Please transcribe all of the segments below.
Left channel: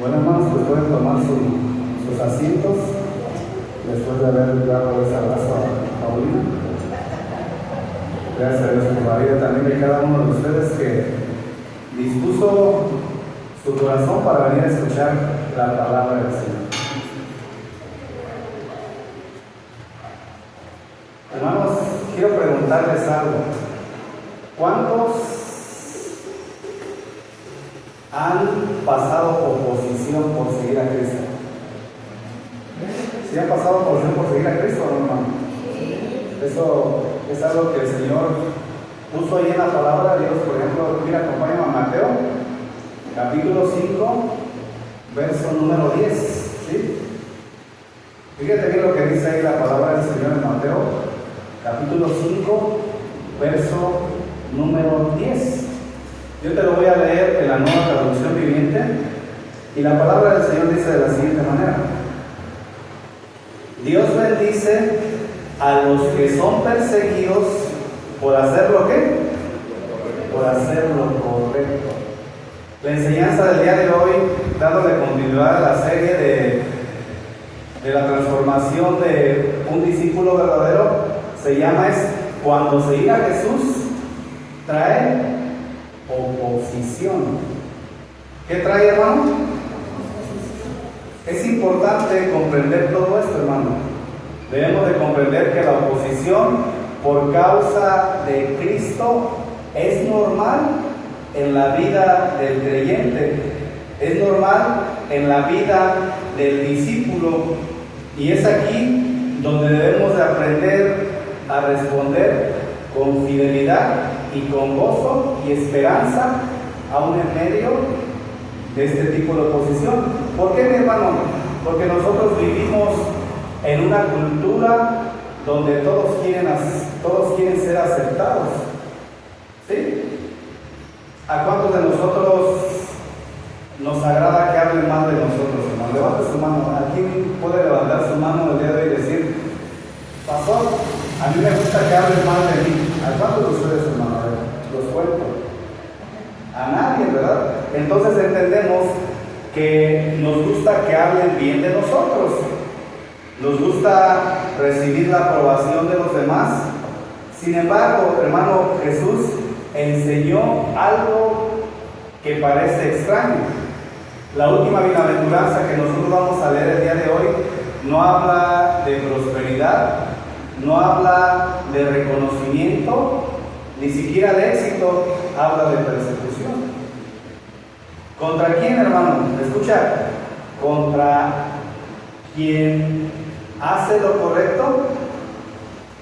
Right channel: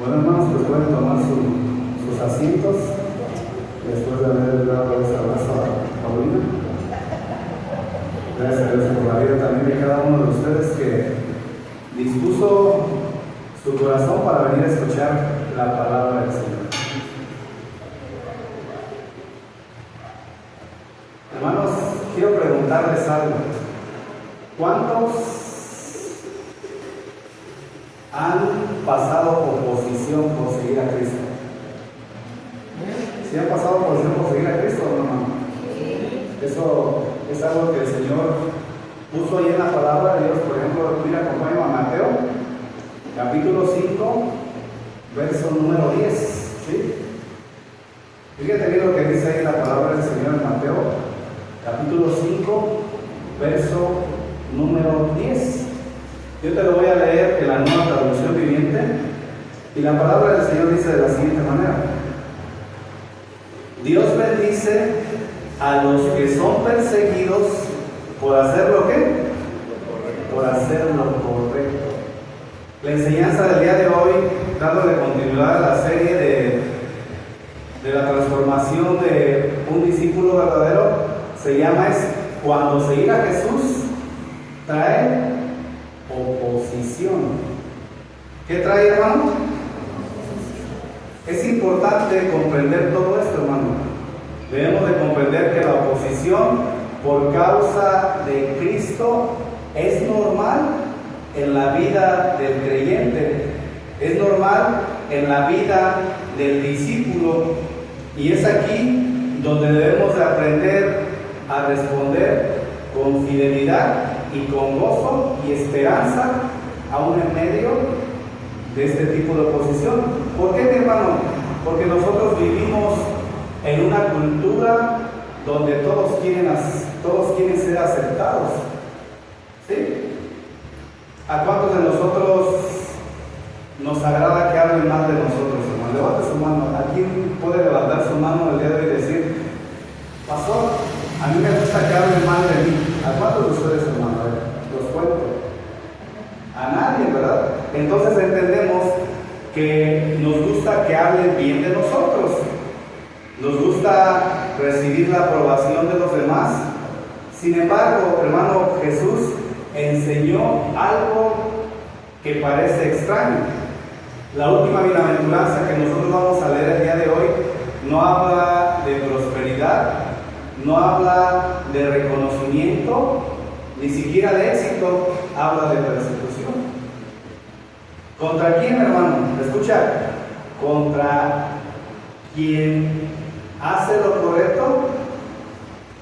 Bueno, hermanos, pues pueden tomar sus asientos después de haber dado ese abrazo a Paulina. Gracias a Dios por la vida también de cada uno de ustedes que dispuso su corazón para venir a escuchar la palabra del Señor. Hermanos, quiero preguntarles algo. ¿Cuántos han pasado oposición por seguir a Cristo? ¿Sí han pasado oposición por seguir a Cristo, hermano? Eso es algo que el Señor puso ahí en la palabra de Dios. Por ejemplo, mira, acompáñame a Mateo, capítulo 5, verso número 10. ¿Sí? Fíjate bien lo que dice ahí la palabra del Señor en Mateo, capítulo 5, verso número 10. Yo te lo voy a leer en la Nueva Traducción Viviente, y la palabra del Señor dice de la siguiente manera: Dios bendice a los que son perseguidos por hacer lo que, por hacer lo correcto. La enseñanza del día de hoy, dándole continuidad a la serie de la transformación de un discípulo verdadero, se llama cuando seguir a Jesús trae oposición. ¿Qué trae, hermano? Es importante comprender todo esto, hermano. Debemos de comprender que la oposición por causa de Cristo es normal en la vida del creyente, es normal en la vida del discípulo, y es aquí donde debemos de aprender a responder con fidelidad y con gozo y esperanza, aún en medio de este tipo de oposición. ¿Por qué, mi hermano? Porque nosotros vivimos en una cultura donde todos quieren ser aceptados. ¿Sí? ¿A cuántos de nosotros nos agrada que hablen mal de nosotros, hermano? Levante su mano. ¿A quién puede levantar su mano el día de hoy y decir: pastor, a mí me gusta que hablen mal de mí? ¿A cuántos de ustedes, hermano? A ver, los cuento. A nadie, ¿verdad? Entonces entendemos que nos gusta que hablen bien de nosotros. Nos gusta recibir la aprobación de los demás. Sin embargo, hermano, Jesús enseñó algo que parece extraño. La última bienaventuranza que nosotros vamos a leer el día de hoy no habla de prosperidad, no habla de reconocimiento, ni siquiera de éxito, habla de persecución. ¿Contra quién, hermano? Escucha, contra quien hace lo correcto,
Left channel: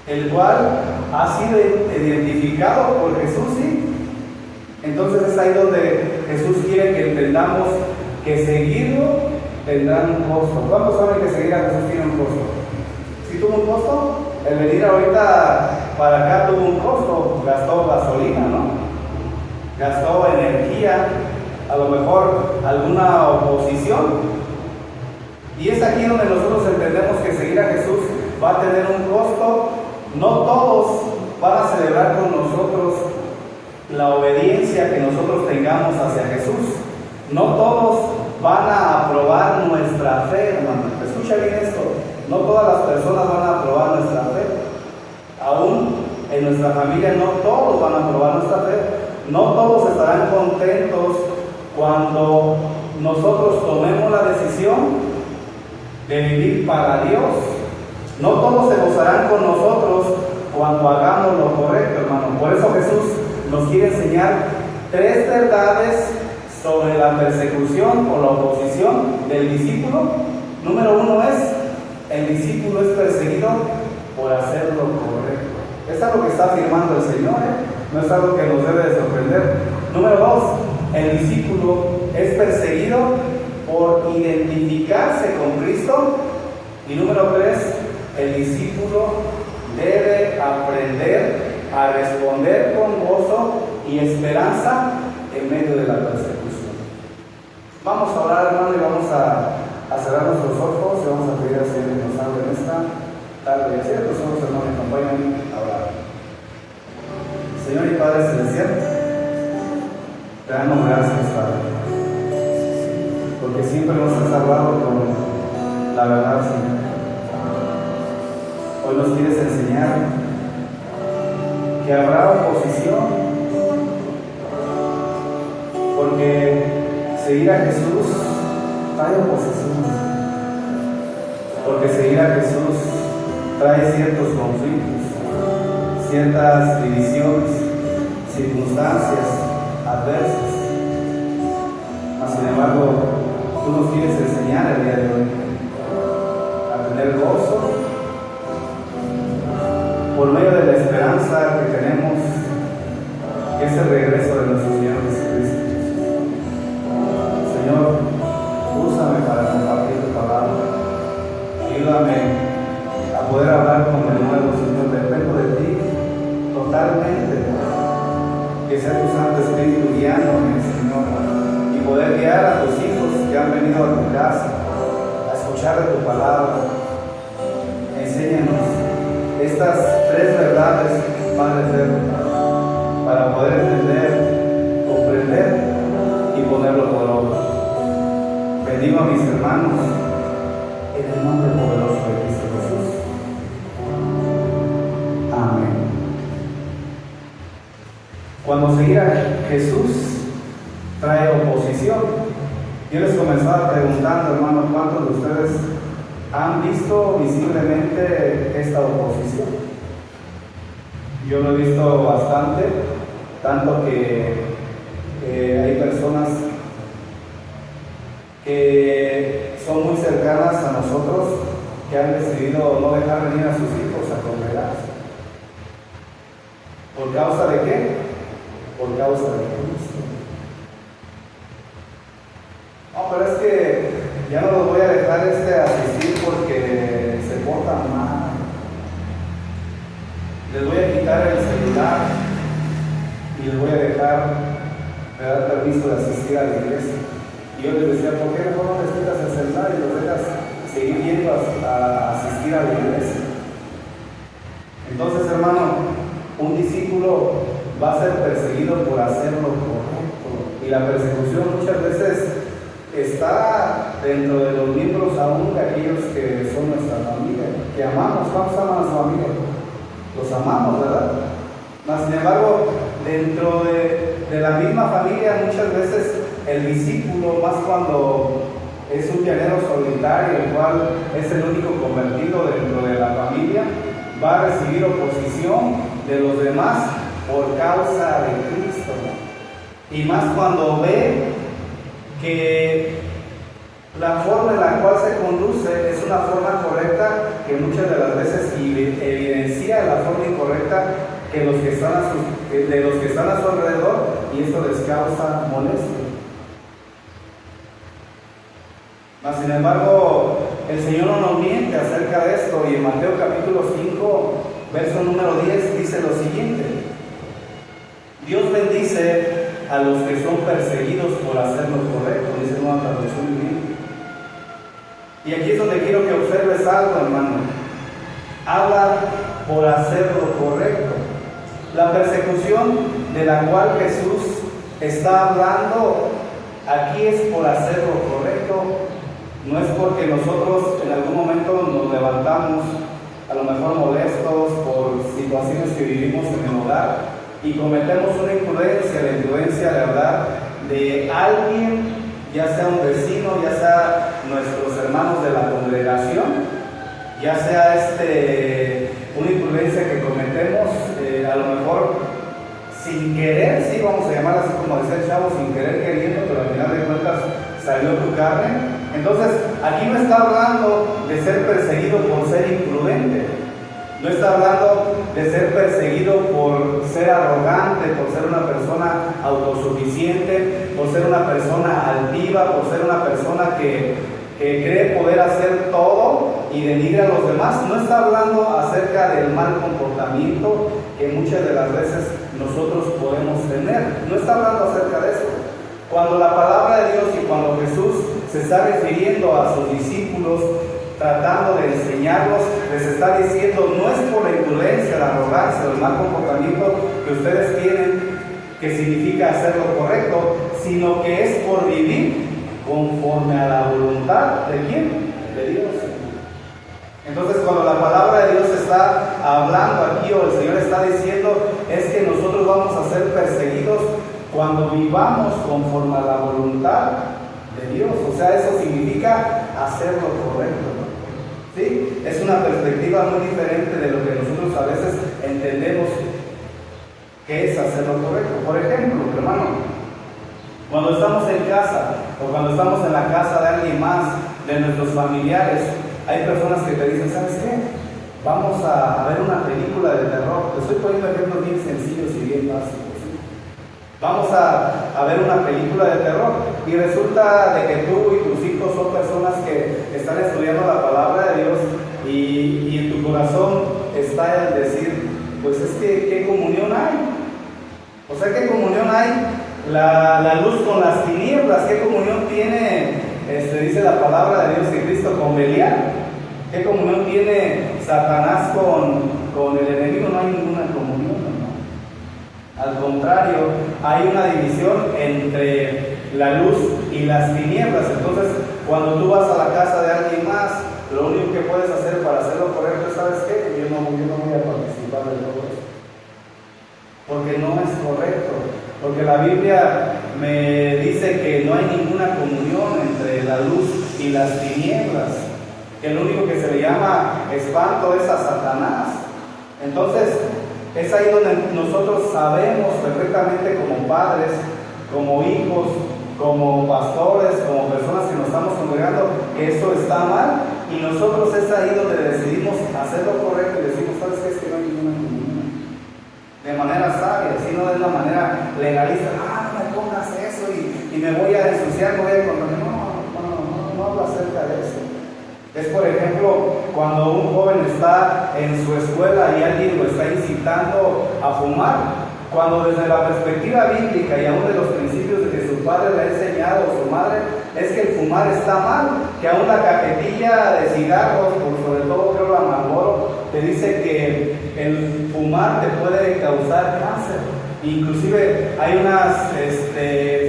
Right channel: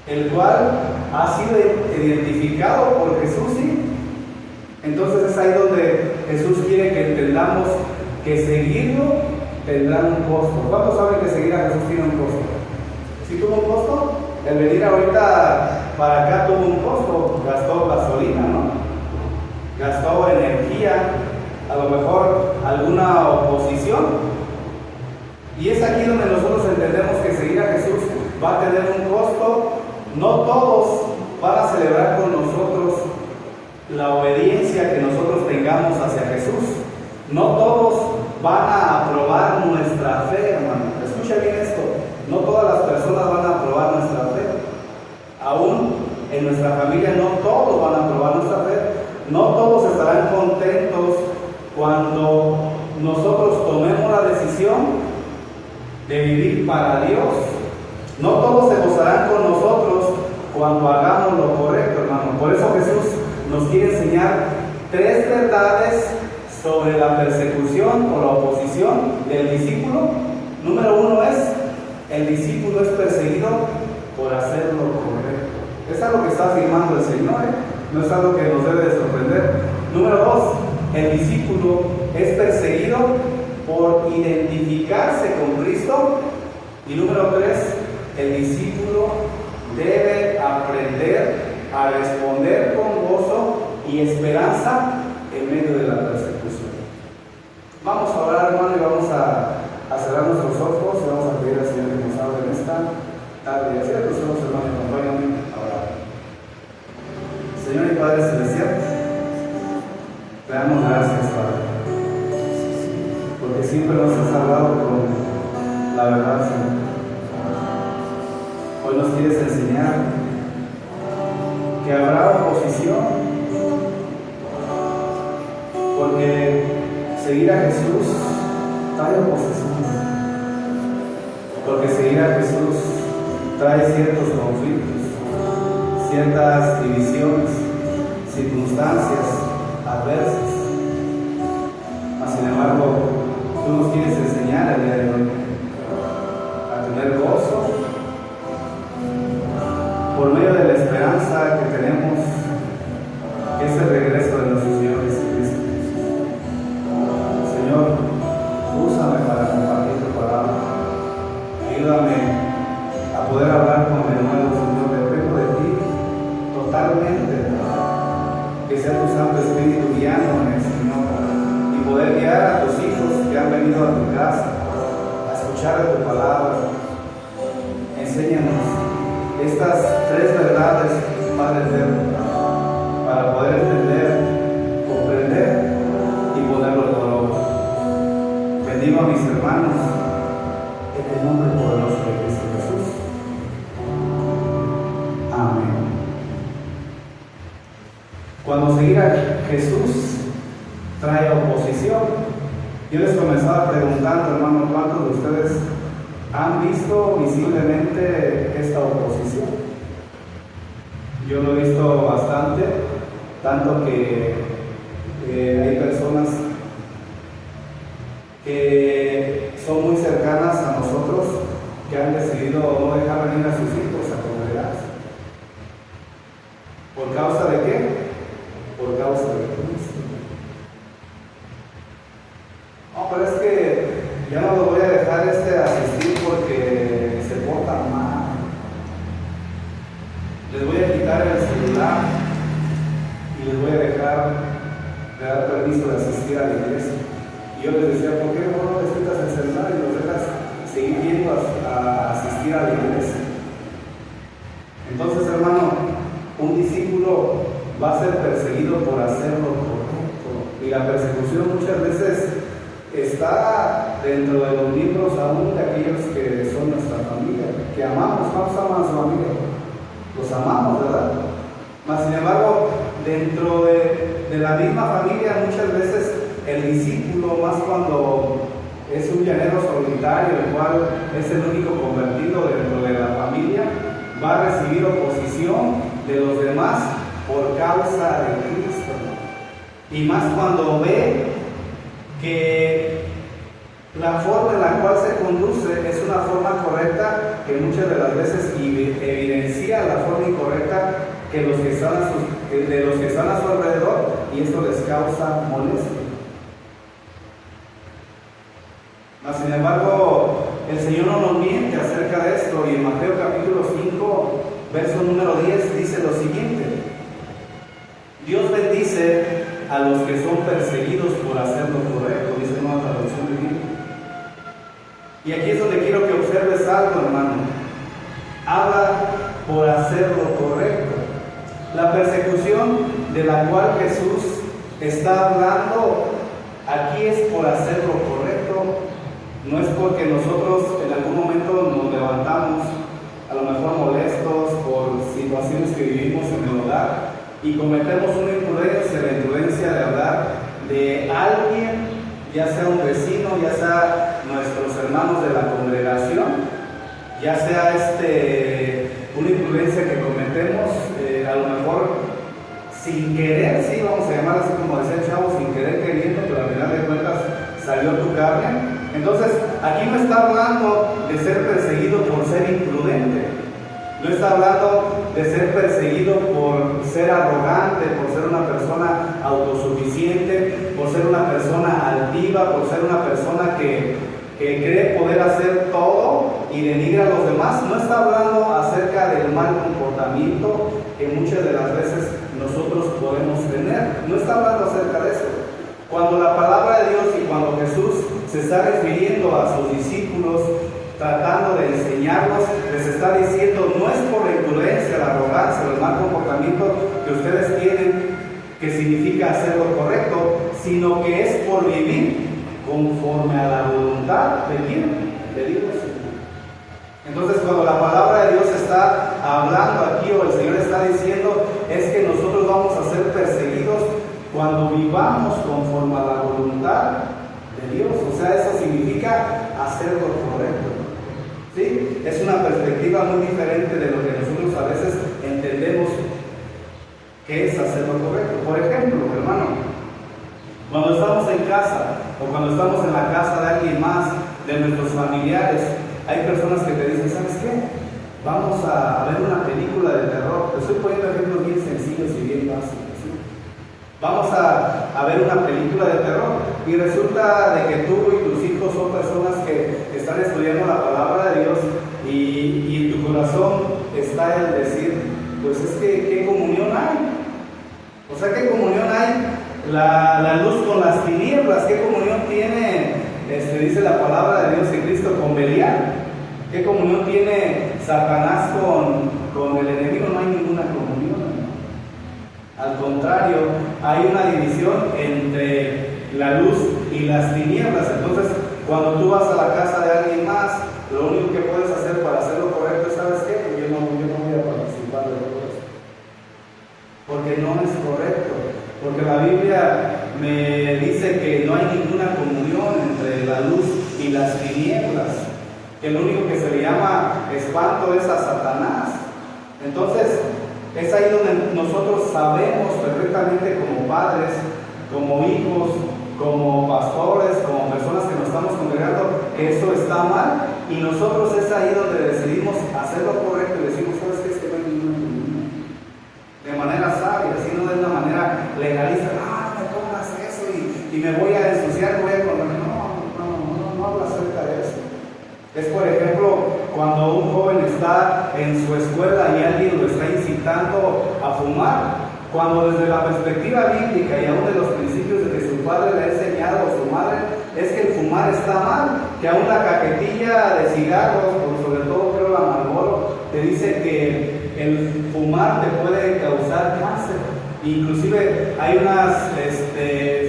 el cual ha sido identificado por Jesús, ¿sí? Entonces es ahí donde Jesús quiere que entendamos que seguirlo tendrá un costo. ¿Cuántos saben que seguir a Jesús tiene un costo? ¿Sí tuvo un costo? El venir ahorita para acá tuvo un costo, gastó gasolina, ¿no? Gastó energía, a lo mejor alguna oposición. Y es aquí donde nosotros entendemos que seguir a Jesús va a tener un costo. No todos van a celebrar con nosotros la obediencia que nosotros tengamos hacia Jesús. No todos van a aprobar nuestra fe, hermano. Escucha bien esto. No todas las personas van a aprobar nuestra fe. Aún en nuestra familia no todos van a aprobar nuestra fe. No todos estarán contentos cuando nosotros tomemos la decisión de vivir para Dios. No todos se gozarán con nosotros cuando hagamos lo correcto, hermano. Por eso Jesús nos quiere enseñar 3 verdades sobre la persecución o la oposición del discípulo. Número 1 es: el discípulo es perseguido por hacer lo correcto. Es algo que está afirmando el Señor, no es algo que nos debe de sorprender. Número 2, el discípulo es perseguido por identificarse con Cristo. Y número 3, el discípulo debe aprender a responder con gozo y esperanza en medio de la persecución. Vamos a orar, hermano, y vamos a cerrar nuestros ojos y vamos a pedir al Señor que nos hable en esta tarde. Así que los ojos, hermano, acompáñenme a orar. Señor y Padre Celestial, te damos gracias, Padre, porque siempre quieres enseñar que habrá oposición, porque seguir a Jesús trae oposición, porque seguir a Jesús trae ciertos conflictos, ciertas divisiones, circunstancias adversas. Mas, sin embargo, tú nos quieres enseñar el día de hoy a tener gozo por medio de la esperanza que tenemos, que es el regreso de nuestro Señor Jesucristo. Señor, úsame para compartir tu palabra. Ayúdame a poder hablar con el nuevo Señor. Dependo de ti totalmente. Que sea tu Santo Espíritu guiándome, Señor, y poder guiar a tus hijos que han venido a tu casa a escuchar de tu palabra. Enséñanos estas tres verdades, Padre eterno, para poder entender, comprender y ponerlo por obra. Bendigo a mis hermanos en el nombre poderoso de Cristo Jesús. Amén. Cuando seguir a Jesús trae oposición, yo les comenzaba preguntando, hermanos, ¿cuántos de ustedes han visto visiblemente esta oposición? Yo lo he visto bastante, tanto que hay personas que son muy cercanas a nosotros que han decidido no dejar venir a sus hijos a congregarse. ¿Por causa de qué? Por causa de Cristo. No, pero es que ya no los voy a dejar asistir porque se portan mal. Les voy a quitar el celular y les voy a dejar de dar permiso de asistir a la iglesia. Y yo les decía, ¿por qué no les quitas el celular y los dejas seguir yendo a asistir a la iglesia? Entonces, hermano, un discípulo va a ser perseguido por hacer lo correcto. Y la persecución muchas veces está dentro de los miembros aún de aquellos que son nuestra familia, que amamos. ¿Cuántos aman a su familia? Los amamos, ¿verdad? Mas, sin embargo, dentro de la misma familia muchas veces el discípulo, más cuando es un llanero solitario, el cual es el único convertido dentro de la familia, va a recibir oposición de los demás por causa de Cristo. Y más cuando ve que la forma en la cual se conduce es una forma correcta, que muchas de las veces evidencia la forma incorrecta de los que están a su alrededor, y esto les causa molestia. Mas, sin embargo, el Señor no nos miente acerca de esto, y en Mateo capítulo 5, verso número 10, dice lo siguiente: Dios bendice a los que son perseguidos por hacer lo correcto, dice Nueva Traducción Viviente. Y aquí es donde quiero que observes algo, hermano. Habla por hacer lo correcto. La persecución de la cual Jesús está hablando aquí es por hacer lo correcto. No es porque nosotros en algún momento nos levantamos, a lo mejor molestos por situaciones que vivimos en el hogar, y cometemos una imprudencia, la imprudencia de hablar de alguien, ya sea un vecino, ya sea nuestros hermanos de la congregación, ya sea una imprudencia que cometemos, a lo mejor sin querer, sí, vamos a llamar así como decía el chavo, sin querer queriendo, pero al final de cuentas salió tu carne. Entonces, aquí no está hablando de ser perseguido por ser imprudente, no está hablando de ser perseguido por ser arrogante, por ser una persona autosuficiente, por ser una persona altiva, por ser una persona que cree poder hacer todo y denigra a los demás. No está hablando acerca del mal comportamiento que muchas de las veces nosotros podemos tener. No está hablando acerca de eso. Cuando la palabra de Dios y cuando Jesús se está refiriendo a sus discípulos, tratando de enseñarlos, les está diciendo, no es por la imprudencia, la arrogancia o el mal comportamiento que ustedes tienen, que significa hacer lo correcto, sino que es por vivir conforme a la voluntad de ¿quién? De Dios. Entonces, cuando la palabra de Dios está hablando aquí, o el Señor está diciendo, es que nosotros vamos a ser perseguidos cuando vivamos conforme a la voluntad de Dios. O sea, eso significa hacer lo correcto. ¿Sí? Es una perspectiva muy diferente de lo que nosotros a veces entendemos que es hacer lo correcto. Por ejemplo, hermano, cuando estamos en casa o cuando estamos en la casa de alguien más, de nuestros familiares, hay personas que te dicen, ¿sabes qué? Vamos a ver una película de terror. Te estoy poniendo ejemplos bien sencillos y bien básicos, ¿sí? Vamos a ver una película de terror y resulta de que tú y tus hijos son personas que están estudiando la palabra de Dios y en tu corazón está el decir, pues es que ¿qué comunión hay? O sea, ¿qué comunión hay la luz con las tinieblas? ¿Qué comunión tiene, dice la palabra de Dios, que Cristo con Belial? ¿Qué comunión tiene Satanás con el enemigo? No hay ninguna comunión. Al contrario, hay una división entre la luz y las tinieblas. Entonces, cuando tú vas a la casa de alguien más, lo único que puedes hacer para hacer lo correcto, ¿sabes qué? Que yo no voy a participar de todo eso, porque no es correcto. Porque la Biblia me dice que no hay ninguna comunión entre la luz y las tinieblas, que lo único que se le llama espanto es a Satanás. Entonces, es ahí donde nosotros sabemos perfectamente como padres, como hijos, como pastores, como personas que nos estamos congregando, que eso está mal, y nosotros es ahí donde decidimos hacer lo correcto y decimos, ¿sabes qué? Es que no hay ninguna comunión. De manera sabia, si no de una manera legalista, no me pongas eso y me voy a ensuciar, no hablo acerca de eso. Es, por ejemplo, cuando un joven está en su escuela y alguien lo está incitando a fumar, cuando desde la perspectiva bíblica y aún de los principios de que su padre le ha enseñado, o su madre, es que el fumar está mal, que aún la cajetilla de cigarros, sobre todo creo la Marlboro, te dice que el fumar te puede causar cáncer. Inclusive hay unas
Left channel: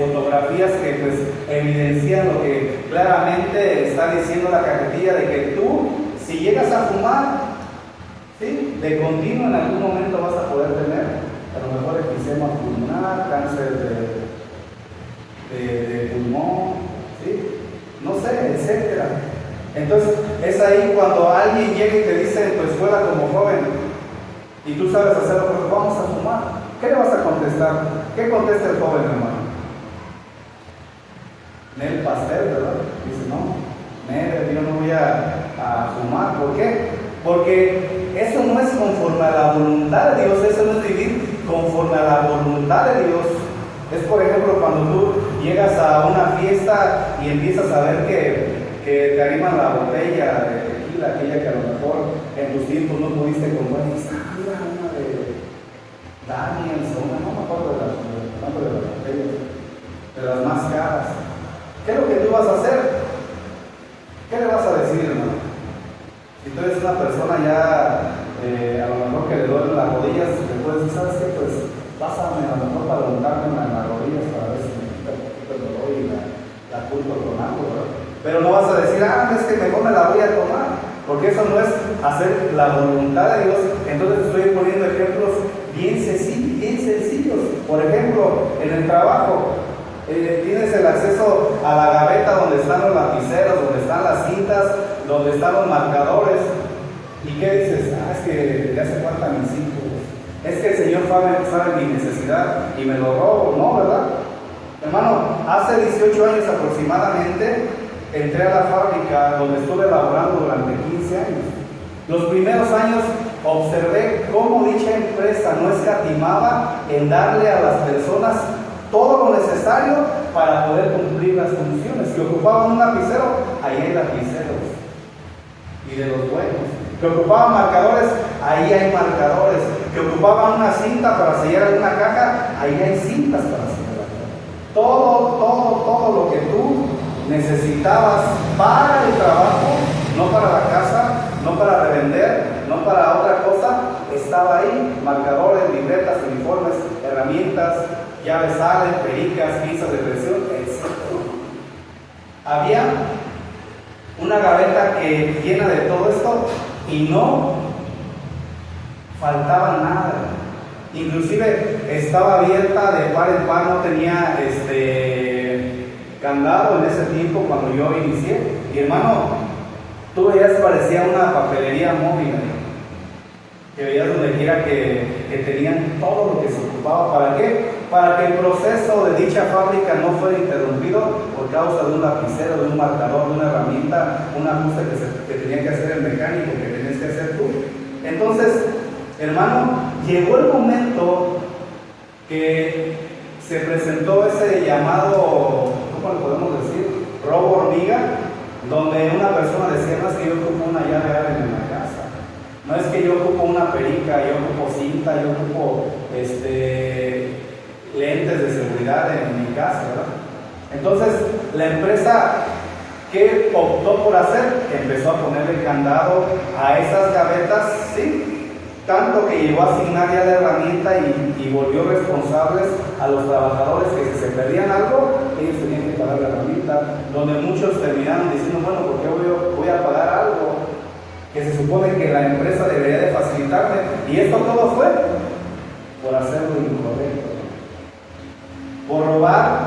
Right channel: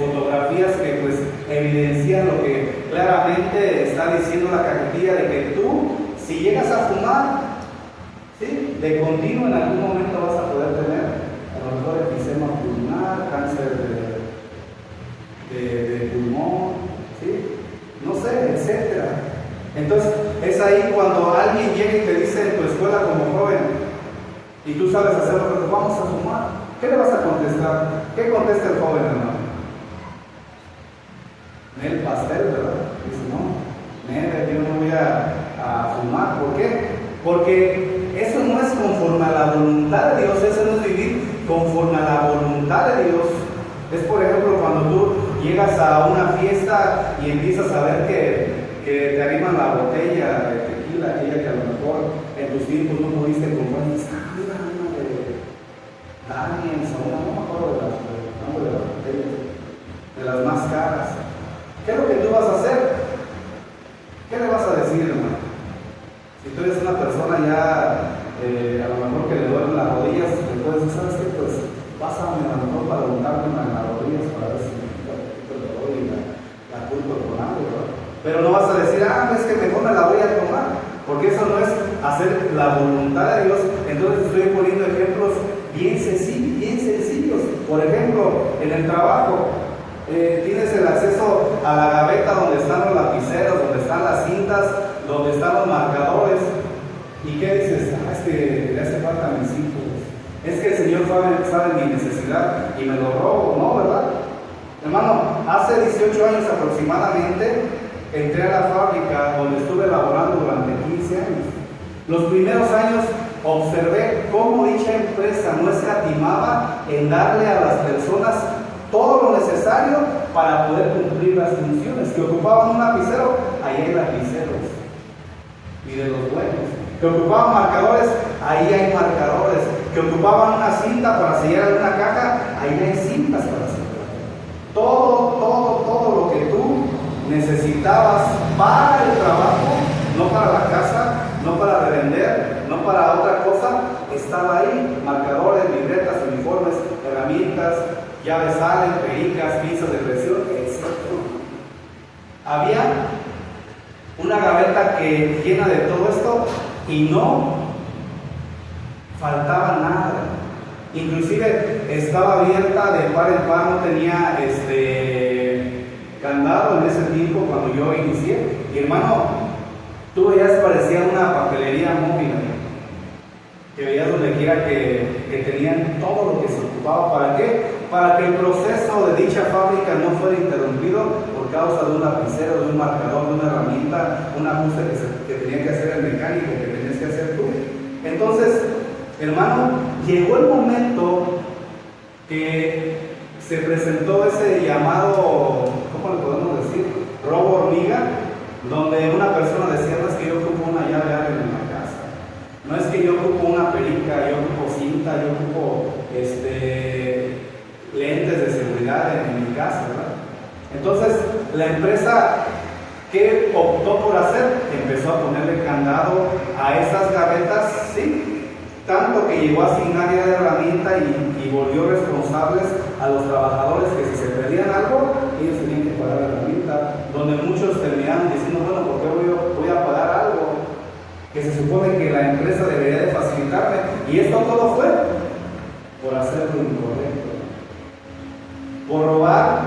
fotografías que pues evidencian lo que claramente está diciendo la cajetilla, de que tú, si llegas a fumar, ¿sí?, de continuo en algún momento vas a poder tener a lo mejor enfisema pulmonar, cáncer de pulmón, ¿sí?, no sé, etcétera. Entonces es ahí cuando alguien llega y te dice en tu escuela como joven, y tú sabes hacerlo, pero vamos a fumar, ¿qué le vas a contestar? ¿Qué contesta el joven, hermano? El pastel, ¿verdad? Dice, no, yo no voy a fumar. ¿Por qué? Porque eso no es conforme a la voluntad de Dios, eso no es vivir conforme a la voluntad de Dios. Es, por ejemplo, cuando tú llegas a una fiesta y empiezas a ver que te animan la botella de tequila, aquella que a lo mejor en tus tiempos no pudiste comprar, y dices, mira, una de Daniels, o no me acuerdo de las botellas, de las más caras. ¿Qué es lo que tú vas a hacer? ¿Qué le vas a decir, hermano? Si tú eres una persona ya, a lo mejor que le duelen las rodillas, le puedes decir, ¿sabes qué? Pues pásame a lo mejor para untarme en las rodillas para ver si me quita un poquito el dolor y la curto con algo, ¿verdad? Pero no vas a decir, es que mejor me la voy a tomar, porque eso no es hacer la voluntad de Dios. Entonces estoy poniendo ejemplos bien sencillos. Por ejemplo, en el trabajo, tienes el acceso a la gaveta donde están los lapiceros, donde están las cintas, donde están los marcadores. ¿Y qué dices? Es que le hace falta a mis hijos. Es que el Señor sabe mi necesidad y me lo robo, ¿no? ¿Verdad? Hermano, hace 18 años aproximadamente entré a la fábrica donde estuve laborando durante 15 años. Los primeros años observé cómo dicha empresa no escatimaba en darle a las personas todo lo necesario para poder cumplir las funciones. Que ocupaban un lapicero, ahí hay lapiceros, y de los buenos. Que ocupaban marcadores, ahí hay marcadores. Que ocupaban una cinta para sellar alguna caja, ahí hay cintas para sellar. Todo lo que tú necesitabas para el trabajo, no para la casa, no para revender, no para otra cosa, estaba ahí. Marcadores, libretas, uniformes, herramientas, llaves salen, pericas, pinzas de presión, etc. Había una gaveta que llena de todo esto, y no faltaba nada. Inclusive estaba abierta de par en par, no tenía candado en ese tiempo cuando yo inicié. Y hermano, tú veías, parecía una papelería móvil, que veías donde quiera que tenían todo lo que se ocupaba. ¿Para qué? Para que el proceso de dicha fábrica no fuera interrumpido por causa de un lapicero, de un marcador, de una herramienta, un ajuste que tenía que hacer el mecánico, que tenías que hacer tú. Entonces, hermano, llegó el momento que se presentó ese llamado, ¿cómo le podemos decir? Robo hormiga, donde una persona decía: no es que yo ocupo una llave en la casa, no es que yo ocupo una perica, yo ocupo cinta, yo ocupo lentes de seguridad en mi casa, ¿verdad? Entonces, la empresa, ¿qué optó por hacer? Empezó a ponerle candado a esas gavetas, ¿sí? Tanto que llegó a asignar ya la herramienta y volvió responsables a los trabajadores que si se perdían algo, ellos tenían que pagar la herramienta, donde muchos terminaron diciendo: bueno, ¿por qué voy a pagar algo que se supone que la empresa debería de facilitarme? Y esto todo fue por hacer lo incorrecto, por robar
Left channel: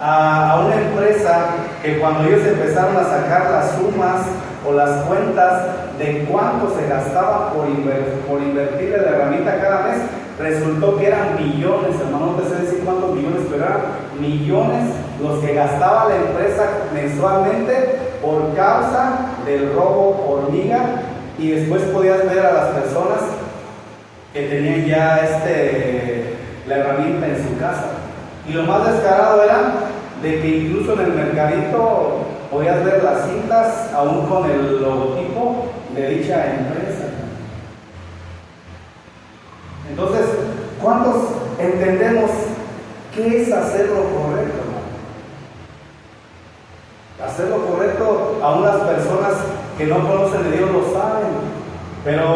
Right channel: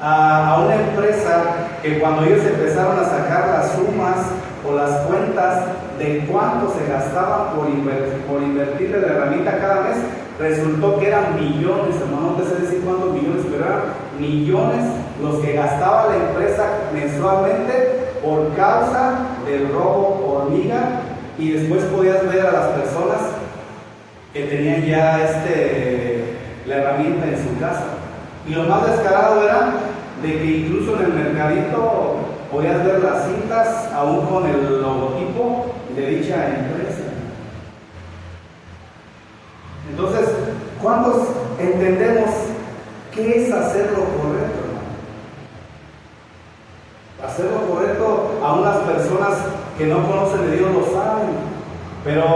a una empresa que cuando ellos empezaron a sacar las sumas o las cuentas de cuánto se gastaba por invertir en la herramienta cada mes, resultó que eran millones, hermano, no sé decir cuántos millones, pero eran millones los que gastaba la empresa mensualmente por causa del robo hormiga. Y después podías ver a las personas que tenían ya la herramienta en su casa. Y lo más descarado era de que incluso en el mercadito podías ver las cintas aún con el logotipo de dicha empresa. Entonces, ¿cuántos entendemos qué es hacer lo correcto? Hacer lo correcto, a unas personas que no conocen de Dios lo saben, pero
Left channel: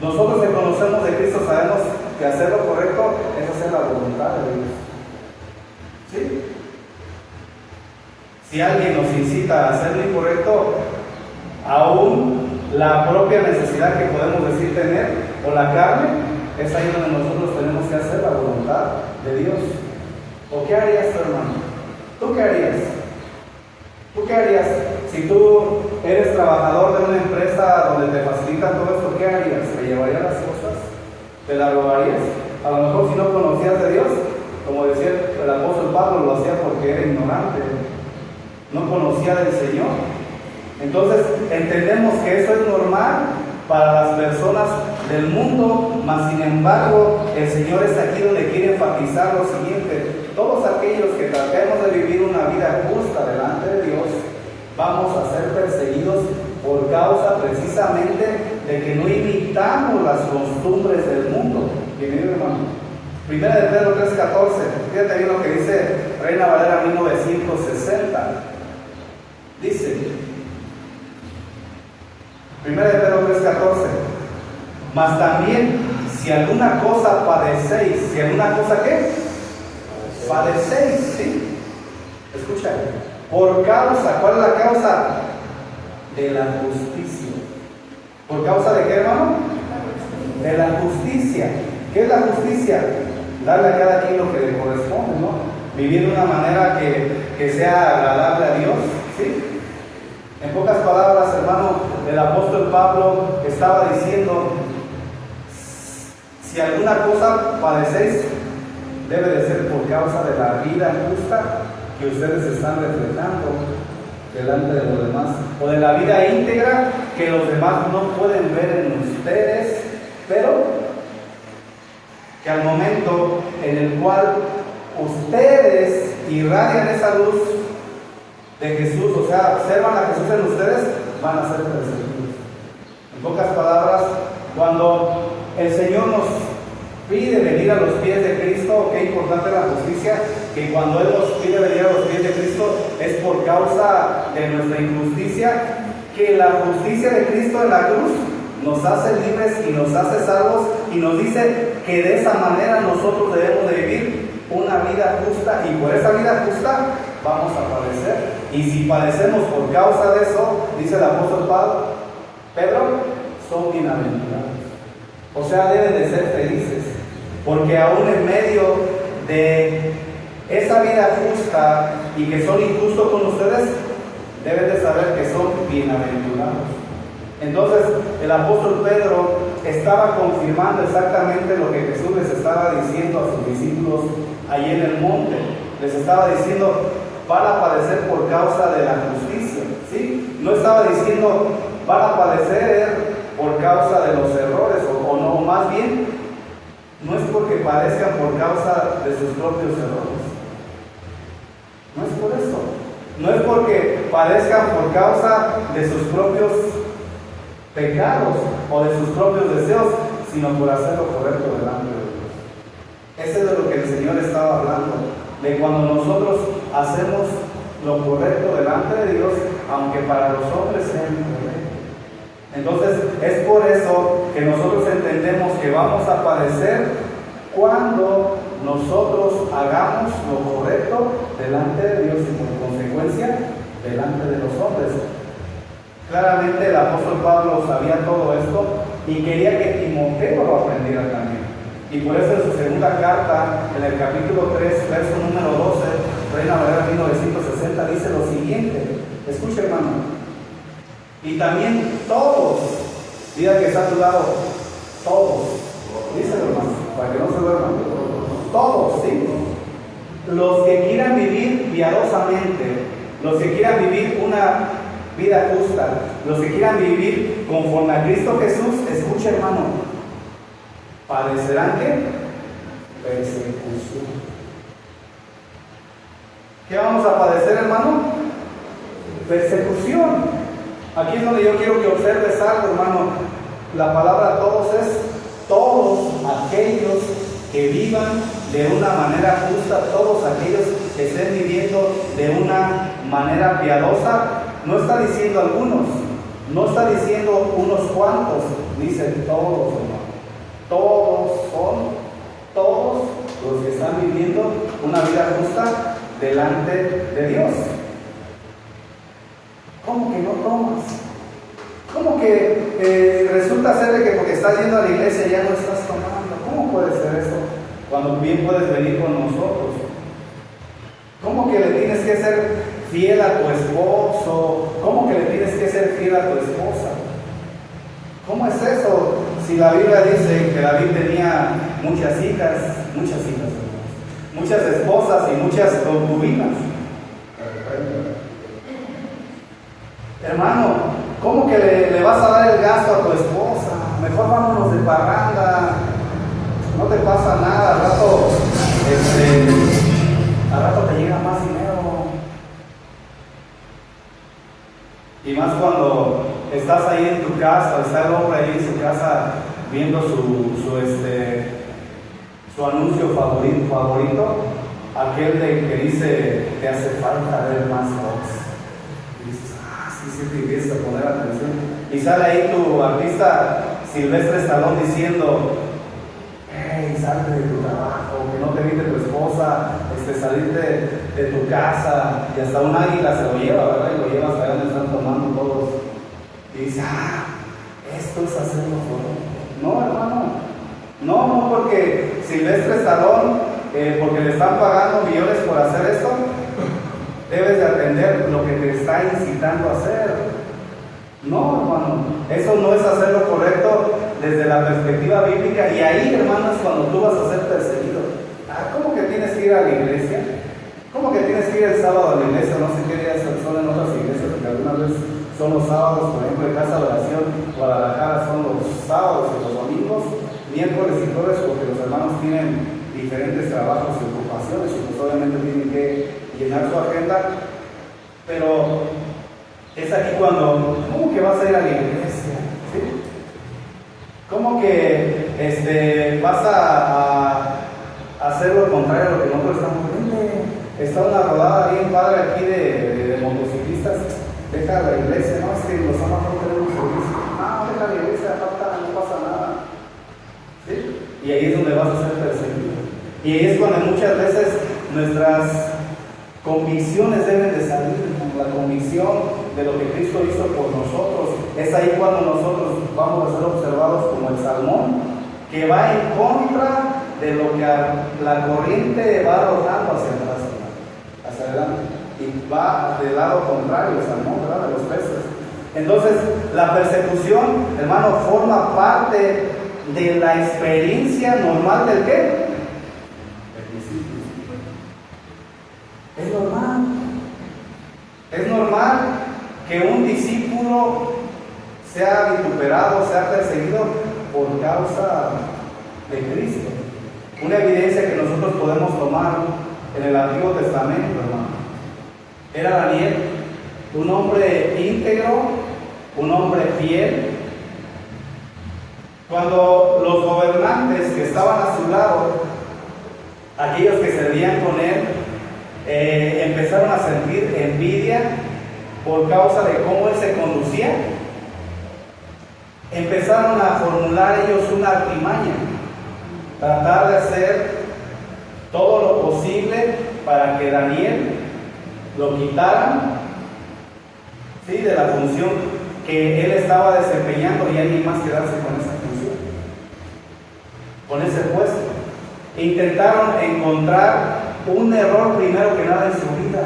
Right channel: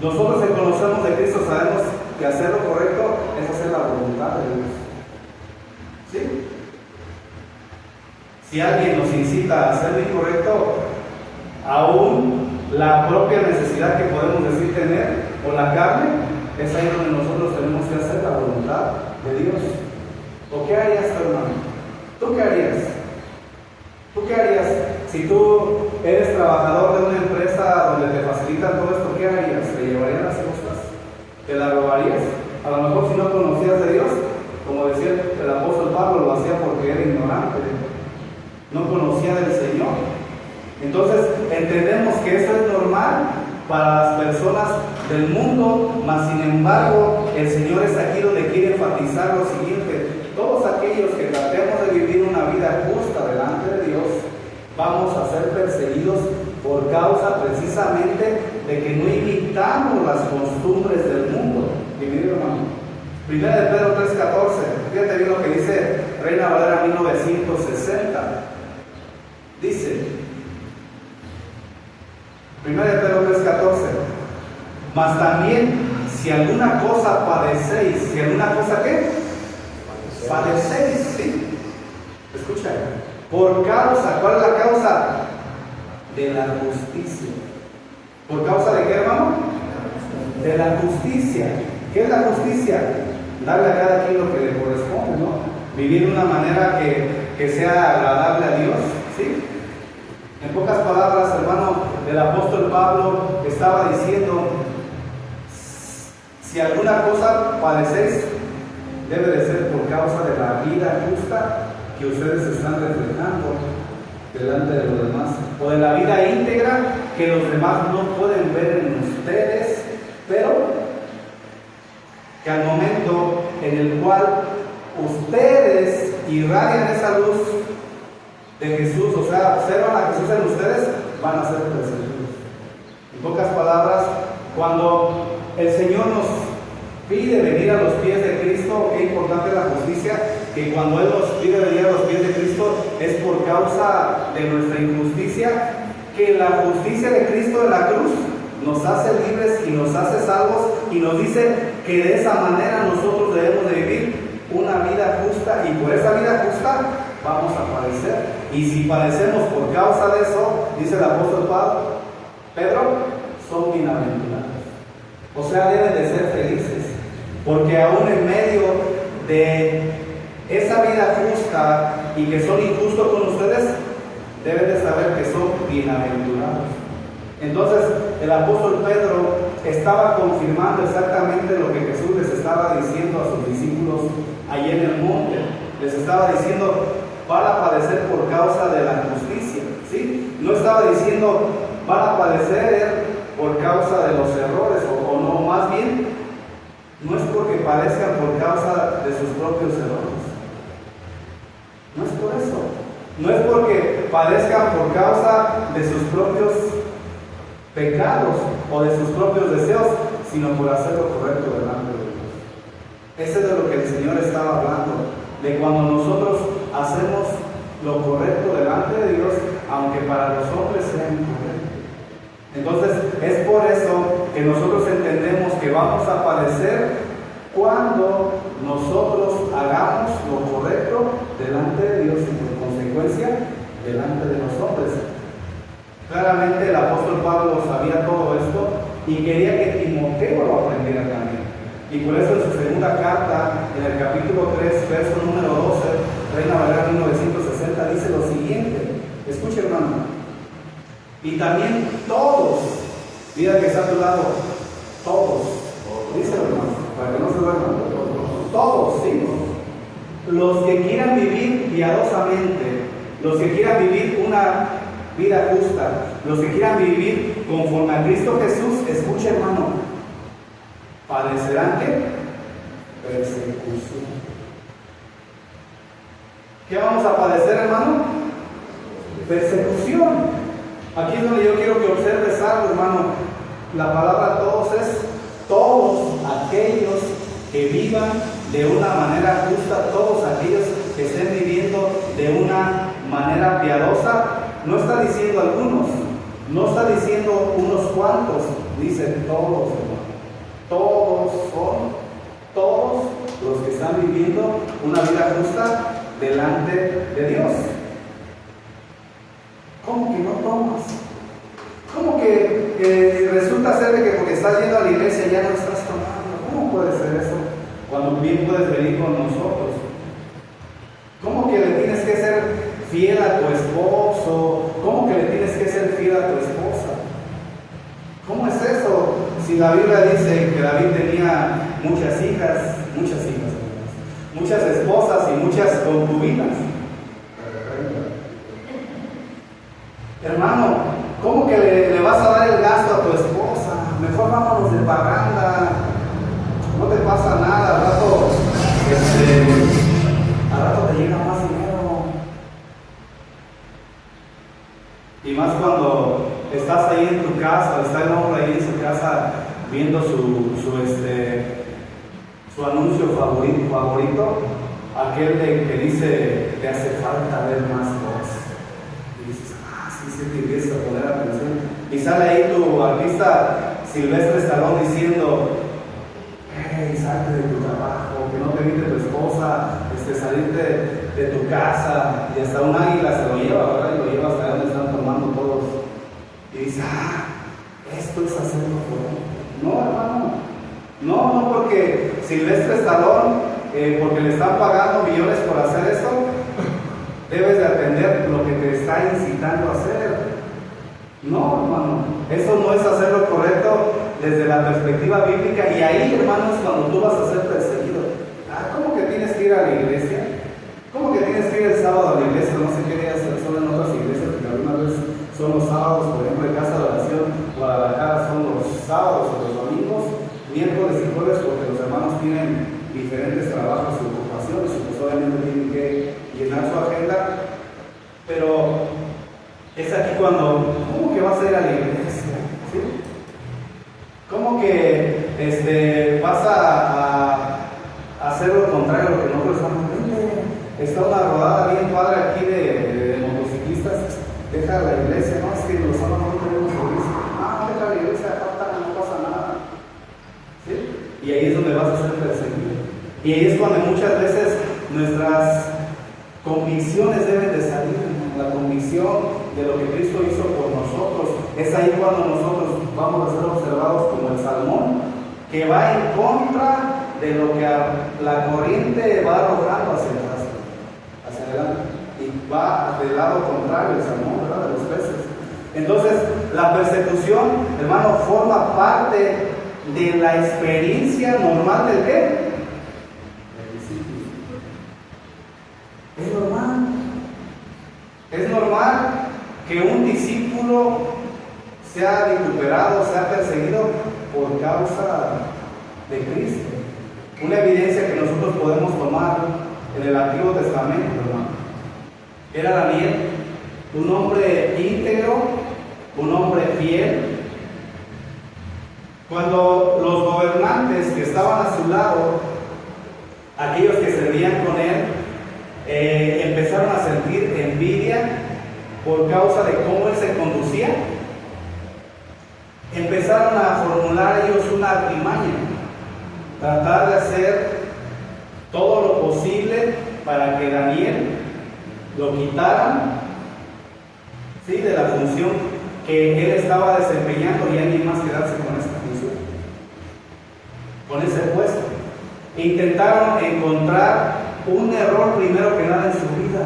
nosotros que conocemos de Cristo sabemos que hacer lo correcto es hacer la voluntad de Dios. ¿Sí? Si alguien nos incita a hacer lo incorrecto, aún la propia necesidad que podemos decir tener, o la carne, es ahí donde nosotros tenemos que hacer la voluntad de Dios. ¿O qué harías tú, hermano? ¿Tú qué harías? ¿Tú qué harías? Si tú eres trabajador de una empresa donde te facilitan todo esto, ¿qué harías? ¿Te llevarías las cosas? ¿Te las robarías? A lo mejor si no conocías de Dios, como decía el apóstol Pablo, lo hacía porque era ignorante, no conocía del Señor. Entonces entendemos que eso es normal para las personas del mundo, mas sin embargo el Señor es aquí donde quiere enfatizar lo siguiente: todos aquellos que tratemos de vivir una vida justa delante de Dios, vamos a ser perseguidos por causa precisamente de que no imitamos las costumbres del mundo. Bienvenido, hermano. Primera de Pedro 3:14, fíjate bien lo que dice Reina Valera 1960. Dice, Primera de Pedro 3:14, mas también si alguna cosa padecéis, si alguna cosa ¿qué? Padecéis, ¿sí? Escucha, por causa, ¿cuál es la causa? De la justicia. ¿Por causa de qué, hermano? De la justicia. ¿Qué es la justicia? Darle a cada quien lo que le corresponde, ¿no? Vivir de una manera que sea agradable a Dios, ¿sí? En pocas palabras, hermano, el apóstol Pablo estaba diciendo: si alguna cosa padecéis, debe de ser por causa de la vida justa que ustedes están reflejando delante de los demás, o de la vida íntegra que los demás no pueden ver en ustedes, pero que al momento en el cual ustedes irradian esa luz de Jesús, o sea, observan a Jesús en ustedes, van a ser perseguidos. En pocas palabras, cuando el Señor nos pide venir a los pies de Cristo, qué importante la justicia, que cuando Él nos pide venir a los pies de Cristo es por causa de nuestra injusticia, que la justicia de Cristo en la cruz nos hace libres y nos hace salvos, y nos dice que de esa manera nosotros debemos de vivir una vida justa, y por esa vida justa vamos a padecer. Y si padecemos por causa de eso, dice el apóstol Pedro, son bienaventurados. O sea, deben de ser felices, porque aún en medio de esa vida justa y que son injustos con ustedes, deben de saber que son bienaventurados. Entonces, el apóstol Pedro estaba confirmando exactamente lo que Jesús les estaba diciendo a sus discípulos allí en el monte. Les estaba diciendo, van a padecer por causa de la justicia, ¿sí? No estaba diciendo, van a padecer por causa de los errores, o no, más bien, no es porque padezcan por causa de sus propios errores. No es por eso. No es porque padezcan por causa de sus propios pecados o de sus propios deseos, sino por hacer lo correcto delante de Dios. Eso es de lo que el Señor estaba hablando, de cuando nosotros hacemos lo correcto delante de Dios, aunque para los hombres sea incorrecto. Entonces, es por eso que nosotros entendemos que vamos a padecer cuando nosotros hagamos lo correcto delante de Dios y por consecuencia delante de los hombres. Claramente el apóstol Pablo sabía todo esto y quería que Timoteo lo aprendiera también. Y por eso en su segunda carta, en el capítulo 3, verso número 12, Reina Valera 1960, dice lo siguiente. Escuche, hermano. Y también todos, diga que está a tu lado, todos, dice hermano, para que no se duerman, todos, ¿sí? Los que quieran vivir piadosamente, los que quieran vivir una vida justa, los que quieran vivir conforme a Cristo Jesús, escuche, hermano, padecerán ¿qué? Persecución. ¿Qué vamos a padecer, hermano? Persecución. Aquí es donde yo quiero que observes algo, hermano. La palabra todos es todos aquellos que vivan de una manera justa, todos aquellos que estén viviendo de una manera piadosa. No está diciendo algunos, no está diciendo unos cuantos, dice todos, hermano. Todos son, todos los que están viviendo una vida justa delante de Dios. ¿Cómo que no tomas? ¿Cómo que resulta ser de que porque estás yendo a la iglesia ya no estás tomando? ¿Cómo puede ser eso? Cuando bien puedes venir con nosotros. ¿Cómo que le tienes que ser fiel a tu esposo? ¿Cómo que le tienes que ser fiel a tu esposa? ¿Cómo es eso? Si la Biblia dice que David tenía muchas esposas y muchas concubinas. Hermano, ¿cómo que le vas a dar el gasto a tu esposa? Mejor vámonos de parranda, no te pasa nada, al rato te llega más dinero. Y más cuando estás ahí en tu casa, está el hombre ahí en su casa viendo su anuncio favorito, aquel que dice te hace falta ver más cosas. Y dices, sí te empiezas a poner atención. Y sale ahí tu artista Silvestre Stallone diciendo, hey, salte de tu trabajo, que no te evite tu esposa, salirte de tu casa, y hasta un águila se lo lleva, ¿verdad? Y lo lleva hasta donde están tomando todos. Y dice, esto es hacerlo por... No, hermano, no, porque Silvestre Stallone, porque le están pagando millones por hacer esto, debes de atender lo que te está incitando a hacer. No, hermano, eso no es hacer lo correcto desde la perspectiva bíblica, y ahí, hermano, es cuando tú vas a ser perseguido. ¿Cómo que tienes que ir a la iglesia? ¿Cómo que tienes que ir el sábado a la iglesia? No sé qué días son en otras iglesias, porque algunas veces son los sábados, por ejemplo, en Casa de Oración, Guadalajara son los sábados y los domingos, miércoles y jueves, porque los hermanos tienen diferentes trabajos y ocupaciones, y pues obviamente tienen que llenar su agenda. Pero es aquí cuando, ¿cómo que vas a ir a la iglesia? ¿Sí? ¿Cómo que vas a hacer lo contrario a lo que nosotros estamos viendo? Está una rodada bien padre aquí de motociclistas. Deja la iglesia, no, es que los sábados no tenemos servicio. Deja la iglesia, no pasa nada. ¿Sí? Y ahí es donde vas a ser perseguido. Y ahí es cuando muchas veces nuestras convicciones deben de salir. La convicción de lo que Cristo hizo por nosotros. Es ahí cuando nosotros vamos a ser observados como el salmón, que va en contra de lo que la corriente va arrojando hacia atrás, hacia adelante, y va del lado contrario, o sea, no, ¿verdad?, de los peces. Entonces, la persecución, hermano, forma parte de la experiencia normal del ¿qué? El discípulo. Es normal. Es normal que un discípulo sea vituperado, sea perseguido por causa de Cristo. Una evidencia que nosotros podemos tomar en el Antiguo Testamento, hermano, era Daniel, un hombre íntegro, un hombre fiel. Cuando los gobernantes que estaban a su lado, aquellos que servían con él, empezaron a sentir envidia por causa de cómo él se conducía, empezaron a formular ellos una artimaña, tratar de hacer todo lo posible para que Daniel lo quitaran, ¿sí?, de la función que él estaba desempeñando, y alguien más quedarse con esa función, con ese puesto. Intentaron encontrar un error primero que nada en su vida,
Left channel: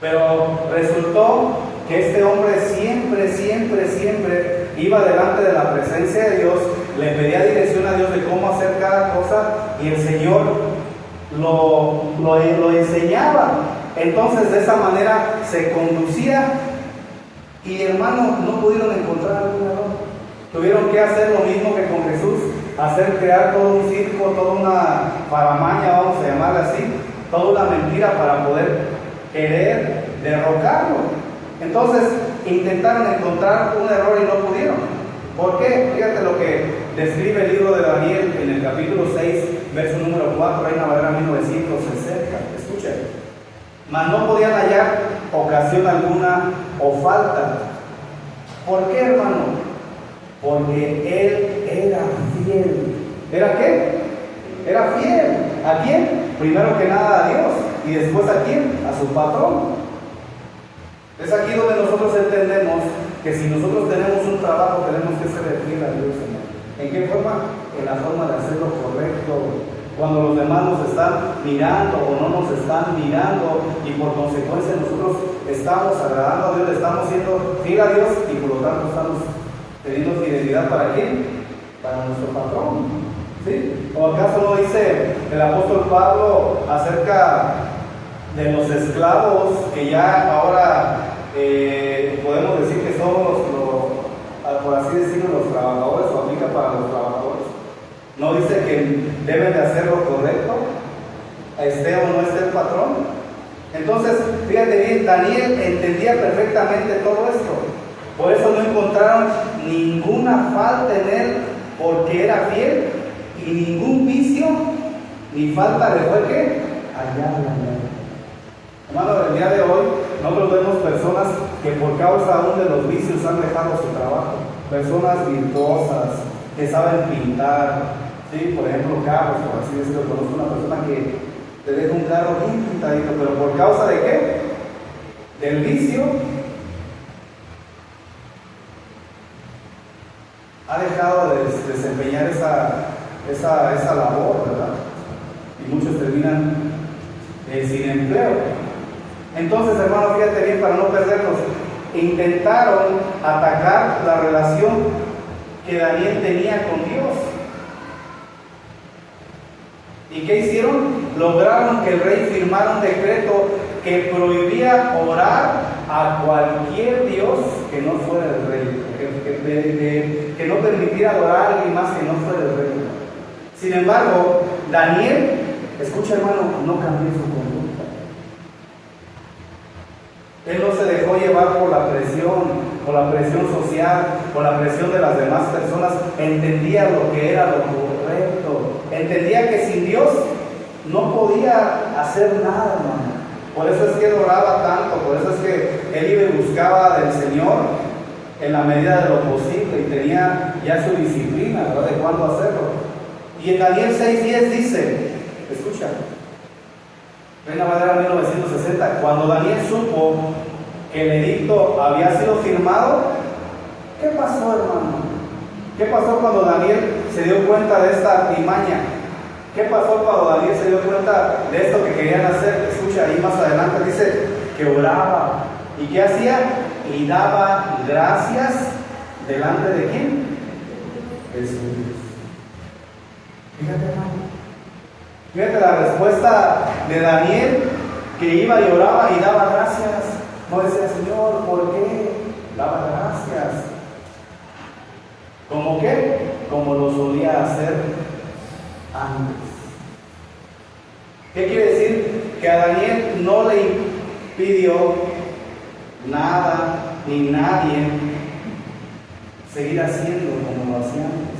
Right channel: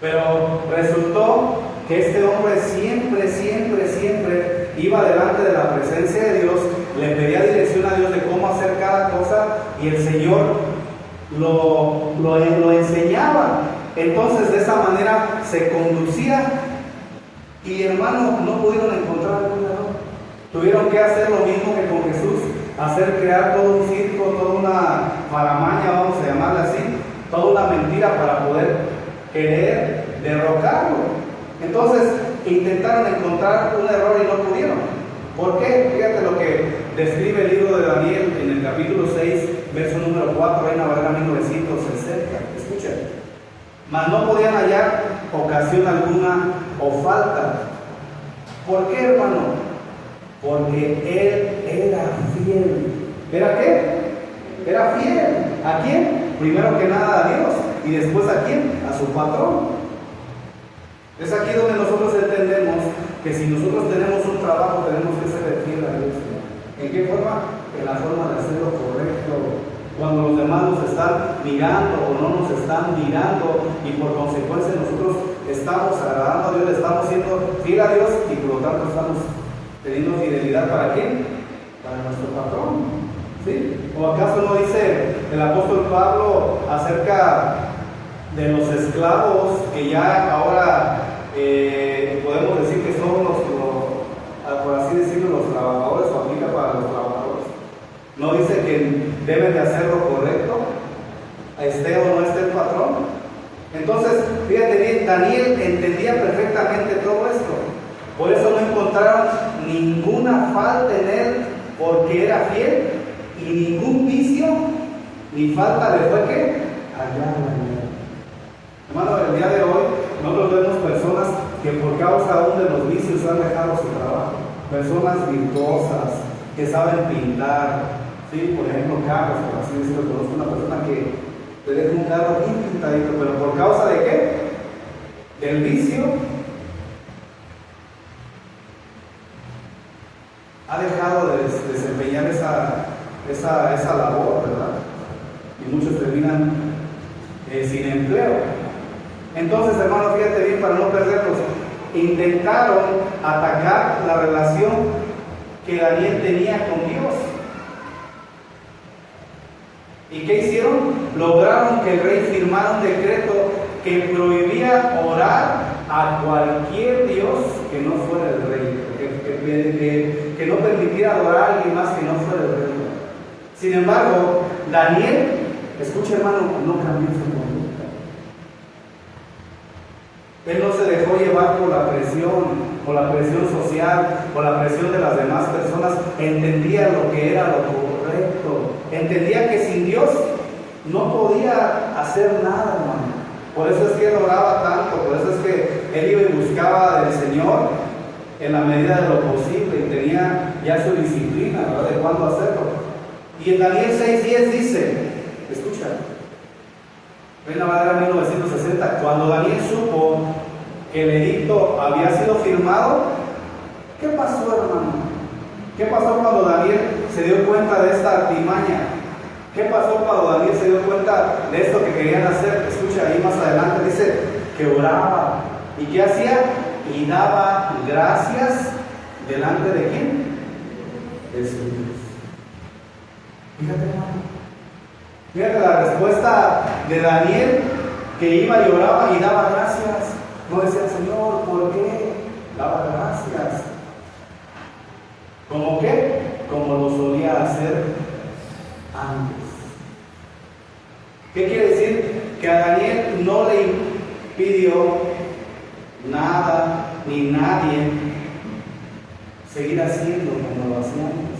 pero resultó que este hombre siempre iba delante de la presencia de Dios, le pedía dirección a Dios de cómo hacer cada cosa, y el Señor lo enseñaba. Entonces, de esa manera se conducía, y hermanos, no pudieron encontrar algún error. Tuvieron que hacer lo mismo que con Jesús, crear todo un circo, toda una paramaña, vamos a llamarla así, toda una mentira para poder querer derrocarlo. Entonces intentaron encontrar un error y no pudieron. ¿Por qué? Fíjate lo que describe el libro de Daniel en el capítulo 6, verso número 4, Reina Valera 1960. Escuchen. Mas no podían hallar ocasión alguna o falta. ¿Por qué, hermano? Porque él era fiel. ¿Era qué? Era fiel. ¿A quién? Primero que nada a Dios, y después ¿a quién? A su patrón. Es aquí donde nosotros entendemos que si nosotros tenemos un trabajo, tenemos que ser fiel a Dios. ¿En qué forma? En la forma de hacer lo correcto. Cuando los demás nos están mirando o no nos están mirando, y por consecuencia nosotros estamos agradando a Dios, le estamos siendo fiel a Dios, y por lo tanto estamos teniendo fidelidad ¿para quién? Para nuestro patrón. ¿Sí? ¿O acaso no dice el apóstol Pablo acerca de los esclavos que ya ahora podemos decir que son por así decirlo, los trabajadores, o aplica para los trabajadores? ¿No dice que deben de hacer lo correcto, esté o no esté el patrón? Entonces, fíjate bien, Daniel entendía perfectamente todo esto. Por eso no encontraron ninguna falta en él, porque era fiel, y ningún vicio ni falta le fue ¿qué? Allá en él. Hermano, el día de hoy nosotros vemos personas que por causa aún de los vicios han dejado su trabajo. Personas virtuosas que saben pintar, ¿sí? Por ejemplo, carros, por así decirlo. Conozco una persona que te deja un carro bien pintadito, pero por causa de ¿qué? Del vicio, ha dejado de desempeñar esa labor, ¿verdad? Y muchos terminan sin empleo. Entonces, hermano, fíjate bien para no perderlos. Intentaron atacar la relación que Daniel tenía con Dios. ¿Y qué hicieron? Lograron que el rey firmara un decreto que prohibía orar a cualquier Dios que no fuera el rey, que no permitiera adorar a alguien más que no fuera el rey. Sin embargo, Daniel, escucha, hermano, no cambió su conducta. Él no se dejó llevar por la presión social, por la presión de las demás personas. Entendía lo que era lo correcto. Entendía que sin Dios no podía hacer nada, hermano. Por eso es que él oraba tanto, por eso es que él iba y buscaba del Señor en la medida de lo posible, y tenía ya su disciplina, ¿verdad?, de cuándo hacerlo. Y en Daniel 6:10 dice, escucha, Reina Valera 1960, cuando Daniel supo que el edicto había sido firmado, ¿qué pasó, hermano? ¿Qué pasó cuando Daniel se dio cuenta de esta artimaña. ¿Qué pasó cuando Daniel se dio cuenta de esto que querían hacer? Escucha, ahí más adelante dice que oraba. ¿Y qué hacía? Y daba gracias delante de ¿quién? De su Dios. Fíjate, hermano. Fíjate la respuesta de Daniel, que iba y oraba y daba gracias. No decía, Señor, ¿por qué? Daba gracias. ¿Cómo qué? Como lo solía hacer antes. ¿Qué quiere decir? Que a Daniel no le impidió nada ni nadie seguir haciendo como lo hacía antes.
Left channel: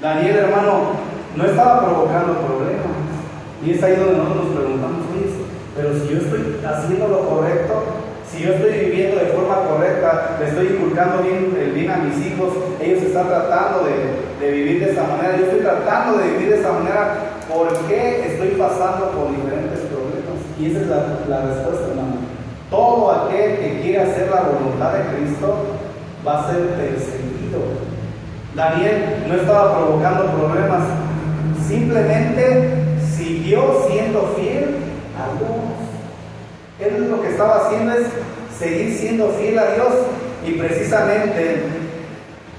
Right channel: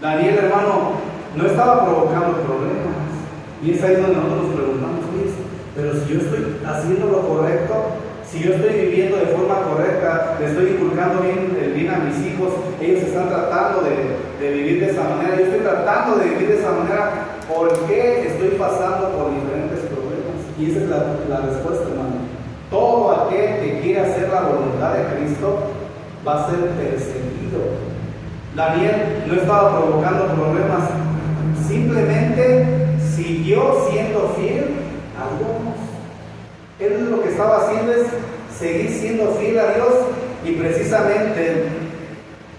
Daniel, hermano, no estaba provocando problemas. Y es ahí donde nosotros nos preguntamos, pero si yo estoy haciendo lo correcto, si yo estoy viviendo de forma correcta, le estoy inculcando el bien a mis hijos, ellos están tratando de vivir de esa manera, yo estoy tratando de vivir de esa manera, ¿por qué estoy pasando por diferentes problemas? Y esa es la respuesta, hermano. Todo aquel que quiere hacer la voluntad de Cristo va a ser perseguido. Daniel no estaba provocando problemas, simplemente siguió siendo fiel a Dios. Él lo que estaba haciendo es seguir siendo fiel a Dios, y precisamente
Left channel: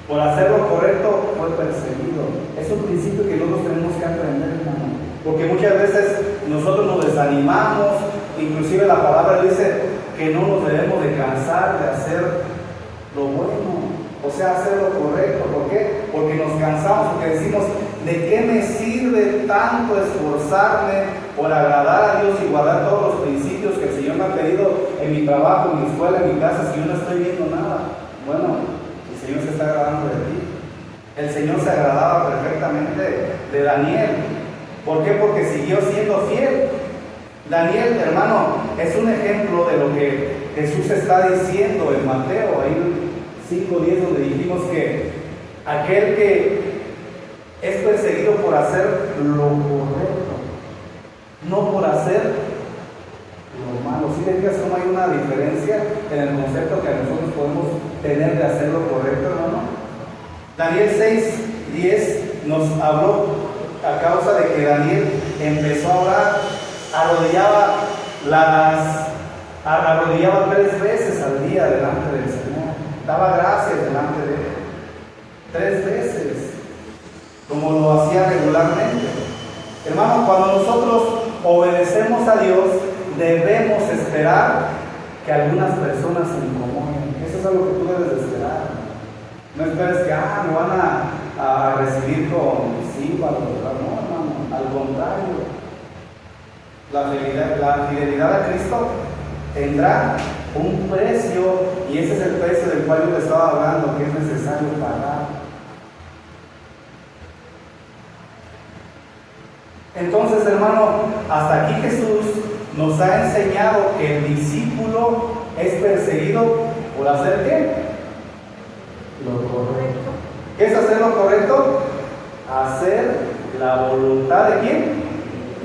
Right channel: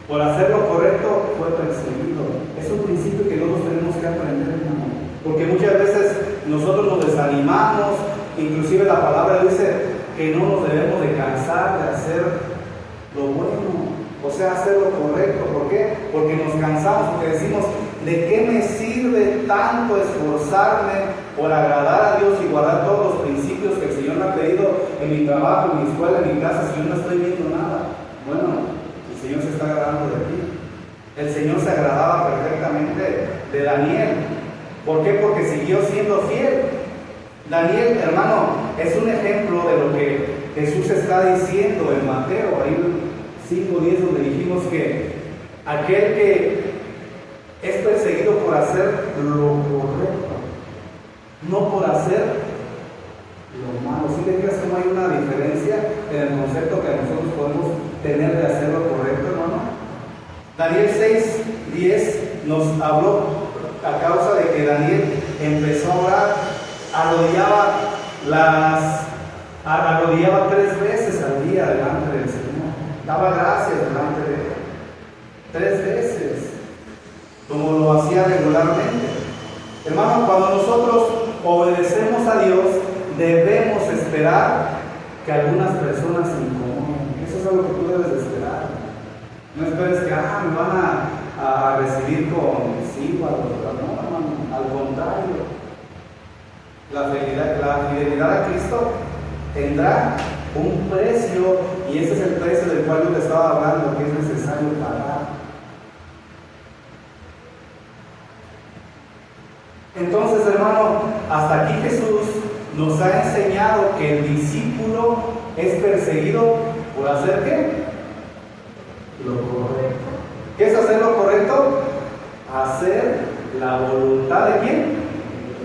por hacer lo correcto fue perseguido. Es un principio que nosotros tenemos que aprender, hermano, porque muchas veces nosotros nos desanimamos. Inclusive la palabra dice que no nos debemos de cansar de hacer lo bueno, o sea, hacer lo correcto. ¿Por qué? Porque nos cansamos, porque decimos, ¿de qué me sirve tanto esforzarme por agradar a Dios y guardar todos los principios que el Señor me ha pedido en mi trabajo, en mi escuela, en mi casa, si yo no estoy viendo nada? Bueno, el Señor se está agradando de ti. El Señor se agradaba perfectamente de Daniel. ¿Por qué? Porque siguió siendo fiel. Daniel, hermano, es un ejemplo de lo que Jesús está diciendo en Mateo, ahí 5:10, donde dijimos que aquel que es perseguido por hacer lo correcto, no por hacer lo malo. ¿Sí te fijas cómo hay una diferencia en el concepto que nosotros podemos tener de hacer lo correcto, hermano? Daniel 6:10 nos habló a causa de que Daniel empezó a orar, arrodillaba 3 veces al día delante del Señor, daba gracias delante de Él 3 veces, como lo hacía regularmente. Hermano, cuando nosotros obedecemos a Dios, debemos esperar que algunas personas se incomoden. Eso es algo que tú debes de esperar. No esperes que me van a recibir con símbolo. No, al contrario. La fidelidad a Cristo tendrá un precio, y ese es el precio del cual yo te estaba hablando, que es necesario pagar. Entonces, hermano, hasta aquí Jesús nos ha enseñado que el discípulo es perseguido por hacer ¿qué? Lo correcto. ¿Qué es hacer lo correcto? Hacer la voluntad ¿de quién?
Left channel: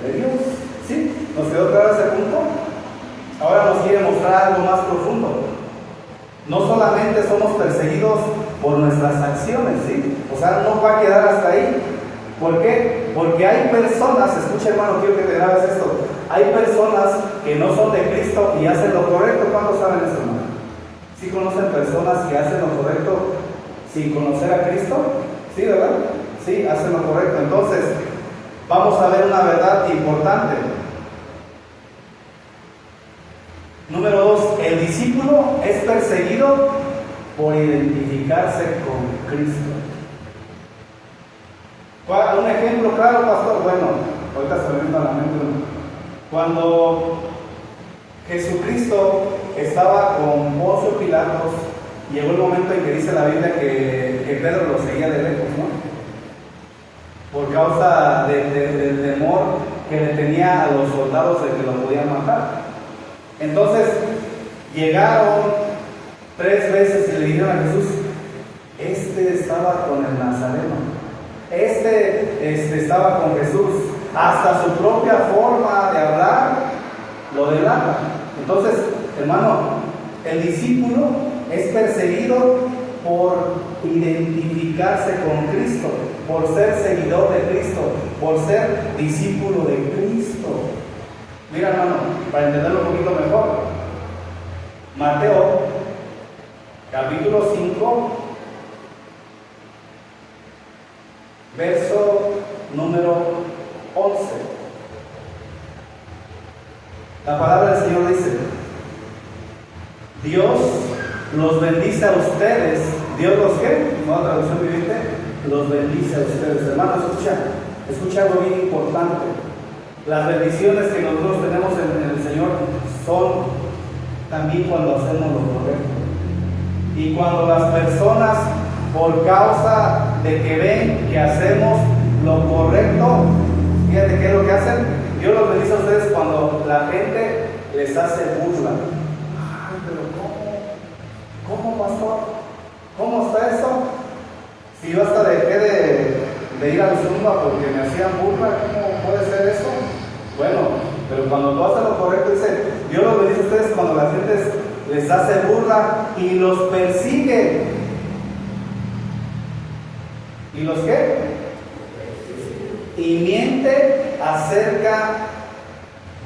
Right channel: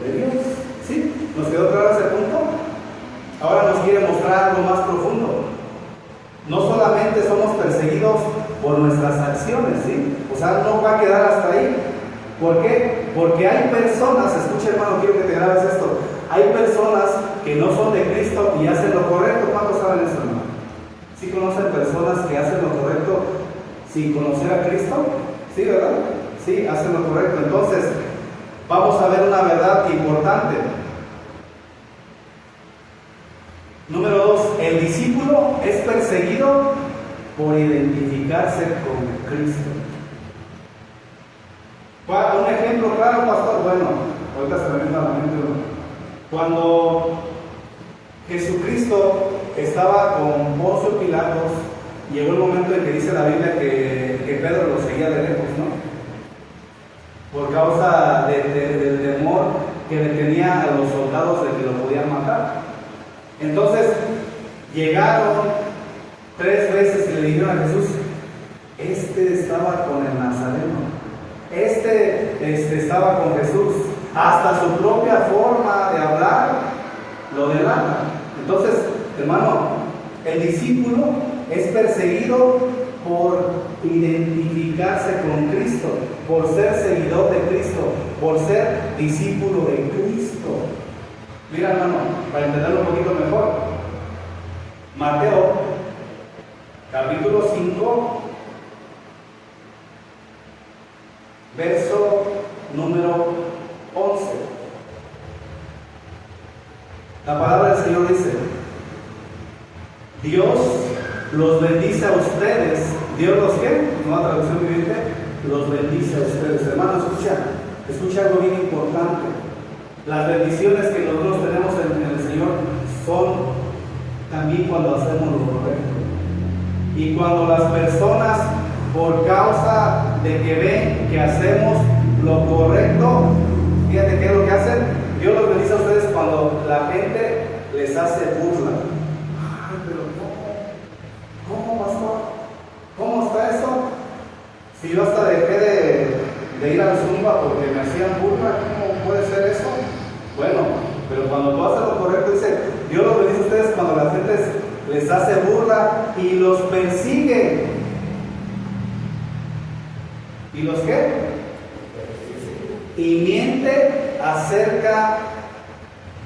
De Dios. ¿Sí? ¿Nos quedó claro ese punto? Ahora nos quiere mostrar algo más profundo. No solamente somos perseguidos por nuestras acciones, ¿sí? O sea, no va a quedar hasta ahí. ¿Por qué? Porque hay personas, escucha, hermano, quiero que te grabes esto. Hay personas que no son de Cristo y hacen lo correcto. ¿Cuántos saben eso, hermano? ¿Sí conocen personas que hacen lo correcto sin conocer a Cristo? ¿Sí, verdad? Sí, hacen lo correcto. Entonces, vamos a ver una verdad importante. Número 2, el discípulo es perseguido por identificarse con Cristo. Un ejemplo claro, pastor. Bueno, ahorita se me viene a la mente uno. Cuando Jesucristo estaba con Poncio Pilatos, llegó el momento en que dice la Biblia que Pedro lo seguía de lejos, ¿no? Por causa del temor que le tenía a los soldados de que lo podían matar. Entonces llegaron 3 veces y le dijeron a Jesús: este estaba con el Nazareno, este estaba con Jesús, hasta su propia forma de hablar lo delata. Entonces, hermano, el discípulo es perseguido por identificarse con Cristo, por ser seguidor de Cristo, por ser discípulo de Cristo. Mira, hermano, para entenderlo un poquito mejor, Mateo, capítulo 5, verso número 11. La palabra del Señor dice: Dios los bendice a ustedes. Dios los ¿qué? Nueva traducción viviente. Los bendice a ustedes. Hermano, escucha algo bien importante. Las bendiciones que nosotros tenemos en el Señor son también cuando hacemos lo correcto. Y cuando las personas, por causa de que ven que hacemos lo correcto, fíjate qué es lo que hacen. Dios los bendice a ustedes cuando la gente les hace burla. Ay, pero ¿cómo, pastor? ¿Cómo está eso? Si yo hasta dejé de ir al Zumba porque me hacían burla, ¿cómo puede ser eso? Bueno, pero cuando tú haces lo correcto, dice, Dios los bendice a ustedes cuando la gente les hace burla y los persigue. ¿Y los qué? Y miente acerca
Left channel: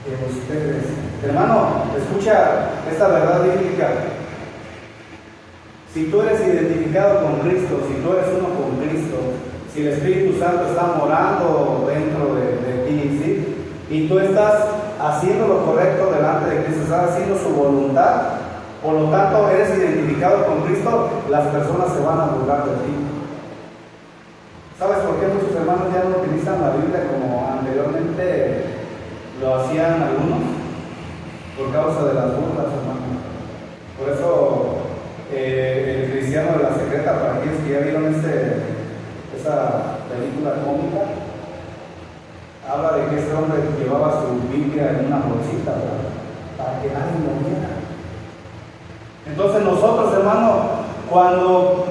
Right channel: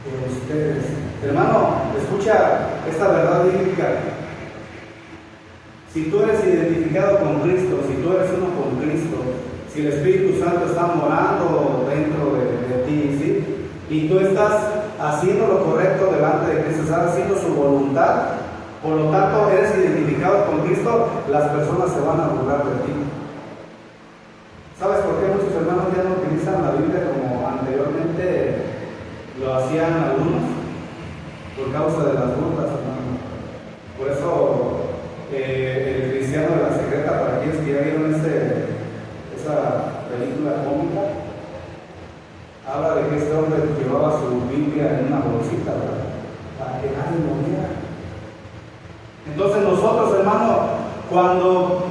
de ustedes. Hermano, escucha esta verdad bíblica. Si tú eres identificado con Cristo, si tú eres uno con Cristo, si el Espíritu Santo está morando dentro de ti, ¿sí? Y tú estás haciendo lo correcto delante de Cristo, estás haciendo su voluntad, por lo tanto eres identificado con Cristo, las personas se van a burlar de ti. ¿Sabes por qué muchos hermanos ya no utilizan la Biblia como anteriormente lo hacían algunos? Por causa de las burlas, hermano. Por eso el cristiano de la secreta, para quienes que ya vieron esa película cómica, habla de que ese hombre llevaba su Biblia en una bolsita, ¿verdad? Para que nadie lo viera. Entonces nosotros, hermano, cuando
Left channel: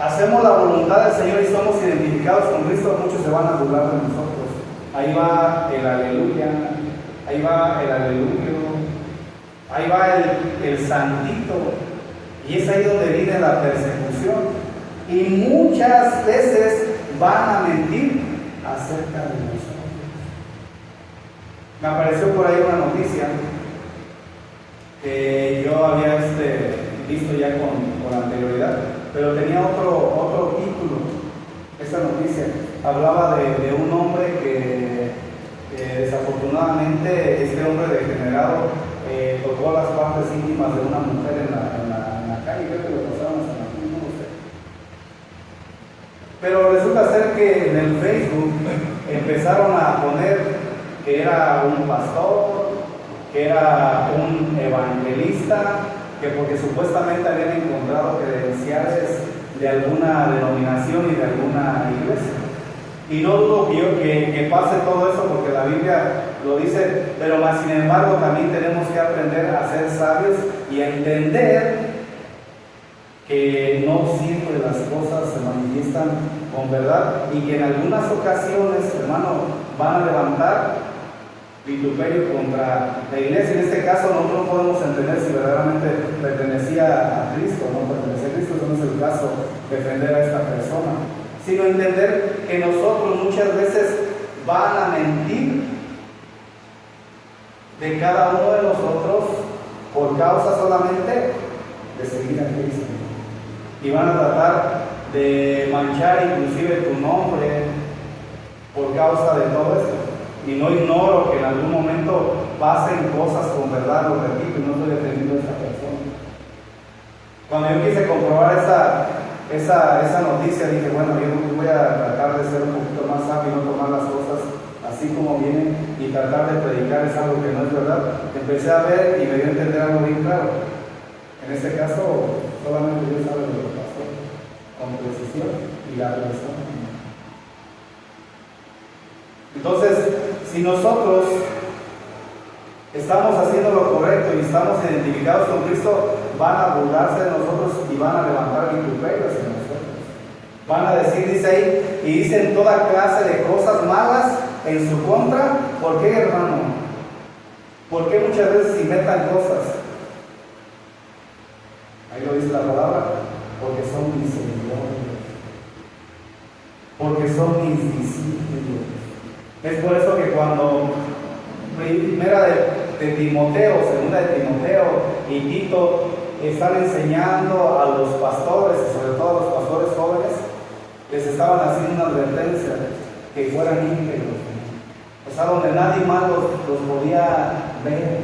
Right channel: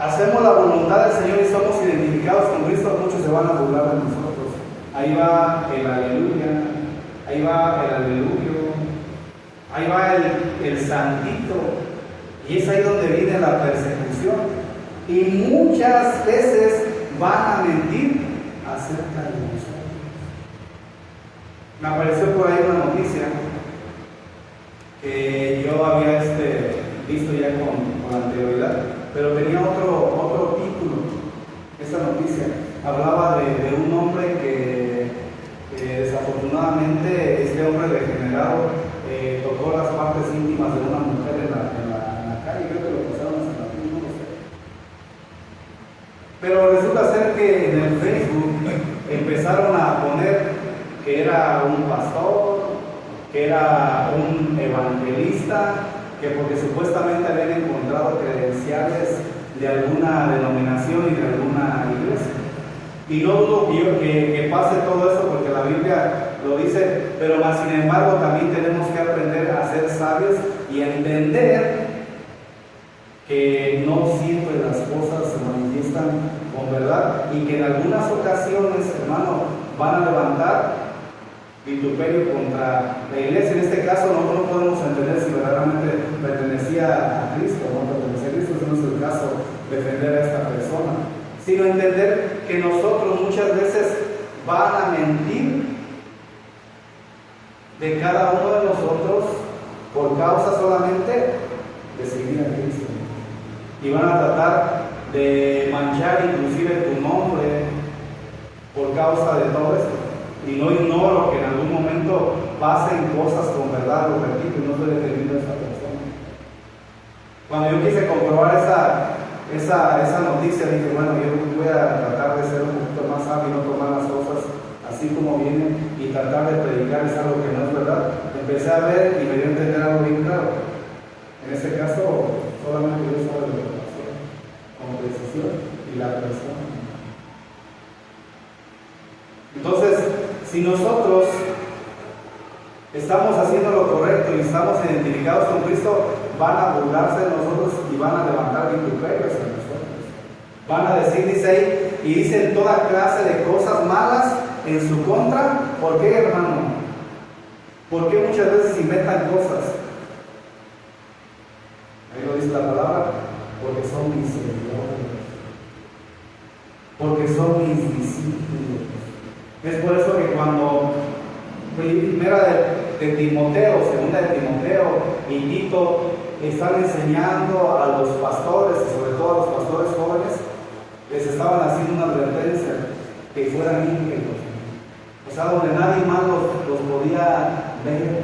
hacemos la voluntad del Señor y somos identificados con Cristo, muchos se van a burlar de nosotros. Ahí va el aleluya, ahí va el aleluyo, ahí va el santito. Y es ahí donde viene la persecución. Y muchas veces van a mentir acerca de nosotros. Me apareció por ahí una noticia que yo había visto ya con anterioridad, pero tenía otro título. Esta noticia hablaba de un hombre que desafortunadamente este hombre degenerado tocó las partes íntimas de una mujer en la calle. Creo que lo pasaron a San Martín, no sé. Pero resulta ser que en el Facebook empezaron a poner que era un pastor, que era un evangelista, que porque supuestamente habían encontrado credenciales de alguna denominación y de alguna iglesia. Y no dudo que pase todo eso porque la Biblia lo dice, pero más sin embargo también tenemos que aprender a ser sabios y a entender que no siempre las cosas se manifiestan con verdad y que en algunas ocasiones, hermano, van a levantar vituperio contra la iglesia. En este caso nosotros no podemos entender si verdaderamente pertenecía a Cristo o no pertenecía a Cristo. Eso no es el caso defender a esta persona, sino entender que nosotros muchas veces van a mentir de cada uno de nosotros por causa solamente de seguir a Cristo, y van a tratar de manchar inclusive tu nombre por causa de todo esto. Y no ignoro que en algún momento pasen cosas con verdad, lo repito, y no estoy defendiendo a esta persona. Cuando yo quise comprobar esa noticia, dije, bueno, yo voy a tratar de ser un poquito más sabio y no tomar las cosas así como vienen y tratar de predicar es algo que no es verdad. Empecé a ver y me dio a entender algo bien claro. En este caso, solamente Dios sabe lo que pasó con precisión y la persona. Entonces, si nosotros estamos haciendo lo correcto y estamos identificados con Cristo, van a burlarse de nosotros y van a levantar vituperios hacia nosotros. Van a decir, dice ahí, y dicen toda clase de cosas malas en su contra. ¿Por qué, hermano? ¿Por qué muchas veces inventan cosas? Ahí lo dice la palabra, porque son misericordiosos. invisible. Es por eso que cuando primera de Timoteo, segunda de Timoteo y Tito están enseñando a los pastores, sobre todo a los pastores jóvenes, les estaban haciendo una advertencia, que fueran íntegros, o sea, donde nadie más los podía ver,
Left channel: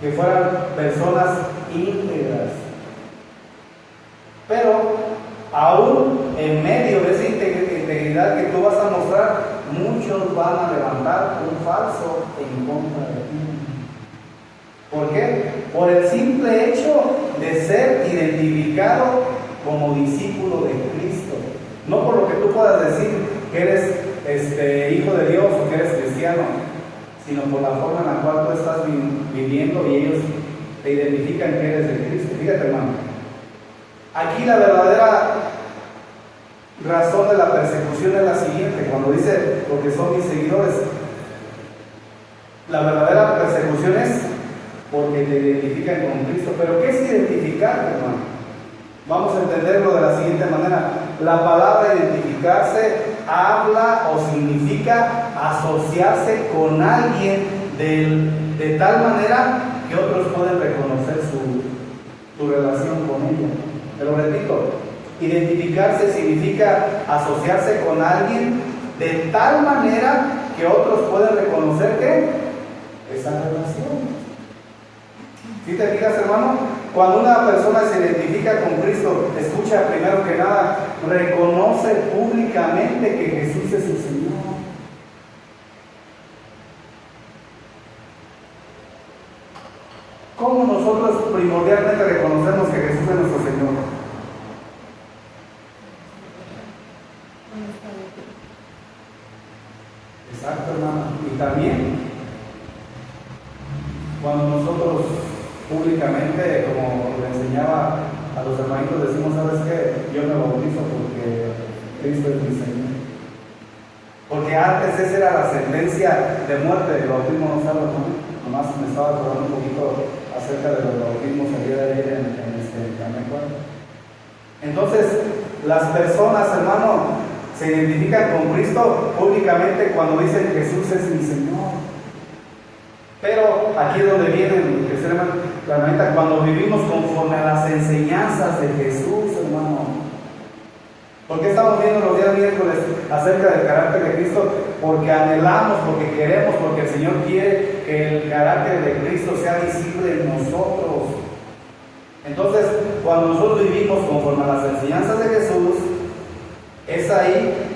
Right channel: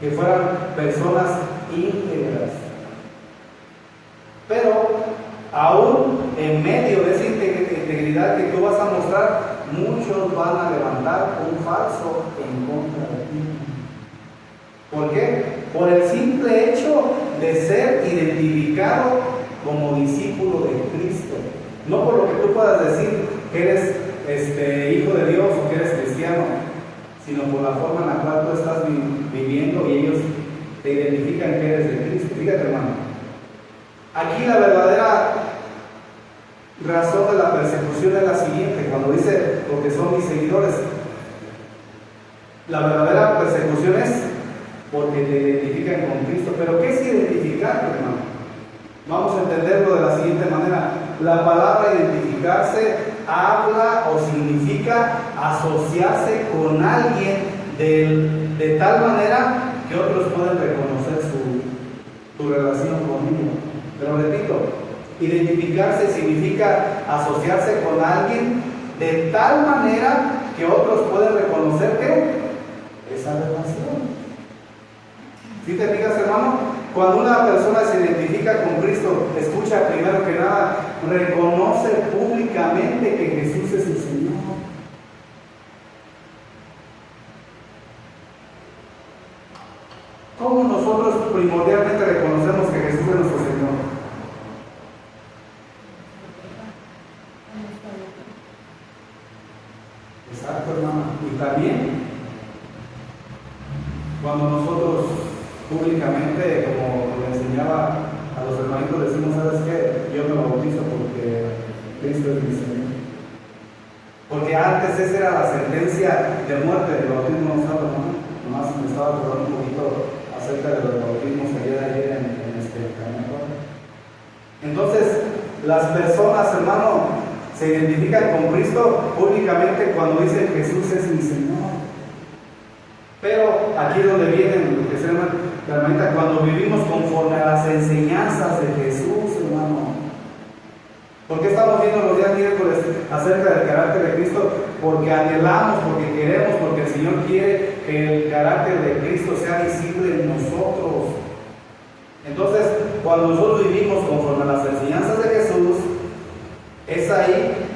que fueran personas íntegras. Pero aún en medio de esa integridad que tú vas a mostrar, muchos van a levantar un falso en contra de ti. ¿Por qué? Por el simple hecho de ser identificado como discípulo de Cristo. No por lo que tú puedas decir que eres hijo de Dios o que eres cristiano, sino por la forma en la cual tú estás viviendo y ellos te identifican que eres de Cristo. Fíjate, hermano, aquí la verdadera razón de la persecución es la siguiente, cuando dice porque son mis seguidores. La verdadera persecución es porque te identifican con Cristo. Pero ¿qué es identificar, hermano? Vamos a entenderlo de la siguiente manera. La palabra identificarse habla o significa asociarse con alguien de tal manera que otros pueden reconocer su relación con ellos. Pero repito, identificarse significa asociarse con alguien de tal manera que otros pueden reconocer que esa relación. ¿Sí te fijas, hermano? Cuando una persona se identifica con Cristo, escucha, primero que nada, reconoce públicamente que Jesús es su Señor. ¿Cómo nosotros primordialmente reconocemos que Jesús es nuestro Señor? Exacto, hermano. Y también, cuando nosotros públicamente, como le enseñaba a los hermanitos, decimos, ¿sabes qué? Yo me bautizo porque Cristo es mi Señor. Porque antes esa era la sentencia de muerte del bautismo, no sabes, ¿no? Nomás me estaba acordando un poquito acerca de los bautismos ayer en este canal. Entonces, las personas, hermano, se identifican con Cristo públicamente cuando dicen Jesús es mi Señor. Pero aquí es donde viene claramente cuando vivimos conforme a las enseñanzas de Jesús, hermano. ¿Por qué estamos viendo los días miércoles acerca del carácter de Cristo? Porque anhelamos, porque queremos, porque el Señor quiere que el carácter de Cristo sea visible en nosotros. Entonces, cuando nosotros vivimos conforme a las enseñanzas de Jesús, es ahí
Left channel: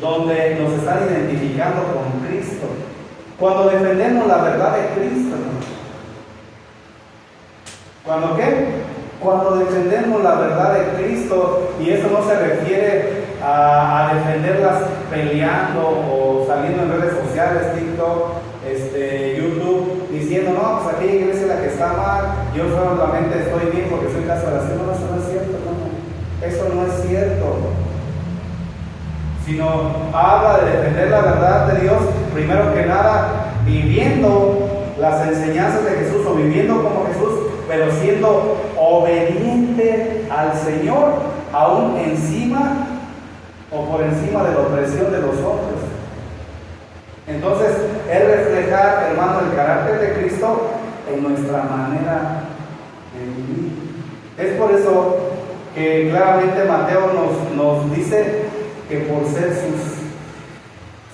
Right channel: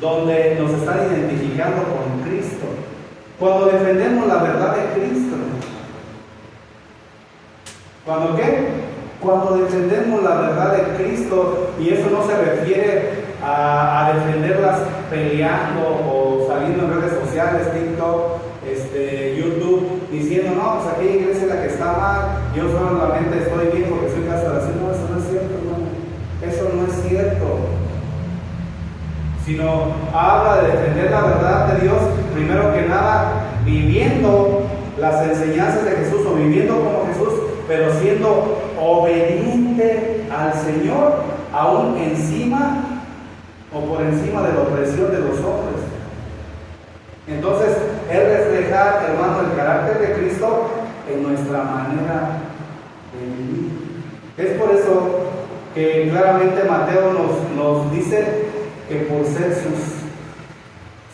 donde nos están identificando con Cristo. Cuando defendemos la verdad de Cristo. ¿Cuándo qué? Cuando defendemos la verdad de Cristo, y eso no se refiere a defenderlas peleando o saliendo en redes sociales, TikTok, YouTube, diciendo, no, pues aquella iglesia es la que está mal, yo solamente estoy bien porque soy caso de hacer. No, eso no es cierto, hermano. Eso no es cierto. Sino habla de defender la verdad de Dios, primero que nada, viviendo las enseñanzas de Jesús o viviendo como Jesús, pero siendo obediente al Señor, aún encima o por encima de la opresión de los hombres. Entonces, es reflejar, hermano, el carácter de Cristo en nuestra manera de vivir. Es por eso que claramente Mateo nos dice que por ser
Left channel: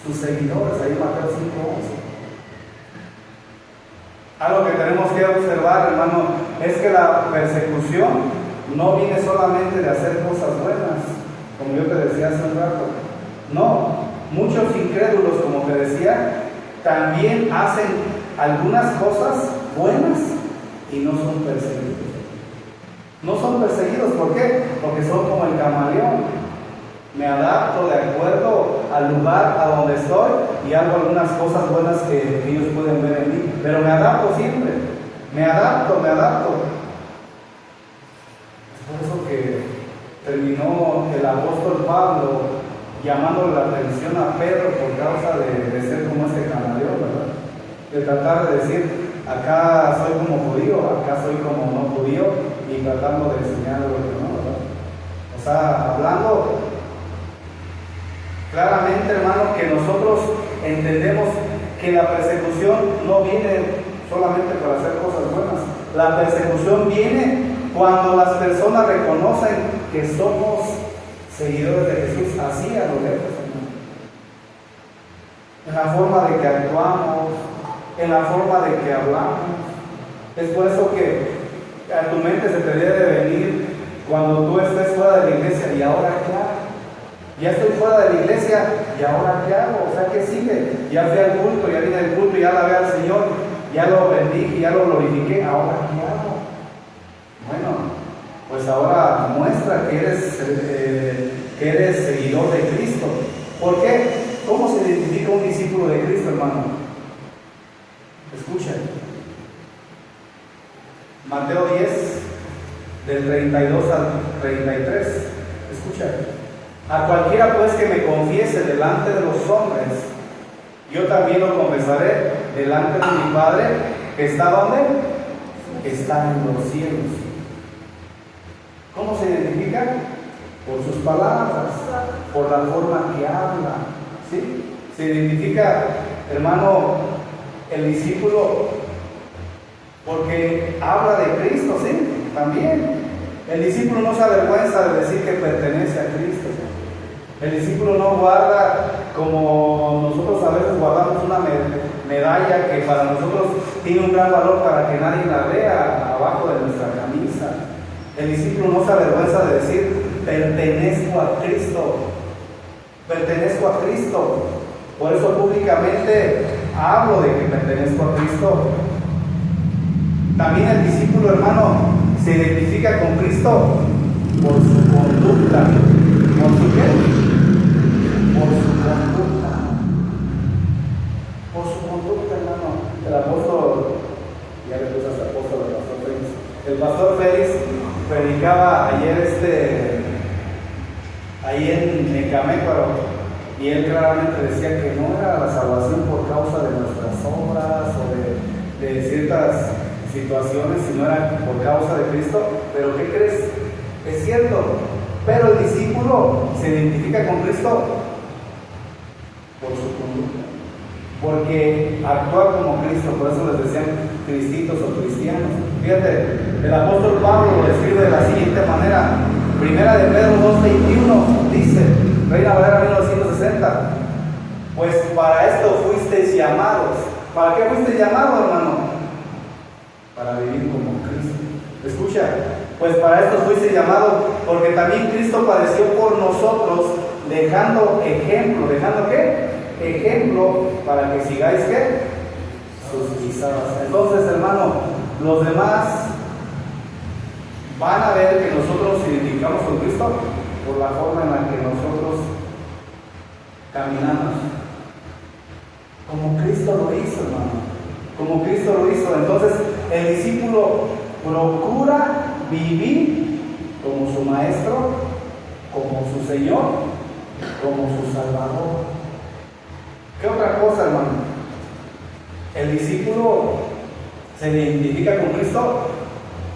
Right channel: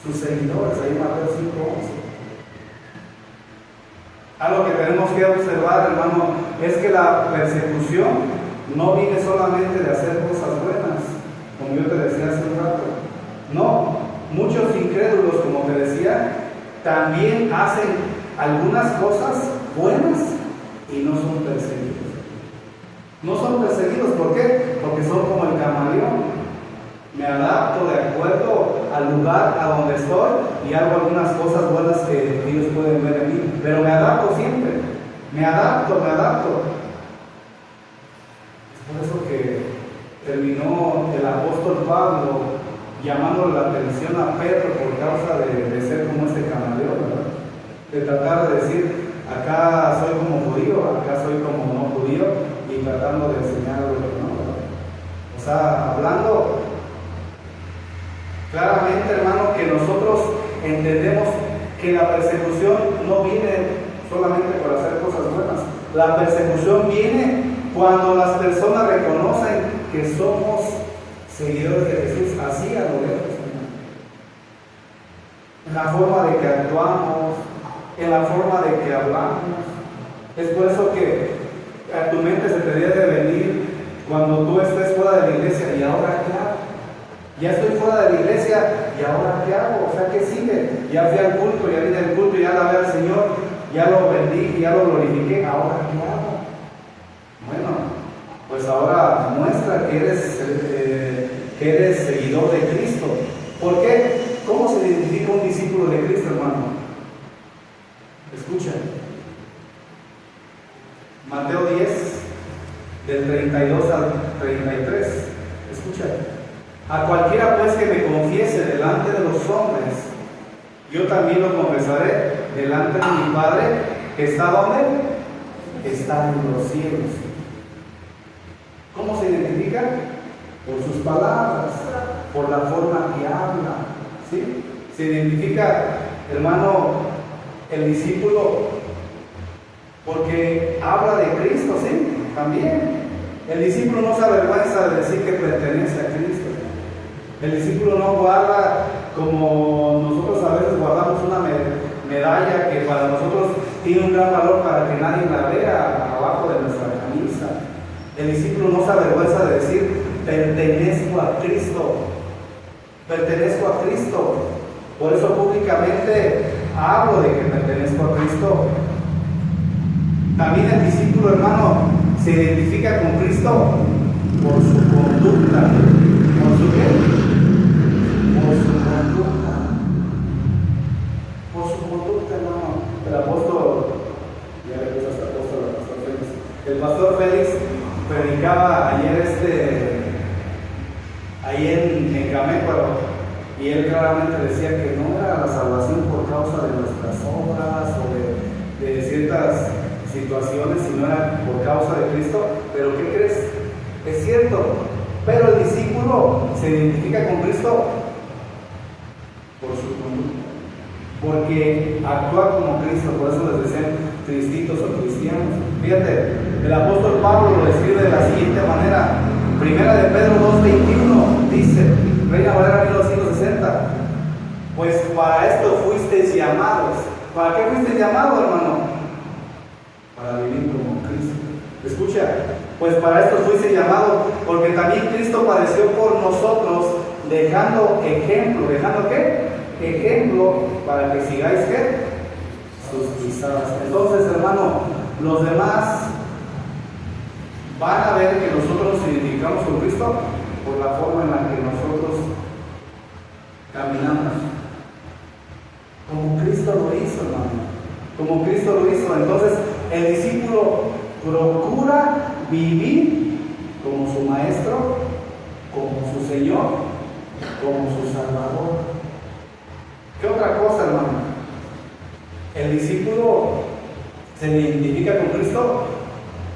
sus seguidores, ahí Mateo 5:11. Algo que tenemos que observar, hermano, es que la persecución no viene solamente de hacer cosas buenas, como yo te decía hace un rato. No, muchos incrédulos, como te decía, también hacen algunas cosas buenas y no son perseguidos. No son perseguidos, ¿por qué? Porque son como el camaleón. Me adapto de acuerdo al lugar a donde estoy y hago algunas cosas buenas que ellos pueden ver en mí, pero me adapto siempre, me adapto. Es por eso que terminó el apóstol Pablo llamándole la atención a Pedro por causa de ser como este camaleón, ¿verdad? De tratar de decir, acá soy como judío, acá soy como no judío, y tratando de enseñar lo que no, ¿verdad? O sea, hablando claramente, hermano, nosotros entendemos que la persecución no viene solamente por hacer cosas buenas. La persecución viene cuando las personas reconocen que somos seguidores de Jesús, así a lo lejos, en la forma de que actuamos, en la forma de que hablamos. Es por eso que a tu mente se te debe venir cuando tú estés fuera de la iglesia: ¿y ahora qué hago? Ya estoy fuera de la iglesia, ¿y ahora qué hago? O sea, ¿qué sigue? Ya fui al culto, ya vine al culto, ya la veo al Señor, ya lo bendije, ya lo glorifiqué, ¿ahora qué hago? Bueno, pues ahora muestra que eres seguidor de Cristo. ¿Por qué? ¿Cómo se identifica un discípulo de Cristo, hermano? Escuchen. Mateo 10, del 32 al 33. Escucha. A cualquiera pues que me confiese delante de los hombres, yo también lo confesaré delante de mi Padre, que está ¿dónde? Que está en los cielos. ¿Cómo se identifica? Por sus palabras, por la forma que habla. ¿Sí? Se identifica, hermano, el discípulo porque habla de Cristo, ¿sí? También. El discípulo no se avergüenza de decir que pertenece a Cristo. El discípulo no guarda como nosotros a veces guardamos una medalla que para nosotros tiene un gran valor para que nadie la vea abajo de nuestra camisa. El discípulo no se avergüenza de decir: pertenezco a Cristo. Pertenezco a Cristo. Por eso públicamente hablo de que pertenezco a Cristo. También el discípulo, hermano, se identifica con Cristo por su conducta. ¿Por su qué? Por su conducta. Por su conducta, hermano. El apóstol, ya le puse al apóstol, al pastor Félix. El pastor Félix predicaba ayer ahí en Mecamécuaro, y él claramente decía que no era la salvación por causa de nuestras obras o de ciertas situaciones, sino era por causa de Cristo. Pero ¿qué crees? Es cierto, pero el discípulo se identifica con Cristo por su conducta, porque actúa como Cristo. Por eso les decían cristitos o cristianos. Fíjate, el apóstol Pablo lo describe de la siguiente manera. Primera de Pedro 2:21 dice, Reina Valera 1960: pues para esto fuisteis llamados. ¿Para qué fuisteis llamados, hermano? Para vivir como Cristo. Escucha, pues para esto fuiste llamado, porque también Cristo padeció por nosotros, dejando ejemplo. ¿Dejando qué? Ejemplo para que sigáis ¿qué? Sus pisadas. Entonces, hermano, los demás van a ver que nosotros nos identificamos con Cristo por la forma en la que nosotros caminamos. Como Cristo lo hizo, hermano. Como Cristo lo hizo. Entonces, el discípulo procura vivir como su maestro, como su Señor, como su Salvador. ¿Qué otra cosa, hermano? El discípulo se identifica con Cristo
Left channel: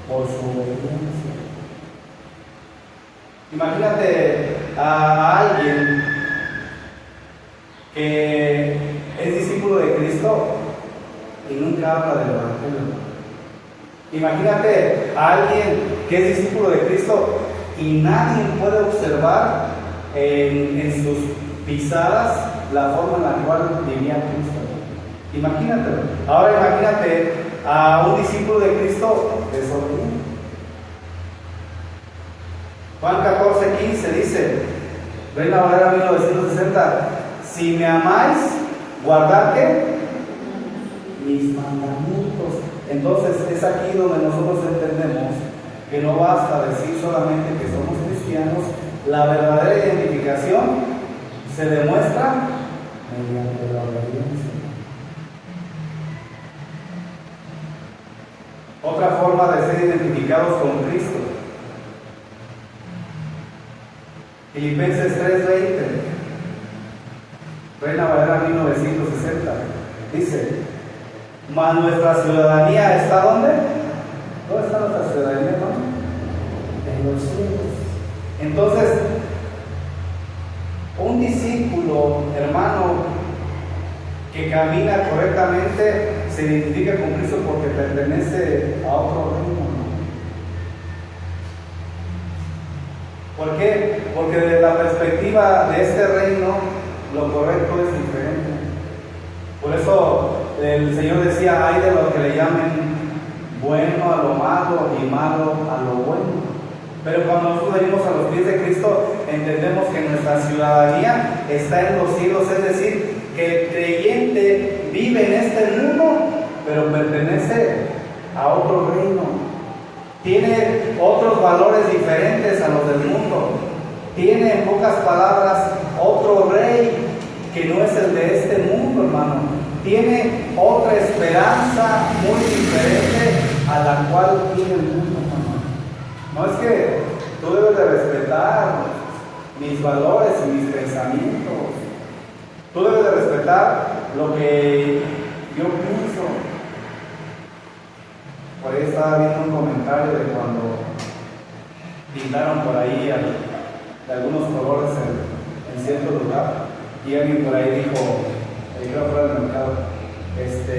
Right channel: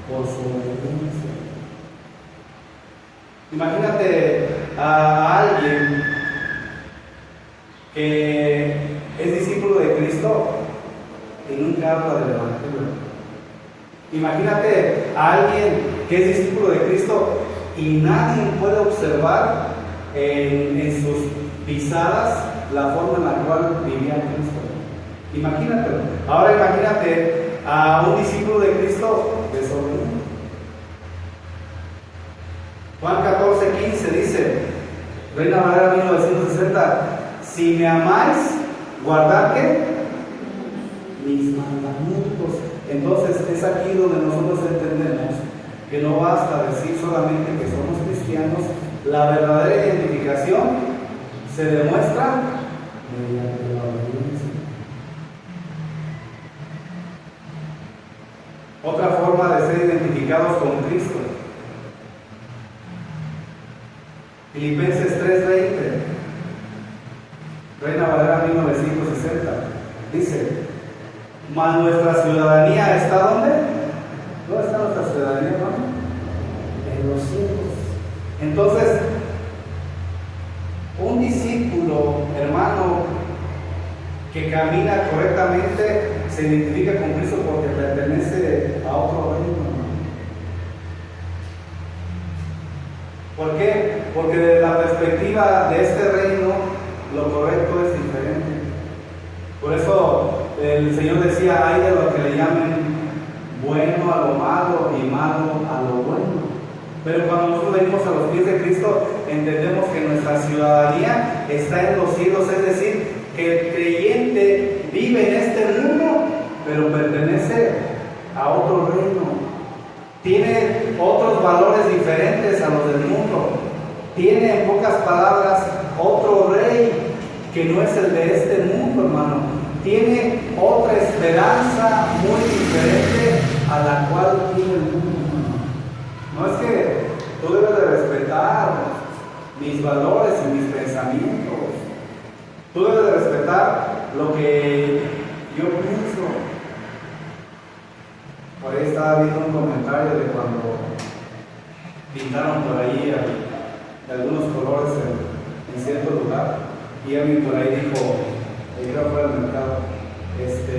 por su obediencia. Imagínate a alguien que es discípulo de Cristo y nunca habla del Evangelio. Imagínate a alguien que es discípulo de Cristo y nadie puede observar en sus pisadas la forma en la cual vivía Cristo. Imagínate. Ahora imagínate a un discípulo de Cristo desobediente. Juan 14:15 dice, Reina Valera 1960: si me amáis, guardad ¿qué? Mis mandamientos. Entonces es aquí donde nosotros entendemos que no basta decir solamente que somos cristianos. La verdadera identificación se demuestra mediante la obediencia. Otra forma de ser identificados con Cristo, Filipenses 3:20, Reina Valera 1960, dice: mas nuestra ciudadanía está ¿dónde? ¿Dónde está nuestra ciudadanía, hermano? En los cielos. Entonces, un discípulo, hermano, que camina correctamente se identifica con Cristo porque pertenece a otro reino. ¿Por qué? Porque desde la perspectiva de este reino, lo correcto es diferente. Por eso el Señor decía, hay de los que le llamen bueno a lo malo y malo a lo bueno. Pero cuando nosotros venimos a los pies de Cristo, entendemos que nuestra ciudadanía está en los cielos, es decir, que el creyente vive en este mundo, pero pertenece a otro reino. Tiene otros valores diferentes a los del mundo. Tiene, en pocas palabras, otro rey que no es el de este mundo, hermano. Tiene otra esperanza muy diferente a la cual tiene el mundo, hermano. No es que tú debes de respetar mis valores y mis pensamientos. Tú debes de respetar lo que yo pienso. Por ahí estaba viendo un comentario de cuando pintaron por ahí de algunos colores en cierto lugar, y alguien por ahí dijo, creo fuera del mercado, es que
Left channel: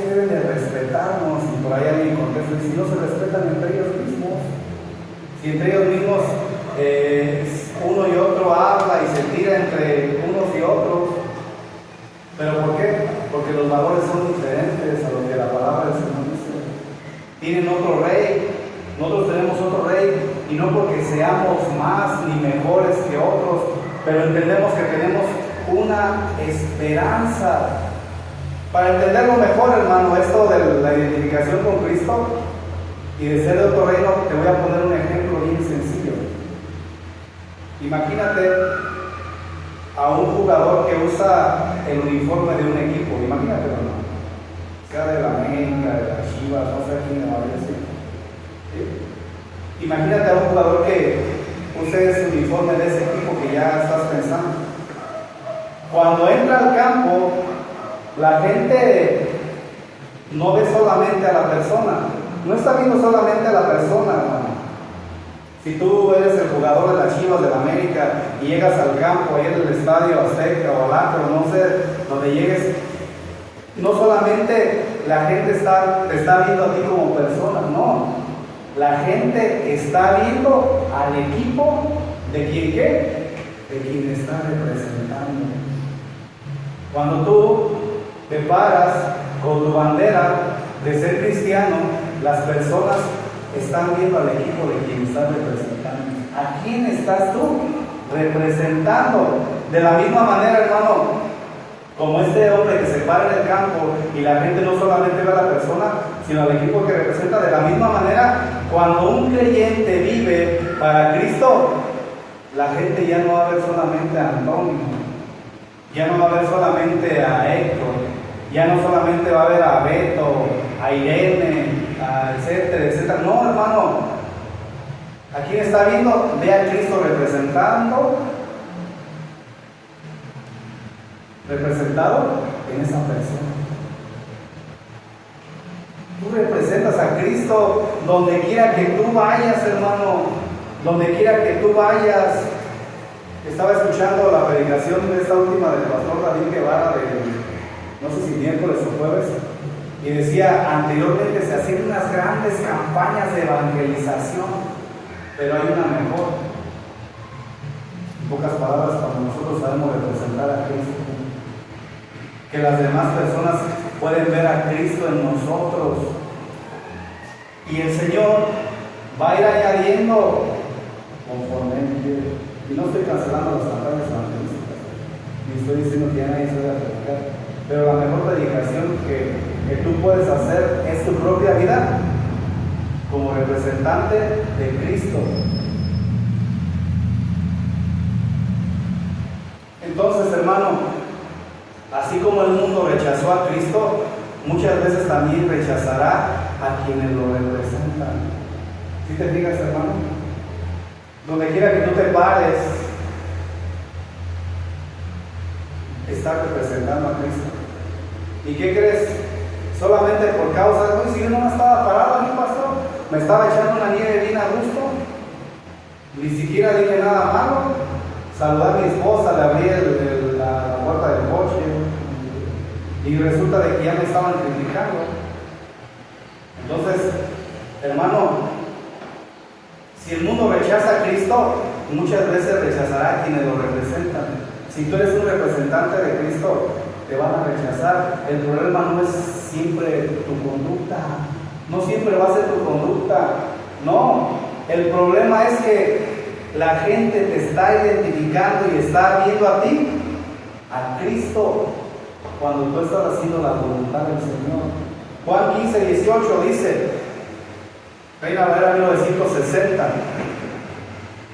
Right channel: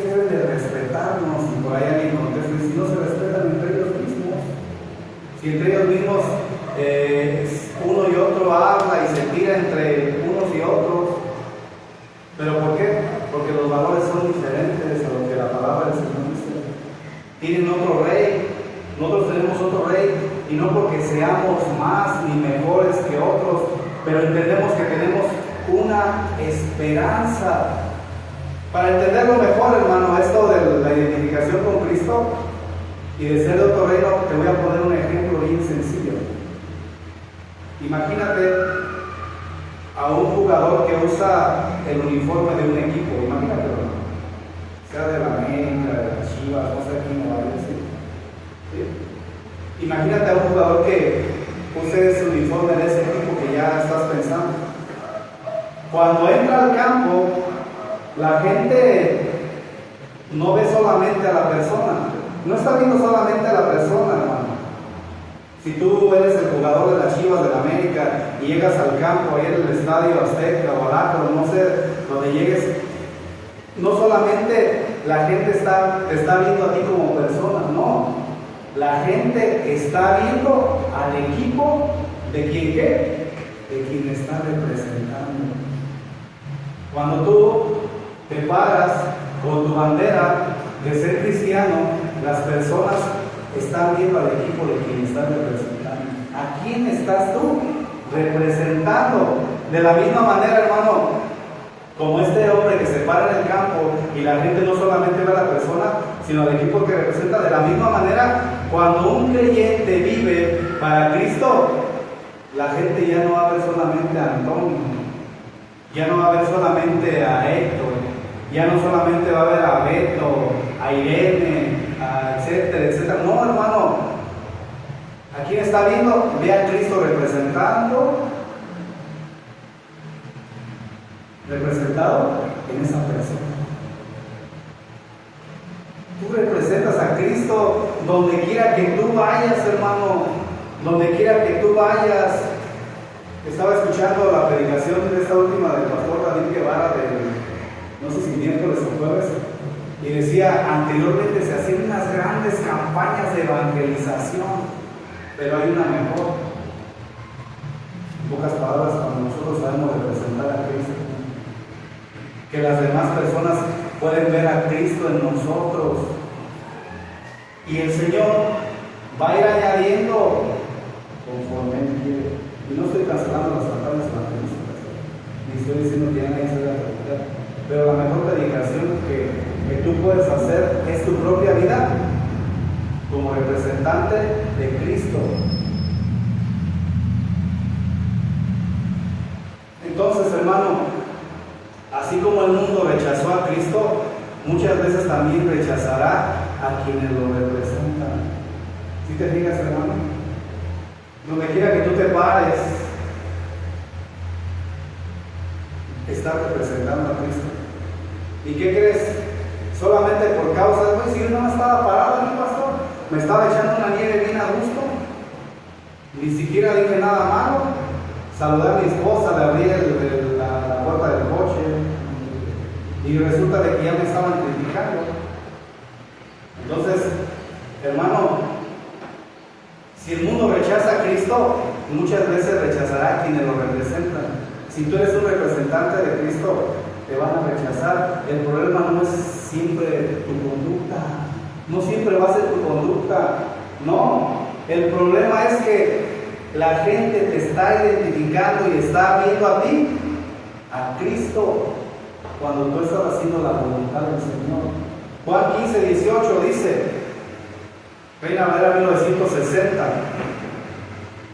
deben de respetarnos, y por ahí alguien contesta, y si no se respetan entre ellos mismos, si entre ellos mismos uno y otro habla y se tira entre unos y otros. ¿Pero por qué? Porque los valores son diferentes a lo que la palabra del Señor dice. Tienen otro rey, nosotros tenemos otro rey, y no porque seamos más ni mejores que otros, pero entendemos que tenemos una esperanza. Para entenderlo mejor, hermano, esto de la identificación con Cristo y de ser de otro reino, te voy a poner un ejemplo bien sencillo. Imagínate a un jugador que usa el uniforme de un equipo, imagínate, hermano, sea de la América, de la Chivas, no sé quién me va a decir. ¿Sí? Imagínate a un jugador que use ese uniforme de ese equipo que ya estás pensando. Cuando entra al campo, la gente no ve solamente a la persona, no está viendo solamente a la persona, hermano. Si tú eres el jugador de las Chivas de la América y llegas al campo, ahí en el estadio Azteca o al Acro, no sé, donde llegues, no solamente la gente te está viendo a ti como persona, no. La gente está viendo al equipo de quien ¿qué? De quien está representando. Cuando tú te paras con tu bandera de ser cristiano, las personas están viendo al equipo de quien estás representando. ¿A quién estás tú representando? De la misma manera, hermano, como este hombre que se para en el campo y la gente no solamente ve a la persona, sino al equipo que representa. De la misma manera, cuando un creyente vive para Cristo, la gente ya no va a ver solamente a Antonio, ya no va a ver solamente a Héctor, ya no solamente va a ver a Beto, a Irene, etcétera, etcétera. No, hermano, ¿a quién está viendo? Ve a Cristo representado en esa persona. Tú representas a Cristo donde quiera que tú vayas, hermano, donde quiera que tú vayas. Estaba escuchando la predicación de esta última del pastor David Guevara, no sé si miércoles o jueves, y decía, anteriormente se hacían unas grandes campañas de evangelización, pero hay una mejor. En pocas palabras, cuando nosotros sabemos representar a Cristo, que las demás personas pueden ver a Cristo en nosotros, y el Señor va a ir añadiendo conforme Él quiere. Y no estoy cancelando las campañas evangelísticas, ni estoy diciendo que ya nadie se debe predicar, pero la mejor predicación que tú puedes hacer es tu propia vida como representante de Cristo. Entonces, hermano, así como el mundo rechazó a Cristo, muchas veces también rechazará a quienes lo representan. ¿Sí te fijas, hermano? Donde quiera que tú te pares, estás representando a Cristo. ¿Y qué crees? Solamente por causa de, si yo no me estaba parado, ¿qué pasó? Me estaba echando una nieve bien a gusto, ni siquiera dije nada malo. Saludé a mi esposa, le abrí la puerta del y resulta de que ya me estaban criticando. Entonces, hermano, si el mundo rechaza a Cristo, muchas veces rechazará a quienes lo representan. Si tú eres un representante de Cristo, te van a rechazar. El problema no es siempre tu conducta, no siempre va a ser tu conducta, no. El problema es que la gente te está identificando y está viendo a ti, a Cristo, cuando tú estás haciendo la voluntad del Señor. Juan 15:18 dice, Reina Valera 1960,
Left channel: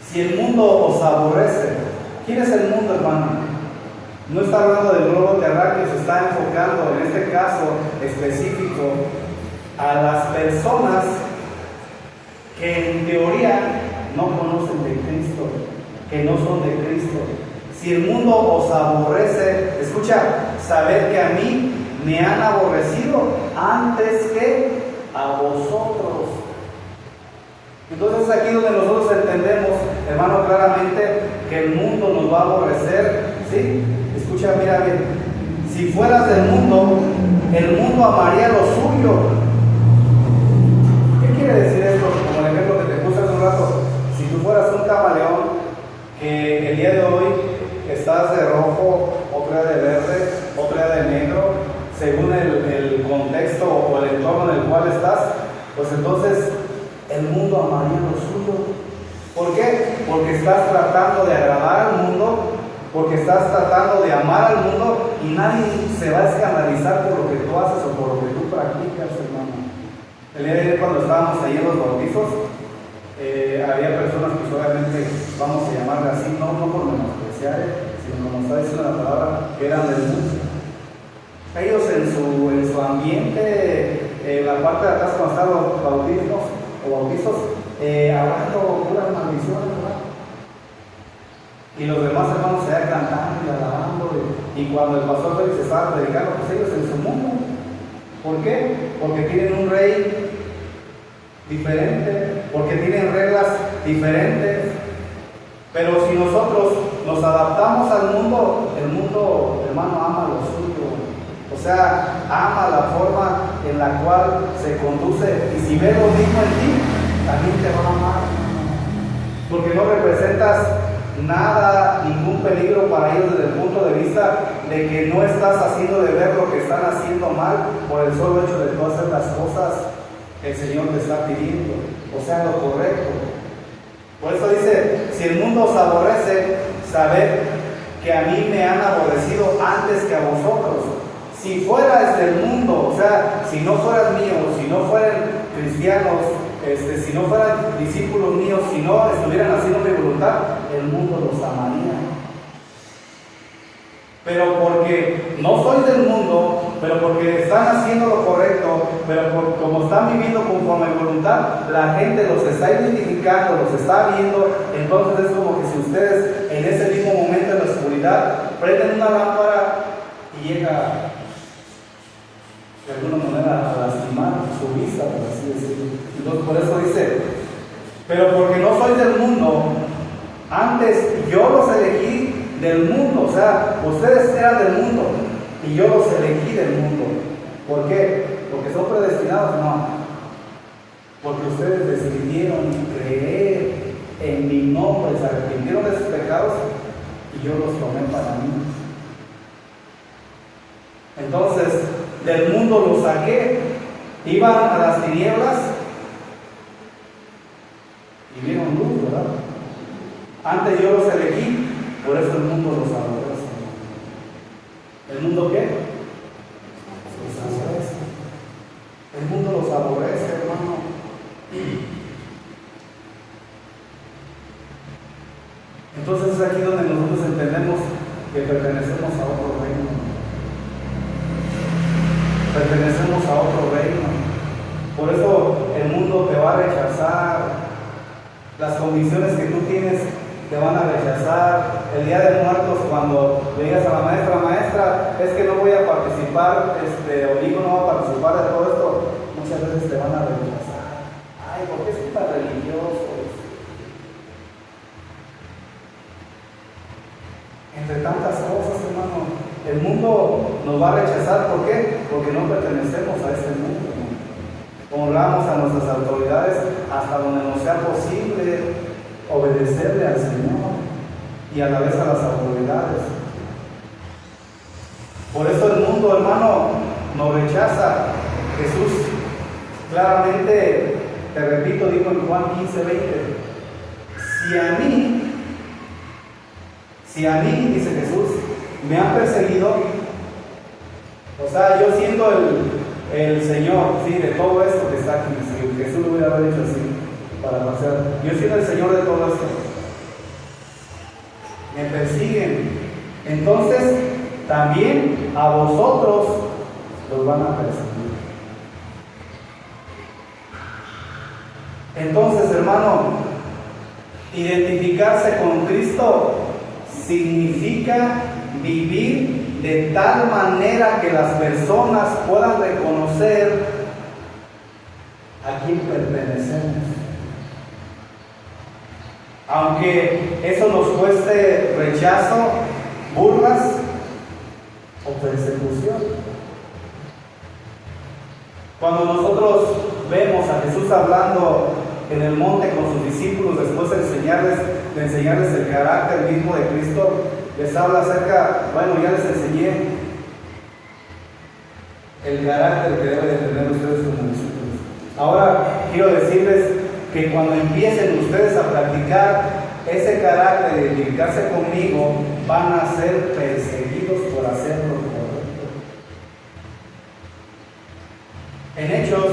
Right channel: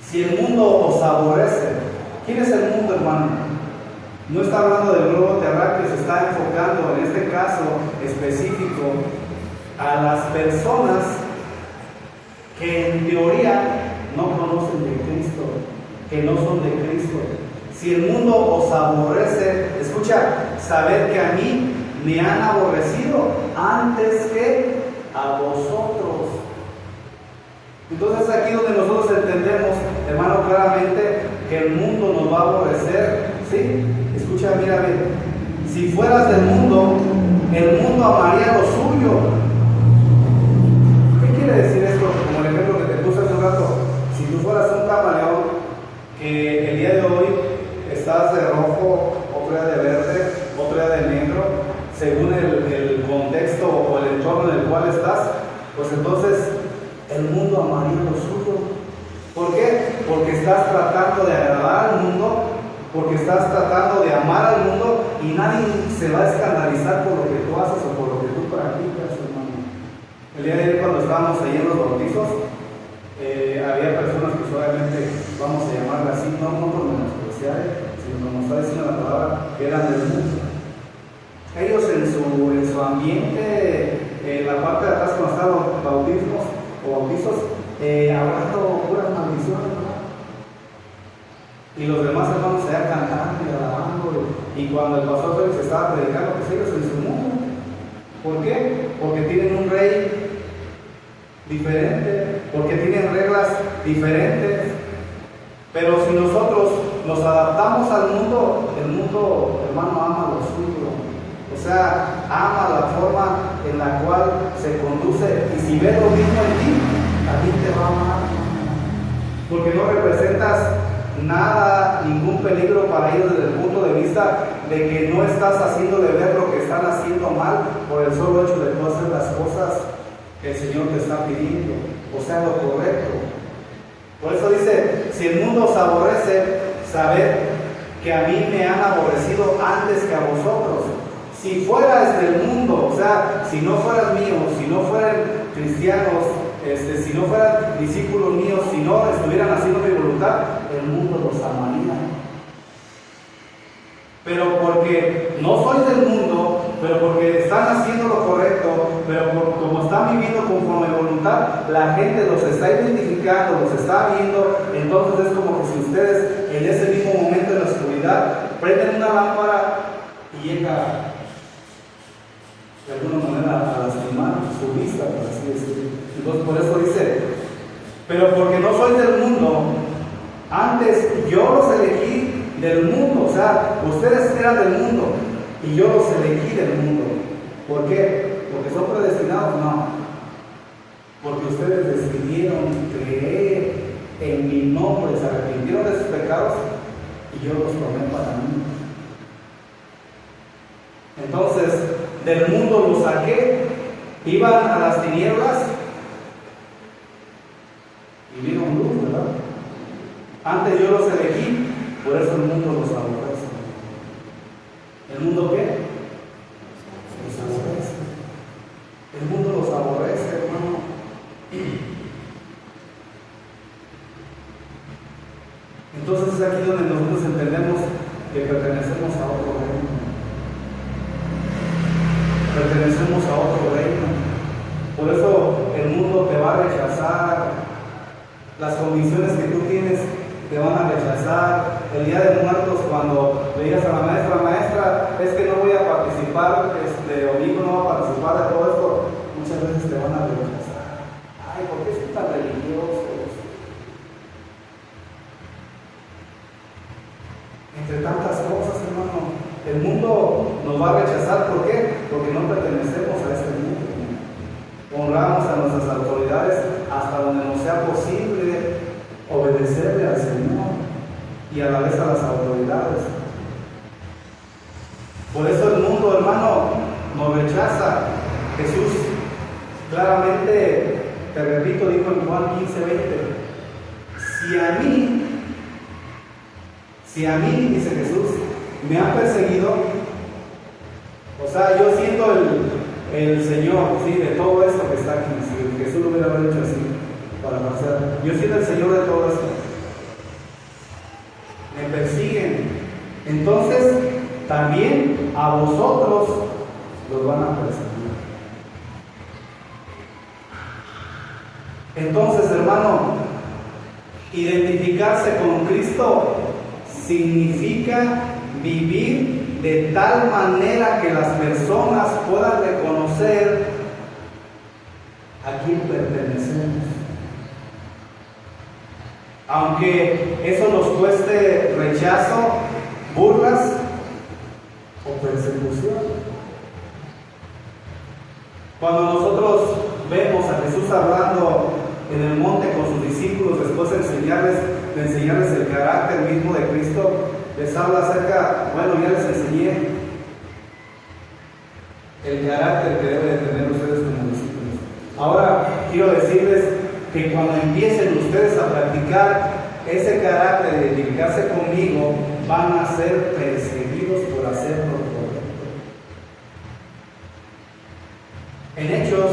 si el mundo os aborrece, ¿quién es el mundo, hermano? No está hablando del globo terráqueo, se está enfocando en este caso específico a las personas que en teoría no conocen de Cristo, que no son de Cristo. Si el mundo os aborrece, escucha, sabed que a mí me han aborrecido antes que a vosotros. Entonces aquí donde nosotros entendemos, hermano, claramente que el mundo nos va a aborrecer, ¿sí? Escucha, mira bien, si fueras del mundo, el mundo amaría lo suyo. ¿Qué quiere decir esto? Como el ejemplo que te puse hace un rato, si tú fueras un camaleón, que el día de hoy estás de rojo, otro día de verde, otro día de negro, según el contexto o el entorno en el cual estás, pues entonces el mundo amaría lo suyo. ¿Por qué? Porque estás tratando de agradar al mundo, porque estás tratando de amar al mundo y nadie se va a escandalizar por lo que tú haces o por lo que tú practicas, hermano. El día de ayer cuando estábamos ahí en los bautizos, había personas que obviamente, vamos a llamarle así, no por menospreciar, sino como está diciendo la palabra, que eran del mundo. Ellos en su ambiente, en la parte de atrás cuando estaban los bautizos, hablando puras maldiciones, ¿verdad? Y los demás hermanos allá cantando y alabando, y cuando el pastor Félix estaba predicando, pues ellos en su mundo. ¿Por qué? Porque tienen un rey diferente, porque tienen reglas diferentes. Pero si nosotros nos adaptamos al mundo, el mundo, hermano, ama lo suyo. O sea, ama la forma en la cual se conduce, y si ve lo mismo en ti, también te va a amar, porque no representas nada, ningún peligro para ellos desde el punto de vista de que no estás haciendo de ver lo que están haciendo mal por el solo hecho de no hacer las cosas que el Señor te está pidiendo, o sea, lo correcto. Por eso dice, si el mundo os aborrece, sabed que a mí me han aborrecido antes que a vosotros. Si fueras del mundo, o sea, si no fueras mío, si no fueran cristianos, si no fueran discípulos míos, si no estuvieran haciendo mi voluntad, el mundo los amaría. Pero porque no sois del mundo, pero porque están haciendo lo correcto, pero como están viviendo conforme a voluntad, la gente los está identificando, los está viendo. Entonces es como que si ustedes en ese mismo momento en la oscuridad prenden una lámpara y llega de alguna manera a lastimar su vista, por así decirlo. Entonces por eso dice, pero porque no soy del mundo, antes yo los elegí del mundo. O sea, ustedes eran del mundo y yo los elegí del mundo. ¿Por qué? ¿Porque son predestinados? No, porque ustedes decidieron creer en mi nombre, se arrepintieron de sus pecados y yo los tomé para mí. Entonces, del mundo los saqué, iban a las tinieblas y vieron luz, ¿verdad? Antes yo los elegí, por eso el mundo los aborrece. ¿El mundo qué? Los aborrece. El mundo los aborrece, hermano. Entonces es aquí donde nosotros entendemos que pertenecemos a otro reino. Pertenecemos a otro reino. Por eso el mundo te va a rechazar. Las convicciones que tú tienes te van a rechazar. El día de muertos, cuando le digas a la maestra, es que no voy a participar, o mi hijo no va a participar de todo esto, muchas veces te van a rechazar. Ay, ¿por qué son tan religiosos? Entre tantas cosas, hermano, el mundo nos va a rechazar. ¿Por qué? Porque no pertenecemos a este mundo. Honramos a nuestras autoridades hasta donde nos sea posible obedecerle al Señor y a la vez a las autoridades. Por eso el mundo, hermano, nos rechaza. Jesús claramente, te repito, dijo en Juan 15:20, si a mí, dice Jesús, me han perseguido, o sea, yo siendo el Señor, sí, de todo esto que está aquí, si Jesús lo hubiera dicho así, para pasar, yo siendo el Señor de todo esto, me persiguen, entonces también a vosotros los van a perseguir. Entonces, hermano, identificarse con Cristo significa vivir de tal manera que las personas puedan reconocer a quién pertenecemos. Aunque eso nos cueste rechazo, burlas o persecución. Cuando nosotros vemos a Jesús hablando en el monte con sus discípulos, después de enseñarles el carácter mismo de Cristo, les habla acerca, bueno, ya les enseñé el carácter que deben de tener ustedes como discípulos. Ahora quiero decirles que cuando empiecen ustedes a practicar ese carácter de identificarse conmigo, van a ser perseguidos por hacerlo correcto. En Hechos,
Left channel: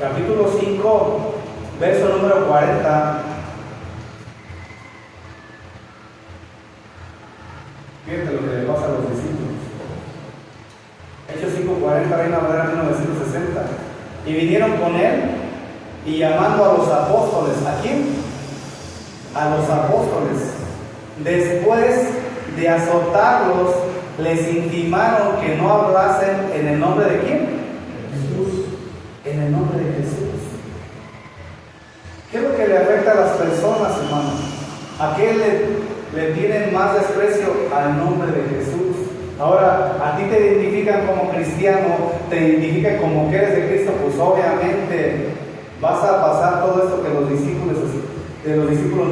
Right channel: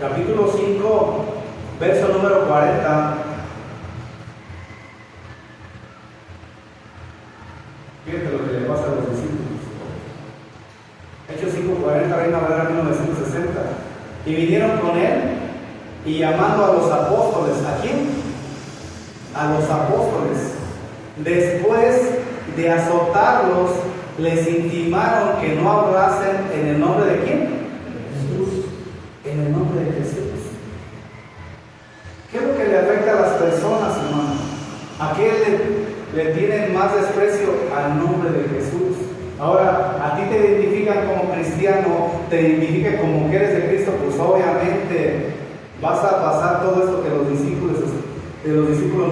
capítulo 5, verso número 40, fíjate lo que le pasa a los discípulos. Hechos 5:40, Reina Valera 1960. Y vinieron con él y llamando a los apóstoles, ¿a quién? A los apóstoles. Después de azotarlos, les intimaron que no hablasen en el nombre de ¿quién? Jesús. En el nombre de Jesús. ¿Qué es lo que le afecta a las personas, hermano? ¿A qué le tienen más desprecio? Al nombre de Jesús. Ahora, a ti te identifican como cristiano, te identifican como que eres de Cristo, pues obviamente vas a pasar todo esto que los discípulos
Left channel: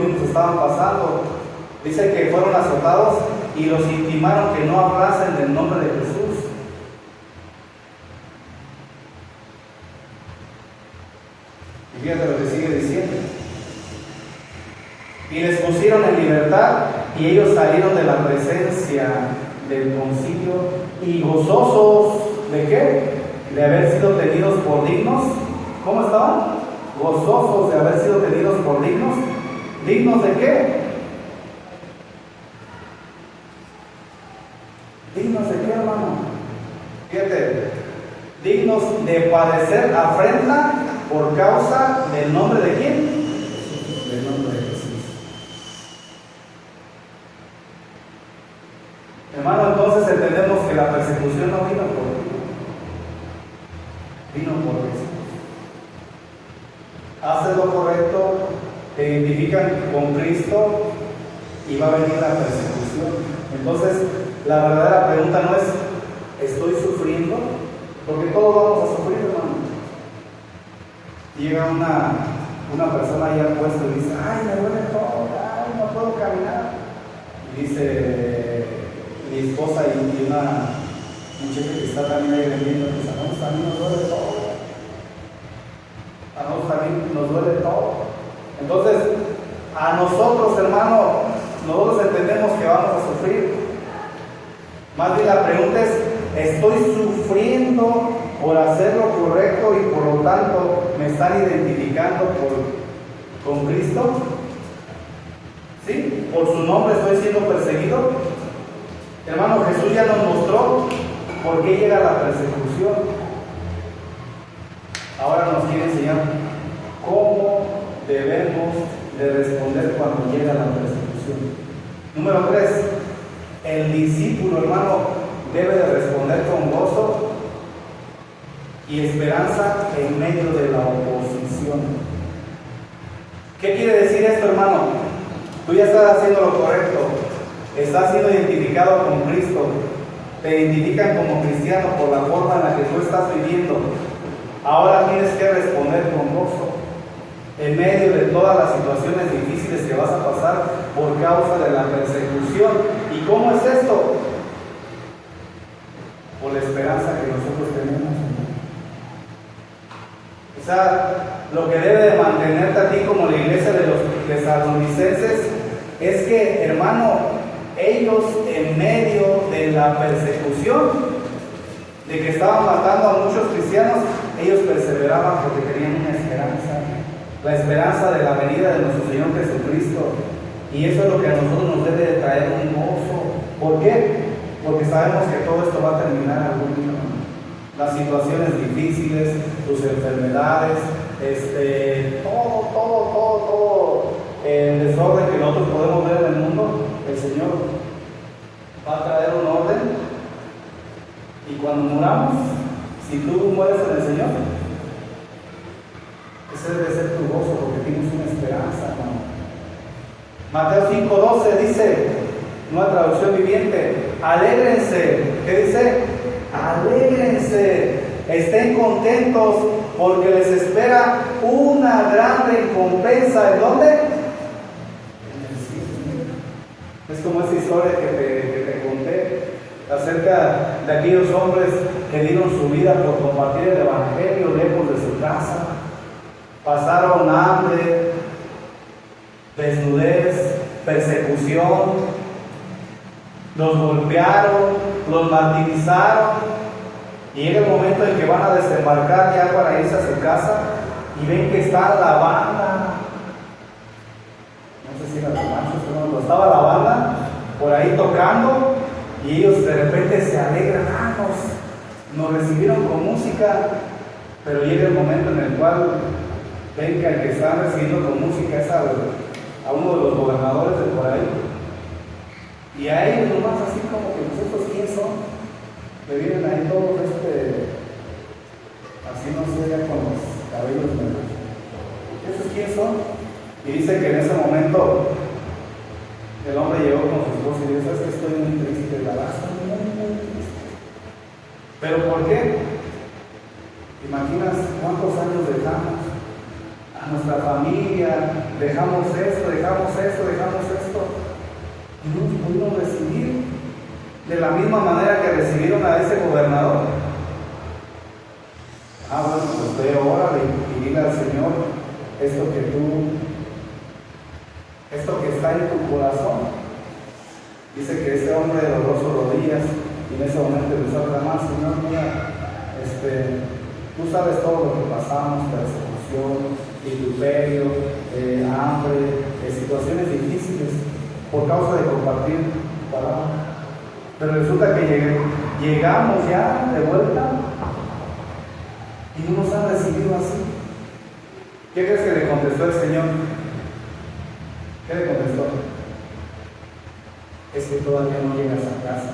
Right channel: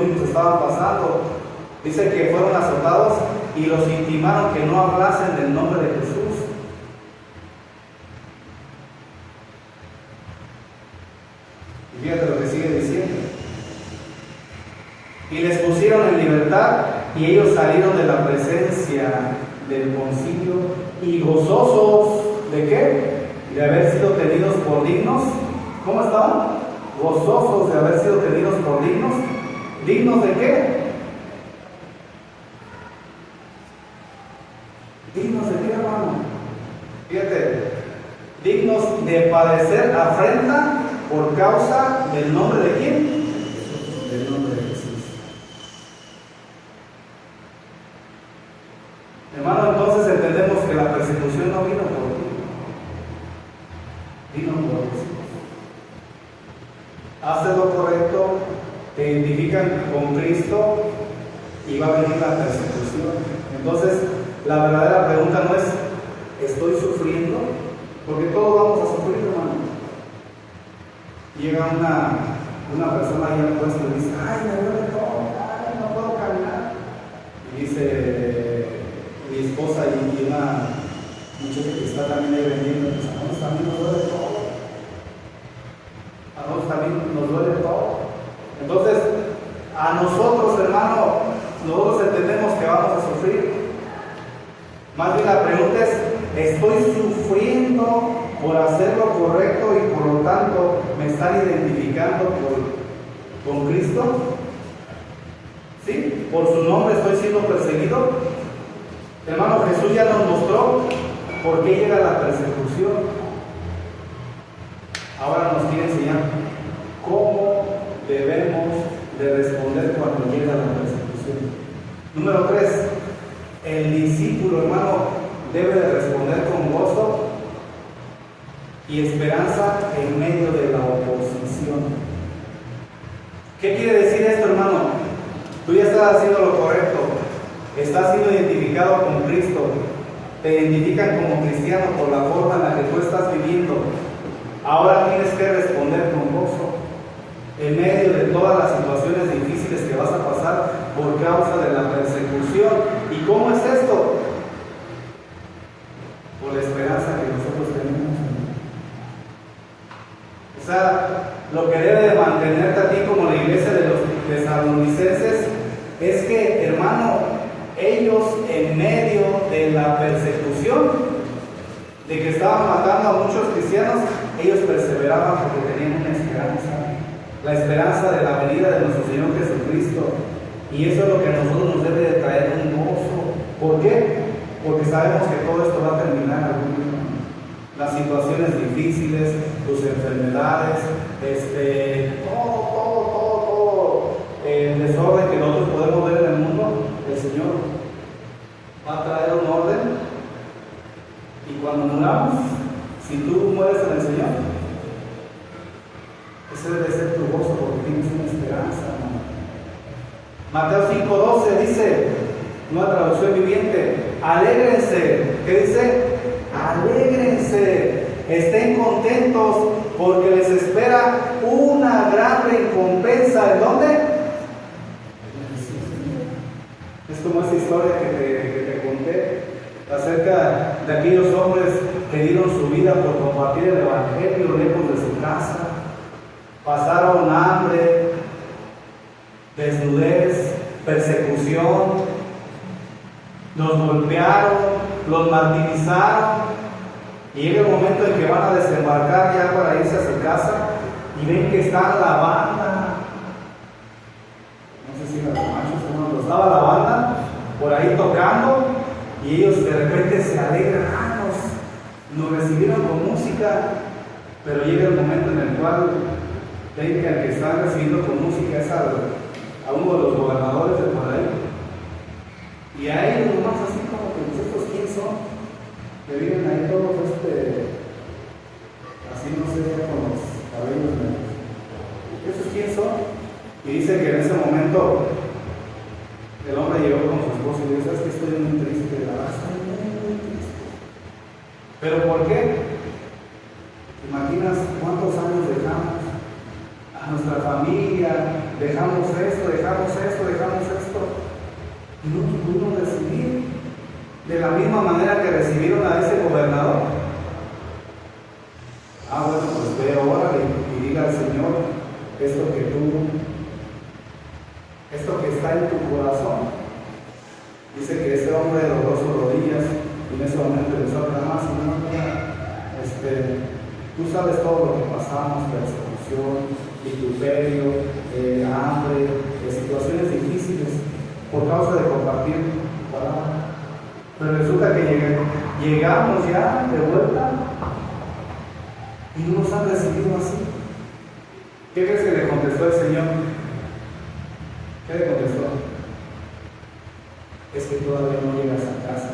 mismos estaban pasando. Dice que fueron azotados y los intimaron que no hablasen del nombre de Jesús. Y fíjate lo que sigue diciendo. Y les pusieron en libertad y ellos salieron de la presencia del concilio y gozosos ¿de qué? De haber sido tenidos por dignos. ¿Cómo estaban? Gozosos de haber sido tenidos por dignos. ¿Dignos de qué? ¿Dignos de qué, hermano? Fíjate, dignos de padecer afrenta por causa del nombre de quién? Del nombre de Jesús. Hermano, entonces entendemos que la persecución no vino por ti, vino por Jesús. Haces lo correcto, te identifican con Cristo y va a venir la persecución. Entonces, la verdadera pregunta no es, ¿estoy sufriendo? Porque todos vamos a sufrir, hermano. Llega una persona ahí al puesto y dice, ay, me duele todo, ay, no puedo caminar. Y dice mi esposa y una muchacha que está también ahí vendiendo, dice, a nosotros también nos duele todo. A nosotros también nos duele todo. Entonces, a nosotros, hermano, nosotros entendemos que vamos a sufrir. Más bien la pregunta es, ¿estoy sufriendo por hacer lo correcto y por lo tanto me están identificando con Cristo? ¿Sí? ¿Por su nombre estoy siendo perseguido? Hermano, Jesús ya nos mostró por qué llega la persecución. Ahora nos quiere enseñar cómo debemos de responder cuando llega la persecución. Número 3. El discípulo, hermano, debe de responder con gozo y esperanza en medio de la oposición. ¿Qué quiere decir esto, hermano? Tú ya estás haciendo lo correcto, estás siendo identificado con Cristo, te identifican como cristiano por la forma en la que tú estás viviendo. Ahora tienes que responder con gozo en medio de todas las situaciones difíciles que vas a pasar por causa de la persecución. ¿Y cómo es esto? Por la esperanza que nosotros tenemos. O sea, lo que debe de mantenerte a ti como la iglesia de los tesalonicenses es que, hermano, ellos en medio de la persecución, de que estaban matando a muchos cristianos, ellos perseveraban porque tenían una esperanza, la esperanza de la venida de nuestro Señor Jesucristo. Y eso es lo que a nosotros nos debe de traer un gozo. ¿Por qué? Porque sabemos que todo esto va a terminar algún día. Las situaciones difíciles, tus enfermedades, todo el desorden que nosotros podemos ver en el mundo, el Señor va a traer un orden. Y cuando muramos, si tú mueres en el Señor, ese debe ser tu gozo porque tienes una esperanza, ¿no? Mateo 5:12 dice, nueva traducción viviente, alégrense. ¿Qué dice? Alégrense, estén contentos porque les espera una gran recompensa. ¿En dónde? Es como esa historia que te conté acerca de aquellos hombres que dieron su vida por compartir el Evangelio lejos de su casa. Pasaron hambre, desnudez, persecución, los golpearon, los martirizaron, y llega el momento en que van a desembarcar ya para irse a su casa y ven que está la banda, no sé si era la marcha, pero estaba la banda por ahí tocando, y ellos de repente se alegran, nos recibieron con música, pero llega el momento en el cual ven que el que está recibiendo con música es a uno de los gobernadores de por ahí. Y a ellos nomás así como que nosotros quién son, que vienen ahí todos así no sé, ya con los cabellos negros. ¿Esos quién son? Y dice que en ese momento el hombre llegó con su esposa y dice, ¿sabes que estoy muy triste? La verdad, estoy muy triste. ¿Pero por qué? ¿Te imaginas cuántos años dejamos a nuestra familia? Dejamos esto, dejamos esto. Y no pudimos recibir de la misma manera que recibieron a ese gobernador. Bueno, pues ve ahora y dile al Señor esto que está en tu corazón. Dice que ese hombre dobló sus rodillas y en ese momento empezó a clamar, Señor, mira, tú sabes todo lo que pasamos, persecución, vituperio, hambre, situaciones difíciles por causa de compartir palabra. Pero resulta que llegamos ya de vuelta y no nos han recibido así. ¿Qué crees que le contestó el Señor? ¿Qué le contestó? Es que todavía no llegas a casa.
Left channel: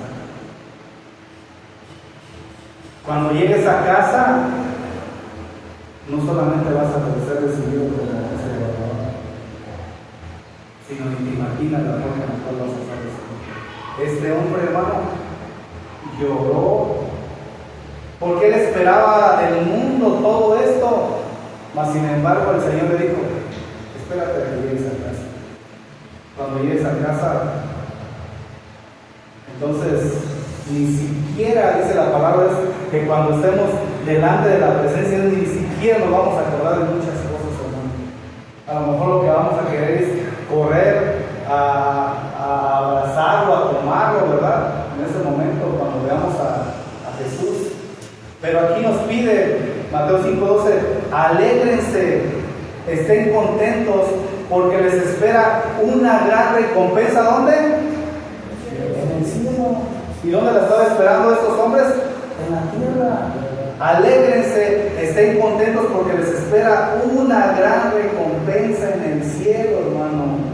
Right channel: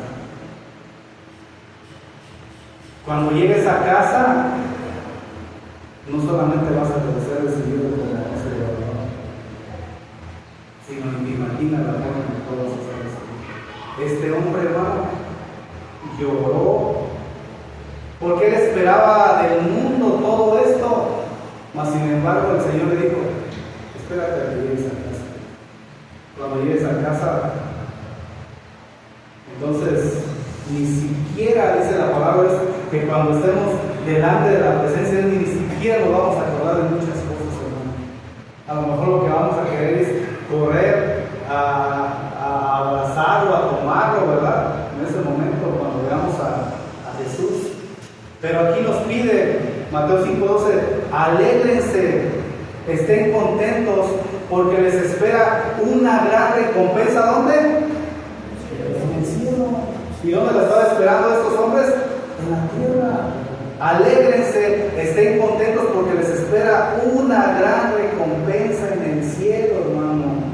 Cuando llegues a casa, no solamente vas a ser recibido como Señor, sino que imagina la forma en la cual vas a ser recibido. Este hombre, hermano, lloró porque él esperaba del mundo todo esto, mas sin embargo el Señor le dijo, espérate a que llegues a casa. Cuando llegues a casa, entonces ni siquiera, dice la palabra, que cuando estemos delante de la presencia de Él, ni siquiera nos vamos a acordar de muchas cosas, hermano. A lo mejor lo que vamos a querer es correr a abrazarlo, a tomarlo, ¿verdad? En ese momento, cuando veamos a Jesús. Pero aquí nos pide Mateo 5:12, alégrense, estén contentos, porque les espera una gran recompensa. ¿Dónde? En el cielo. ¿Y dónde la estaba esperando estos hombres? En la tierra. Alégrense, estén contentos, porque les espera una gran recompensa en el cielo, hermano.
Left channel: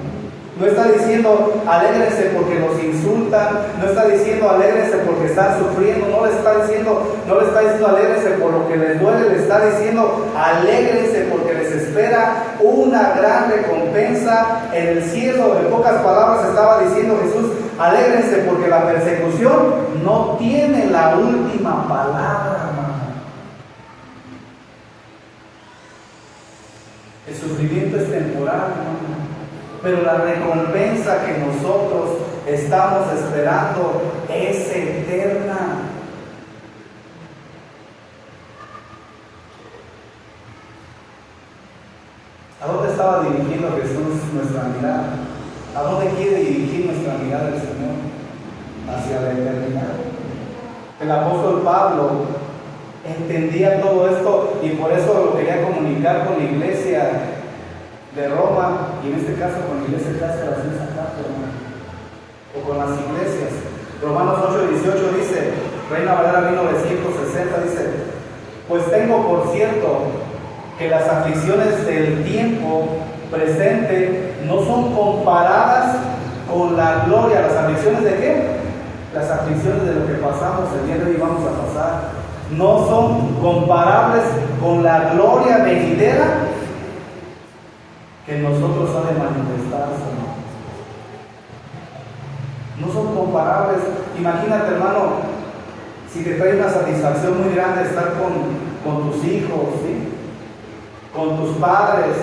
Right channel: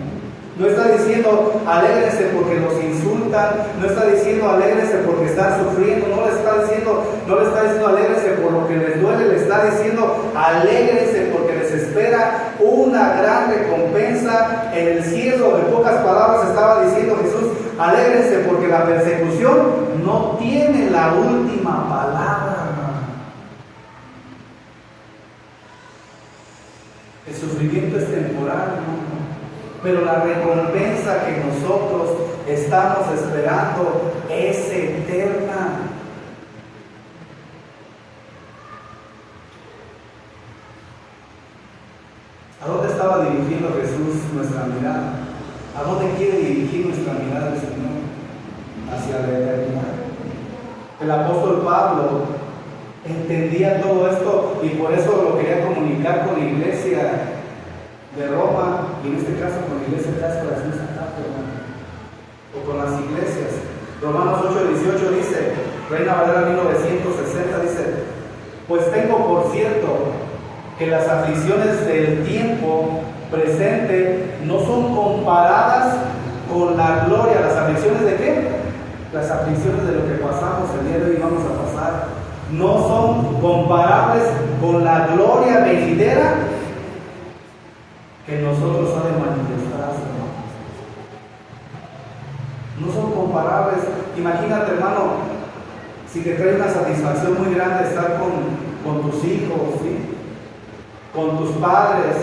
No está diciendo alégrense porque los insultan, no está diciendo alégrense porque están sufriendo, no le está diciendo alégrense por lo que les duele, le está diciendo alégrense porque les espera una gran recompensa en el cielo. En pocas palabras estaba diciendo Jesús, alégrense porque la persecución no tiene la última palabra, hermano. El sufrimiento es temporal, hermano, pero la recompensa que nosotros estamos esperando es eterna. ¿A dónde estaba dirigiendo Jesús nuestra mirada? ¿A dónde quiere dirigir nuestra mirada el Señor? Hacia la eternidad. El apóstol Pablo entendía todo esto y por eso lo quería comunicar con la iglesia de Roma, y en este caso con la iglesia de Cáscaras, en esa carta, o con las iglesias. Romanos 8:18 dice, Reina Valera 1960 dice, pues tengo por cierto que las aflicciones del tiempo presente no son comparadas con la gloria. ¿Las aflicciones de qué? Las aflicciones de lo que pasamos el día de hoy vamos a pasar. No son comparables con la gloria venidera que nosotros ha de manifestarse. No son comparables. Imagínate, hermano, si te trae una satisfacción muy grande estar con tus hijos, ¿sí? Con tus padres,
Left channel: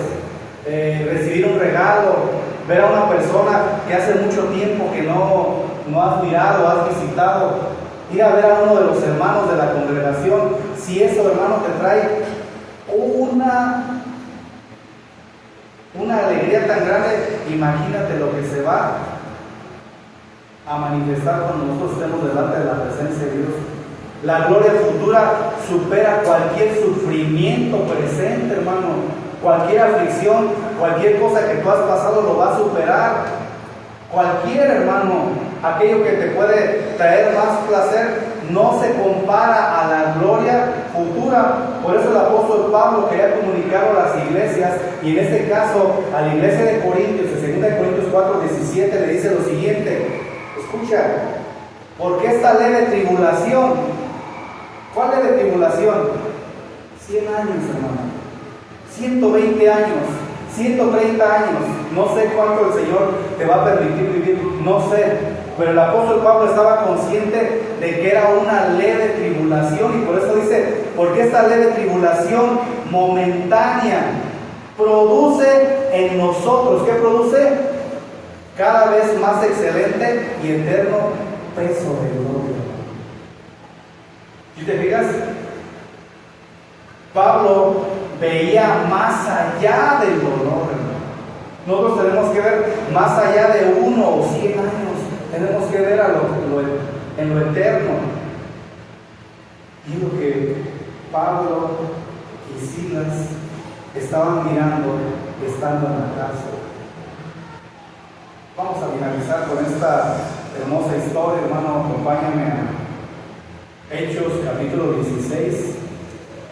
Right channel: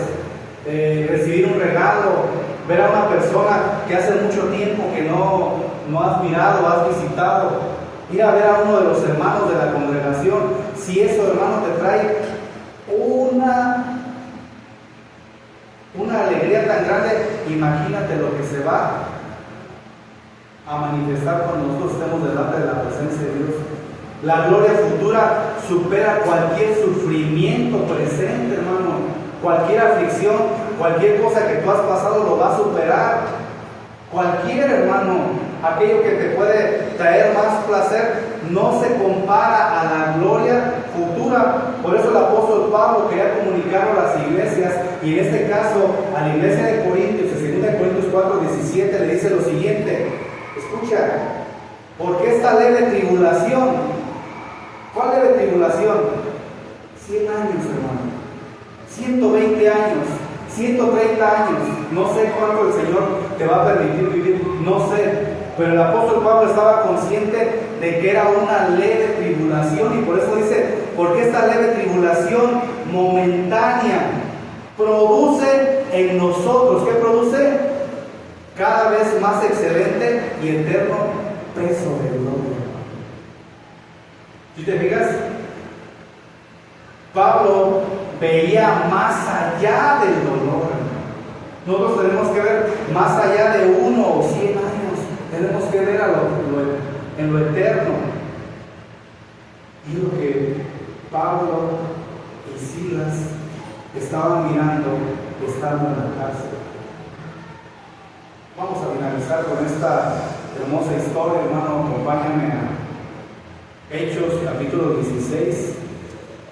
recibir un regalo, ver a una persona que hace mucho tiempo que no has mirado, has visitado, ir a ver a uno de los hermanos de la congregación. Si eso, hermano, te trae una alegría tan grande, imagínate lo que se va a manifestar cuando nosotros estemos delante de la presencia de Dios. La gloria futura supera cualquier sufrimiento presente, hermano. Cualquier aflicción, cualquier cosa que tú has pasado lo va a superar. Cualquier, hermano, aquello que te puede traer más placer no se compara a la gloria futura. Por eso el apóstol Pablo quería comunicar a las iglesias, y en este caso a la iglesia de Corintios, en 2 Corintios 4:17 le dice lo siguiente. Escucha, porque esta leve tribulación, ¿cuál leve tribulación? 100 años, hermano, 120 años, 130 años, no sé cuánto el Señor te va a permitir vivir, no sé, pero el apóstol Pablo estaba consciente de que era una leve tribulación, y por eso dice, porque esta leve tribulación momentánea produce en nosotros, ¿qué produce? Cada vez más excelente y eterno peso de gloria. Si te fijas, Pablo veía más allá del dolor. Nosotros tenemos que ver más allá de 1 o 100 años. Tenemos que ver en lo eterno. Y lo que Pablo y Silas estaban mirando estando en la cárcel. Vamos a finalizar con esta hermosa historia, hermano. Acompáñame a Hechos capítulo 16,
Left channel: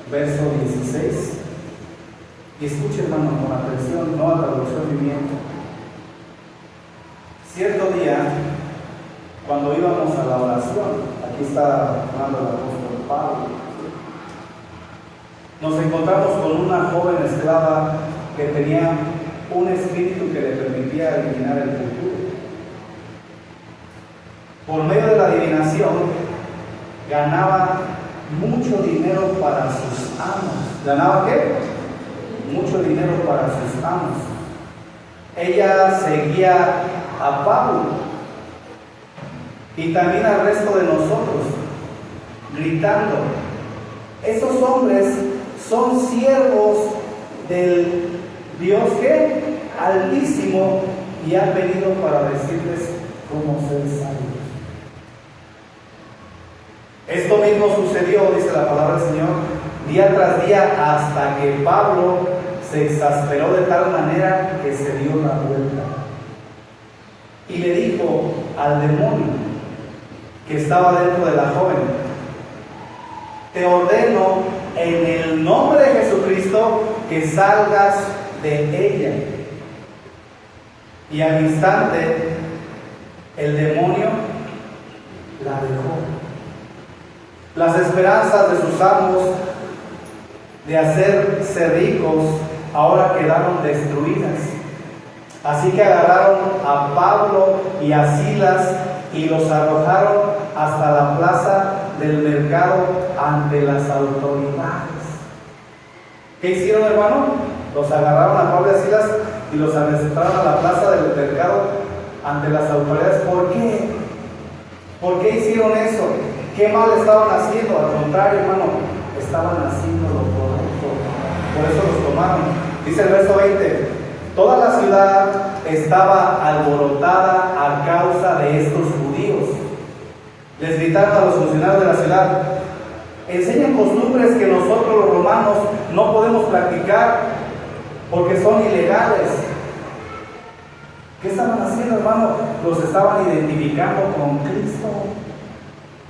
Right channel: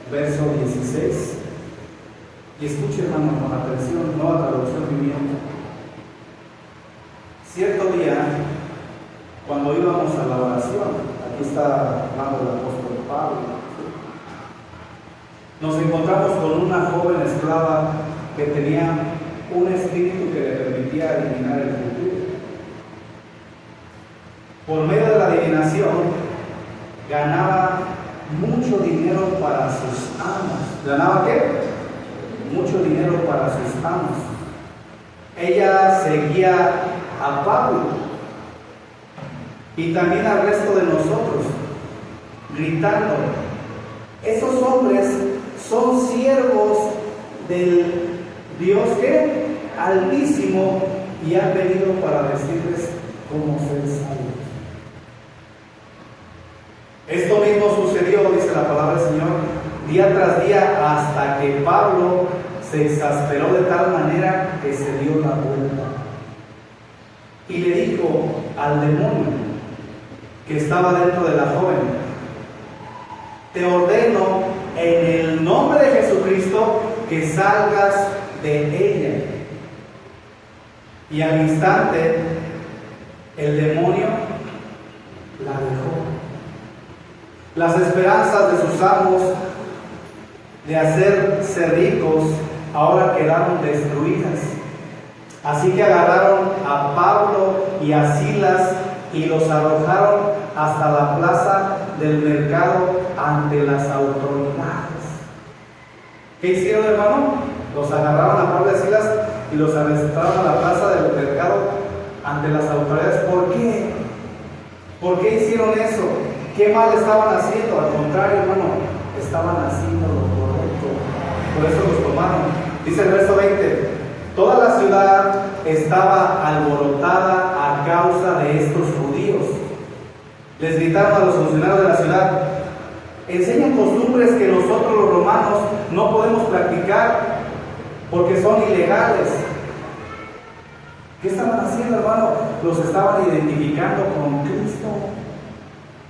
verso 16. Y escuche, hermano, con atención, nueva traducción viviente. Cierto día, cuando íbamos a la oración, aquí está hablando el apóstol Pablo, nos encontramos con una joven esclava que tenía un espíritu que le permitía adivinar el futuro. Por medio de la adivinación, ganaba mucho dinero para sus amos. ¿Ganaba qué? Mucho dinero para sus amos. Ella seguía a Pablo y también al resto de nosotros, gritando: esos hombres son siervos del Dios que Altísimo, y han venido para decirles cómo ser salvos. Esto mismo sucedió, dice la palabra del Señor, día tras día, hasta que Pablo se exasperó de tal manera que se dio la vuelta y le dijo al demonio que estaba dentro de la joven: te ordeno en el nombre de Jesucristo que salgas de ella. Y al instante el demonio la dejó. Las esperanzas de sus amos de hacerse ricos ahora quedaron destruidas. Así que agarraron a Pablo y a Silas y los arrojaron hasta la plaza del mercado ante las autoridades. ¿Qué hicieron, hermano? Los agarraron a Pablo y a Silas y los arrestaron a la plaza del mercado ante las autoridades. ¿Por qué? ¿Por qué hicieron eso? ¿Qué mal estaban haciendo? Al contrario, hermano, estaban haciendo lo correcto. Por eso los tomaron. Dice el verso 20: toda la ciudad estaba alborotada a causa de estos judíos. Les gritaron a los funcionarios de la ciudad: enseñan costumbres que nosotros los romanos no podemos practicar porque son ilegales. ¿Qué estaban haciendo, hermano? Los estaban identificando con Cristo.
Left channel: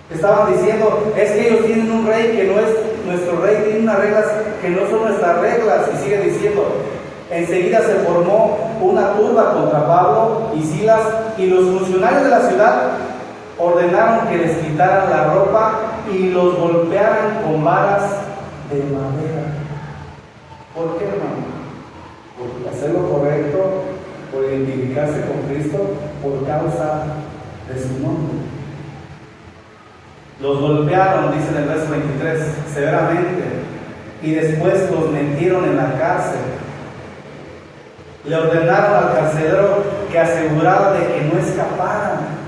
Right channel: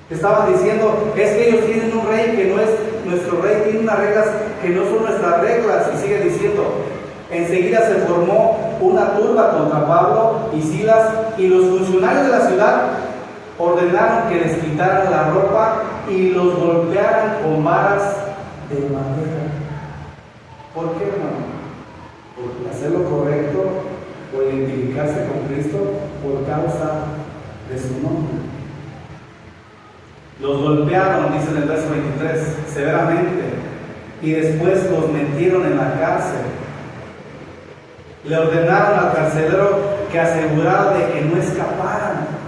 Estaban diciendo: es que ellos tienen un rey que no es nuestro rey, tiene unas reglas que no son nuestras reglas. Y sigue diciendo: enseguida se formó una turba contra Pablo y Silas, y los funcionarios de la ciudad ordenaron que les quitaran la ropa y los golpearan con varas de madera. ¿Por qué, hermano? Por hacer lo correcto, por identificarse con Cristo, por causa de su nombre. Los golpearon, dice en el verso 23, severamente, y después los metieron en la cárcel. Le ordenaron al carcelero que asegurara de que no escaparan.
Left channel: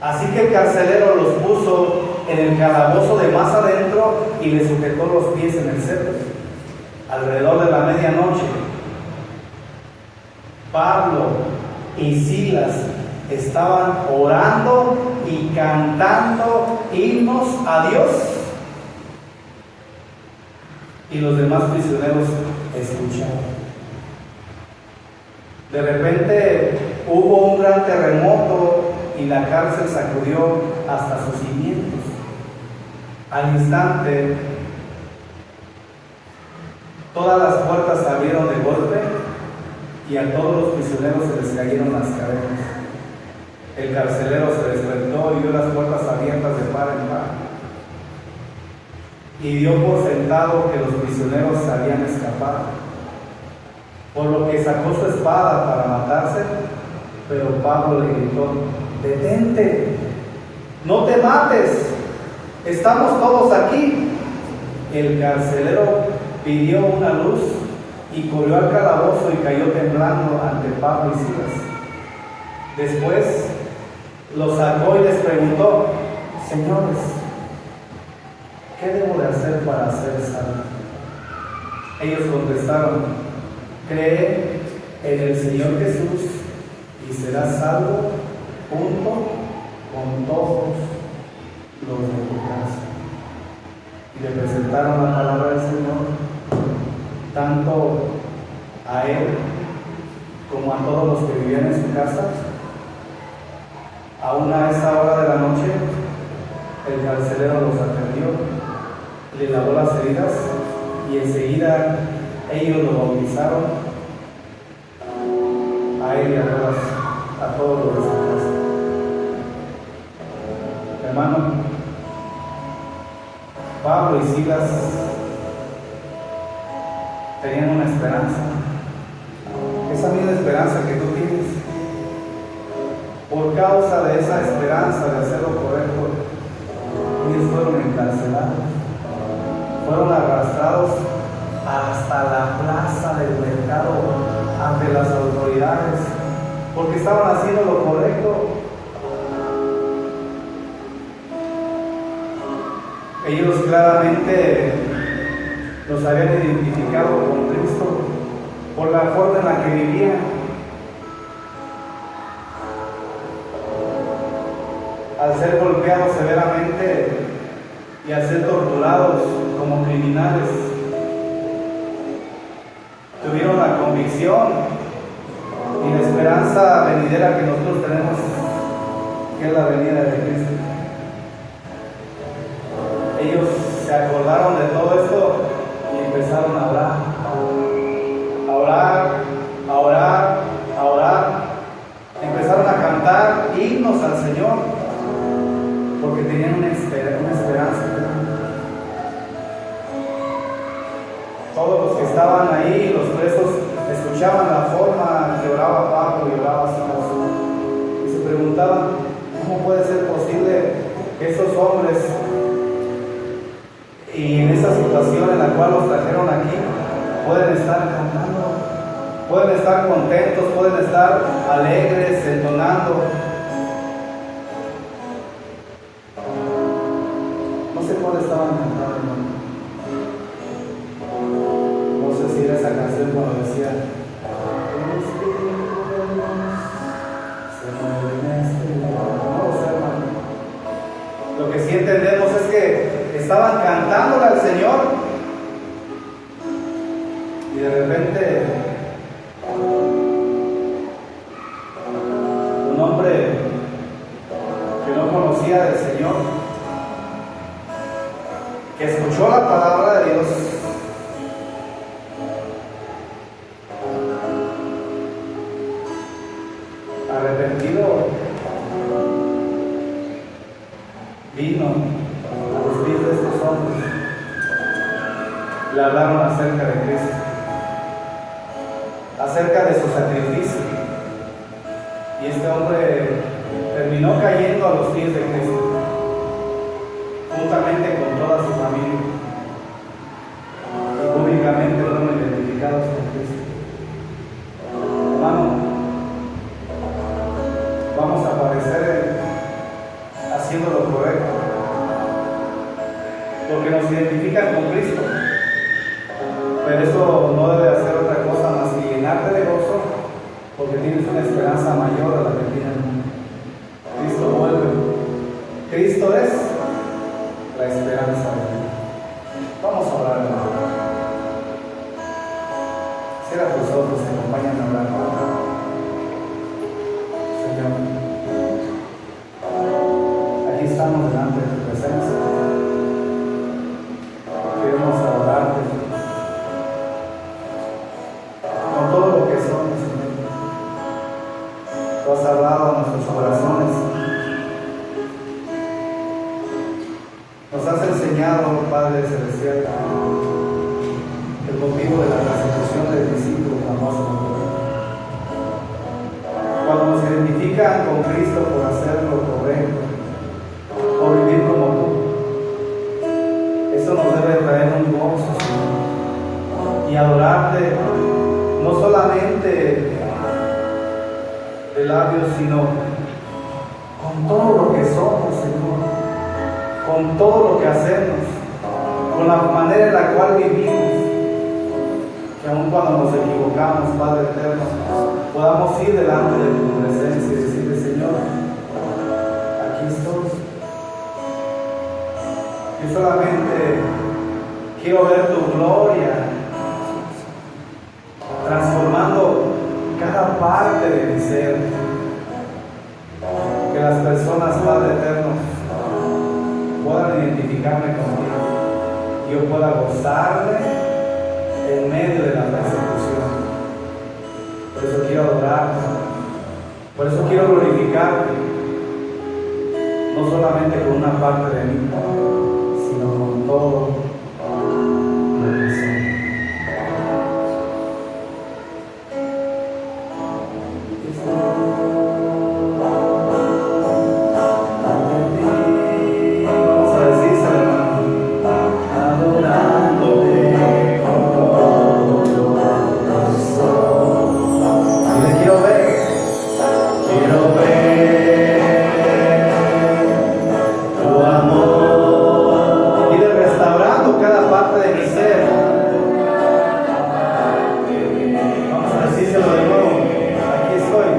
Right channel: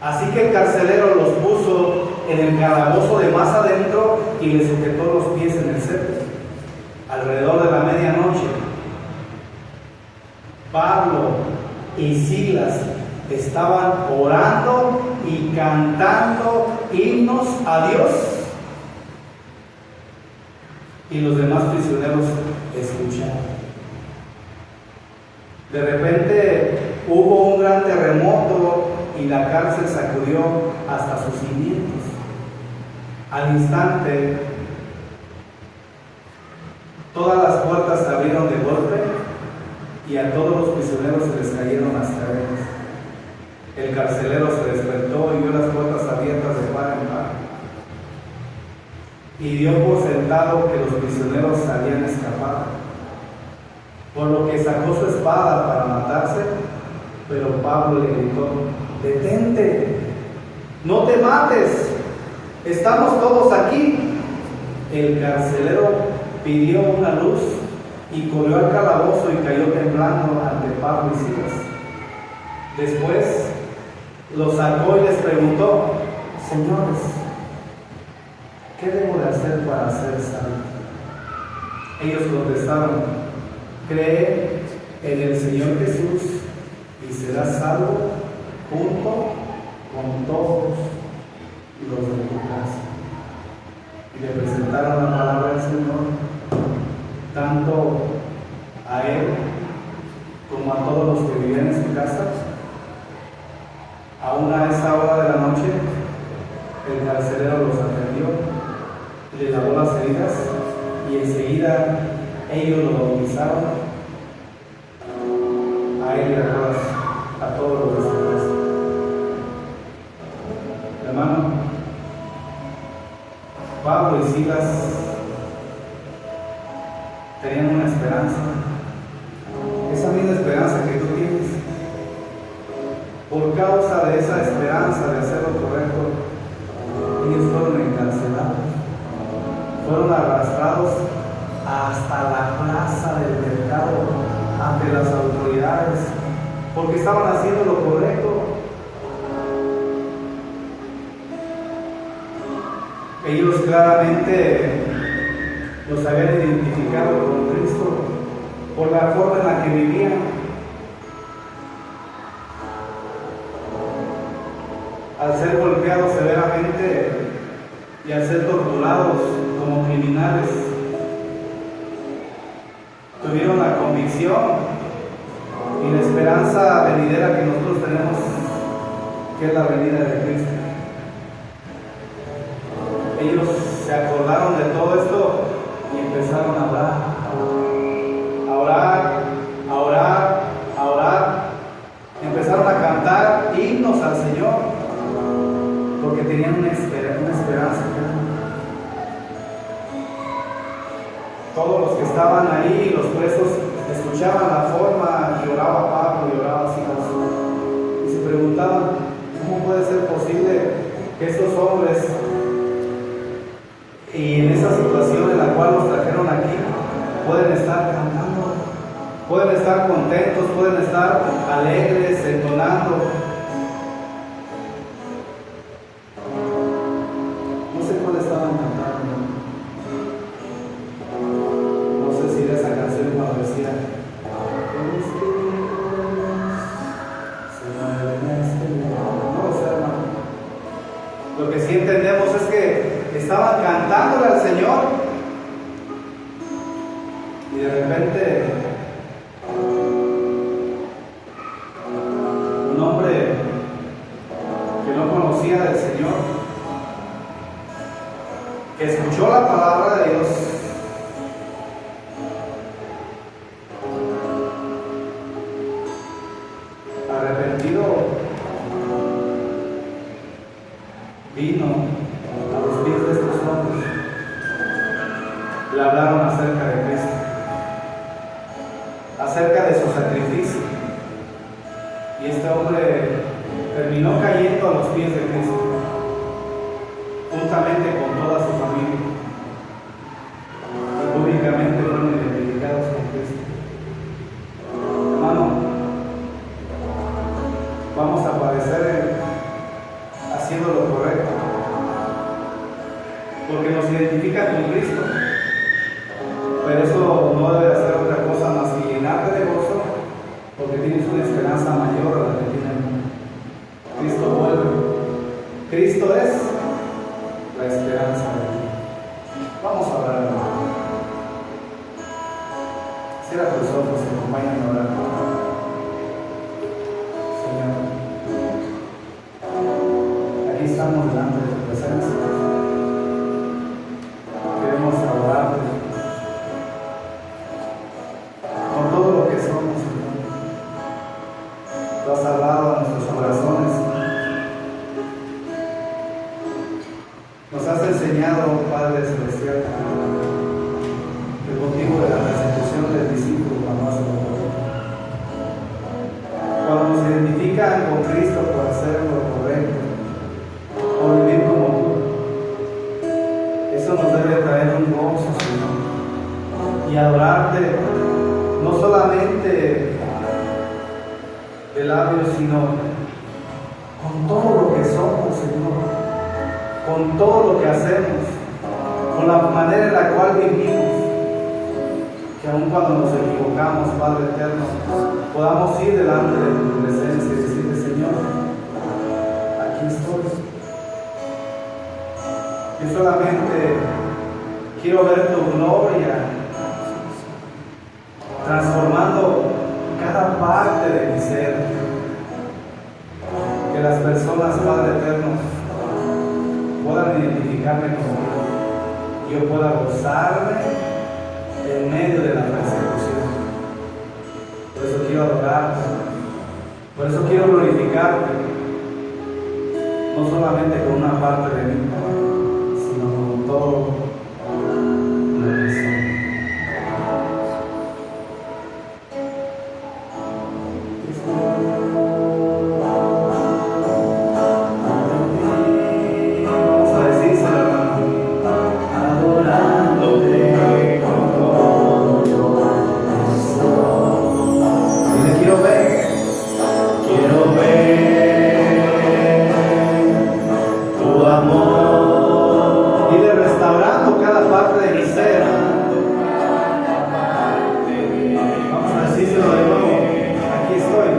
Así que el carcelero los puso en el calabozo de más adentro y les sujetó los pies en el cepo. Alrededor de la medianoche, Pablo y Silas estaban orando y cantando himnos a Dios, y los demás prisioneros escuchaban. De repente hubo un gran terremoto y la cárcel sacudió hasta sus cimientos. Al instante, todas las puertas se abrieron de golpe y a todos los prisioneros se les cayeron las cadenas. El carcelero se despertó y vio las puertas abiertas de par en par, y dio por sentado que los prisioneros se habían escapado, por lo que sacó su espada para matarse. Pero Pablo le gritó: detente, no te mates, estamos todos aquí. El carcelero pidió una luz y corrió al calabozo y cayó temblando ante Pablo y Silas. Después los sacó y les preguntó: señores, ¿qué debo de hacer para ser salvo? Ellos contestaron: cree en el Señor Jesús y serás salvo, junto con todos los de tu casa. Y le presentaron la palabra del Señor, tanto a él como a todos los que vivían en su casa. Aún a esa hora de la noche, el carcelero los atendió, les lavó las heridas, y enseguida ellos lo bautizaron, a él y a todos los de su casa. Hermano, Pablo y Silas tenían una esperanza, esa misma esperanza que tú tienes. Por causa de esa esperanza de hacer lo correcto, ellos fueron encarcelados, fueron arrastrados hasta la plaza del mercado ante las autoridades, porque estaban haciendo lo correcto. Ellos claramente los habían identificado con Cristo por la forma en la que vivían. Al ser golpeados severamente y al ser torturados como criminales, tuvieron la convicción y la esperanza venidera que nosotros tenemos, que es la venida de Cristo. Ellos se acordaron de todo esto y empezaron a orar, a orar, a orar, a orar. Empezaron a cantar himnos al Señor, porque tenían una esperanza. Todos los que estaban ahí, los presos, escuchaban la forma que oraba Pablo y oraba Silas, y se preguntaban: ¿cómo puede ser posible que estos hombres estar contentos, pueden estar alegres, entonando. No sé cuál estaban cantando. No sé si era esa canción cuando decía: se mueve en este lugar. No lo sé, hermano. Lo que sí entendemos es que estaban cantándole al Señor y de repente un hombre que no conocía del Señor, que escuchó la palabra de Dios, arrepentido, vino a los pies de estos hombres, le hablaron acerca de Cristo, acerca de su sacrificio, y este hombre terminó cayendo a los pies de Cristo, juntamente con toda su familia, y públicamente fueron identificados con Cristo. Hermano, vamos a aparecer haciendo lo correcto, porque nos identifican con Cristo, pero eso no debe hacer otra cosa más que llenarte de gozo, porque tienes una esperanza mayor a la que tienen. Cristo vuelve. Cristo es la esperanza de Dios. Vamos a orar, hermano. Cierra tus ojos y acompáñame a orar. Señor, aquí estamos delante de tu presencia. Queremos adorarte con todo lo que somos, Señor. Tú has hablado a nuestros corazones. Nos has enseñado, Padre Celestial, el motivo de la persecución del discípulo cuando hace lo correcto. Cuando nos identifican con Cristo por hacer lo correcto, por vivir como tú, eso nos debe traer un gozo, Señor, y adorarte no solamente de labios, sino con todo lo que somos, Señor, con todo lo que hacemos, con la manera en la cual vivimos, que aun cuando nos equivocamos, Padre eterno, podamos ir delante de tu presencia y decirle: Señor, aquí estoy. Yo solamente quiero ver tu gloria transformando cada parte de mi ser, que las personas, Padre eterno, puedan identificarme contigo, yo pueda gozarme en medio de la persecución. Por eso quiero adorarte, por eso quiero glorificarte, no solamente con una parte de mí, sino con todo lo que soy. Vamos a decírselo, hermano. Adorándote con todo corazón. Y le quiero ver tu amor. Y de restaurando cada parte de mi ser. Vamos a decírselo de nuevo. Aquí estoy.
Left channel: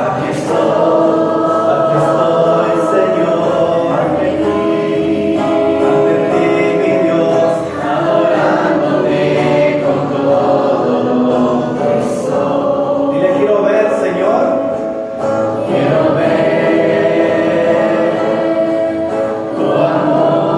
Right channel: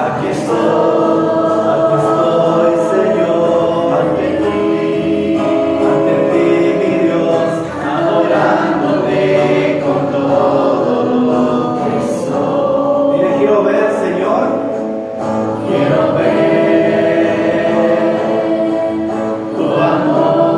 Aquí estoy, Señor, ante ti, mi Dios, adorándote con todo lo que soy. Dile: quiero ver, Señor, quiero ver tu amor.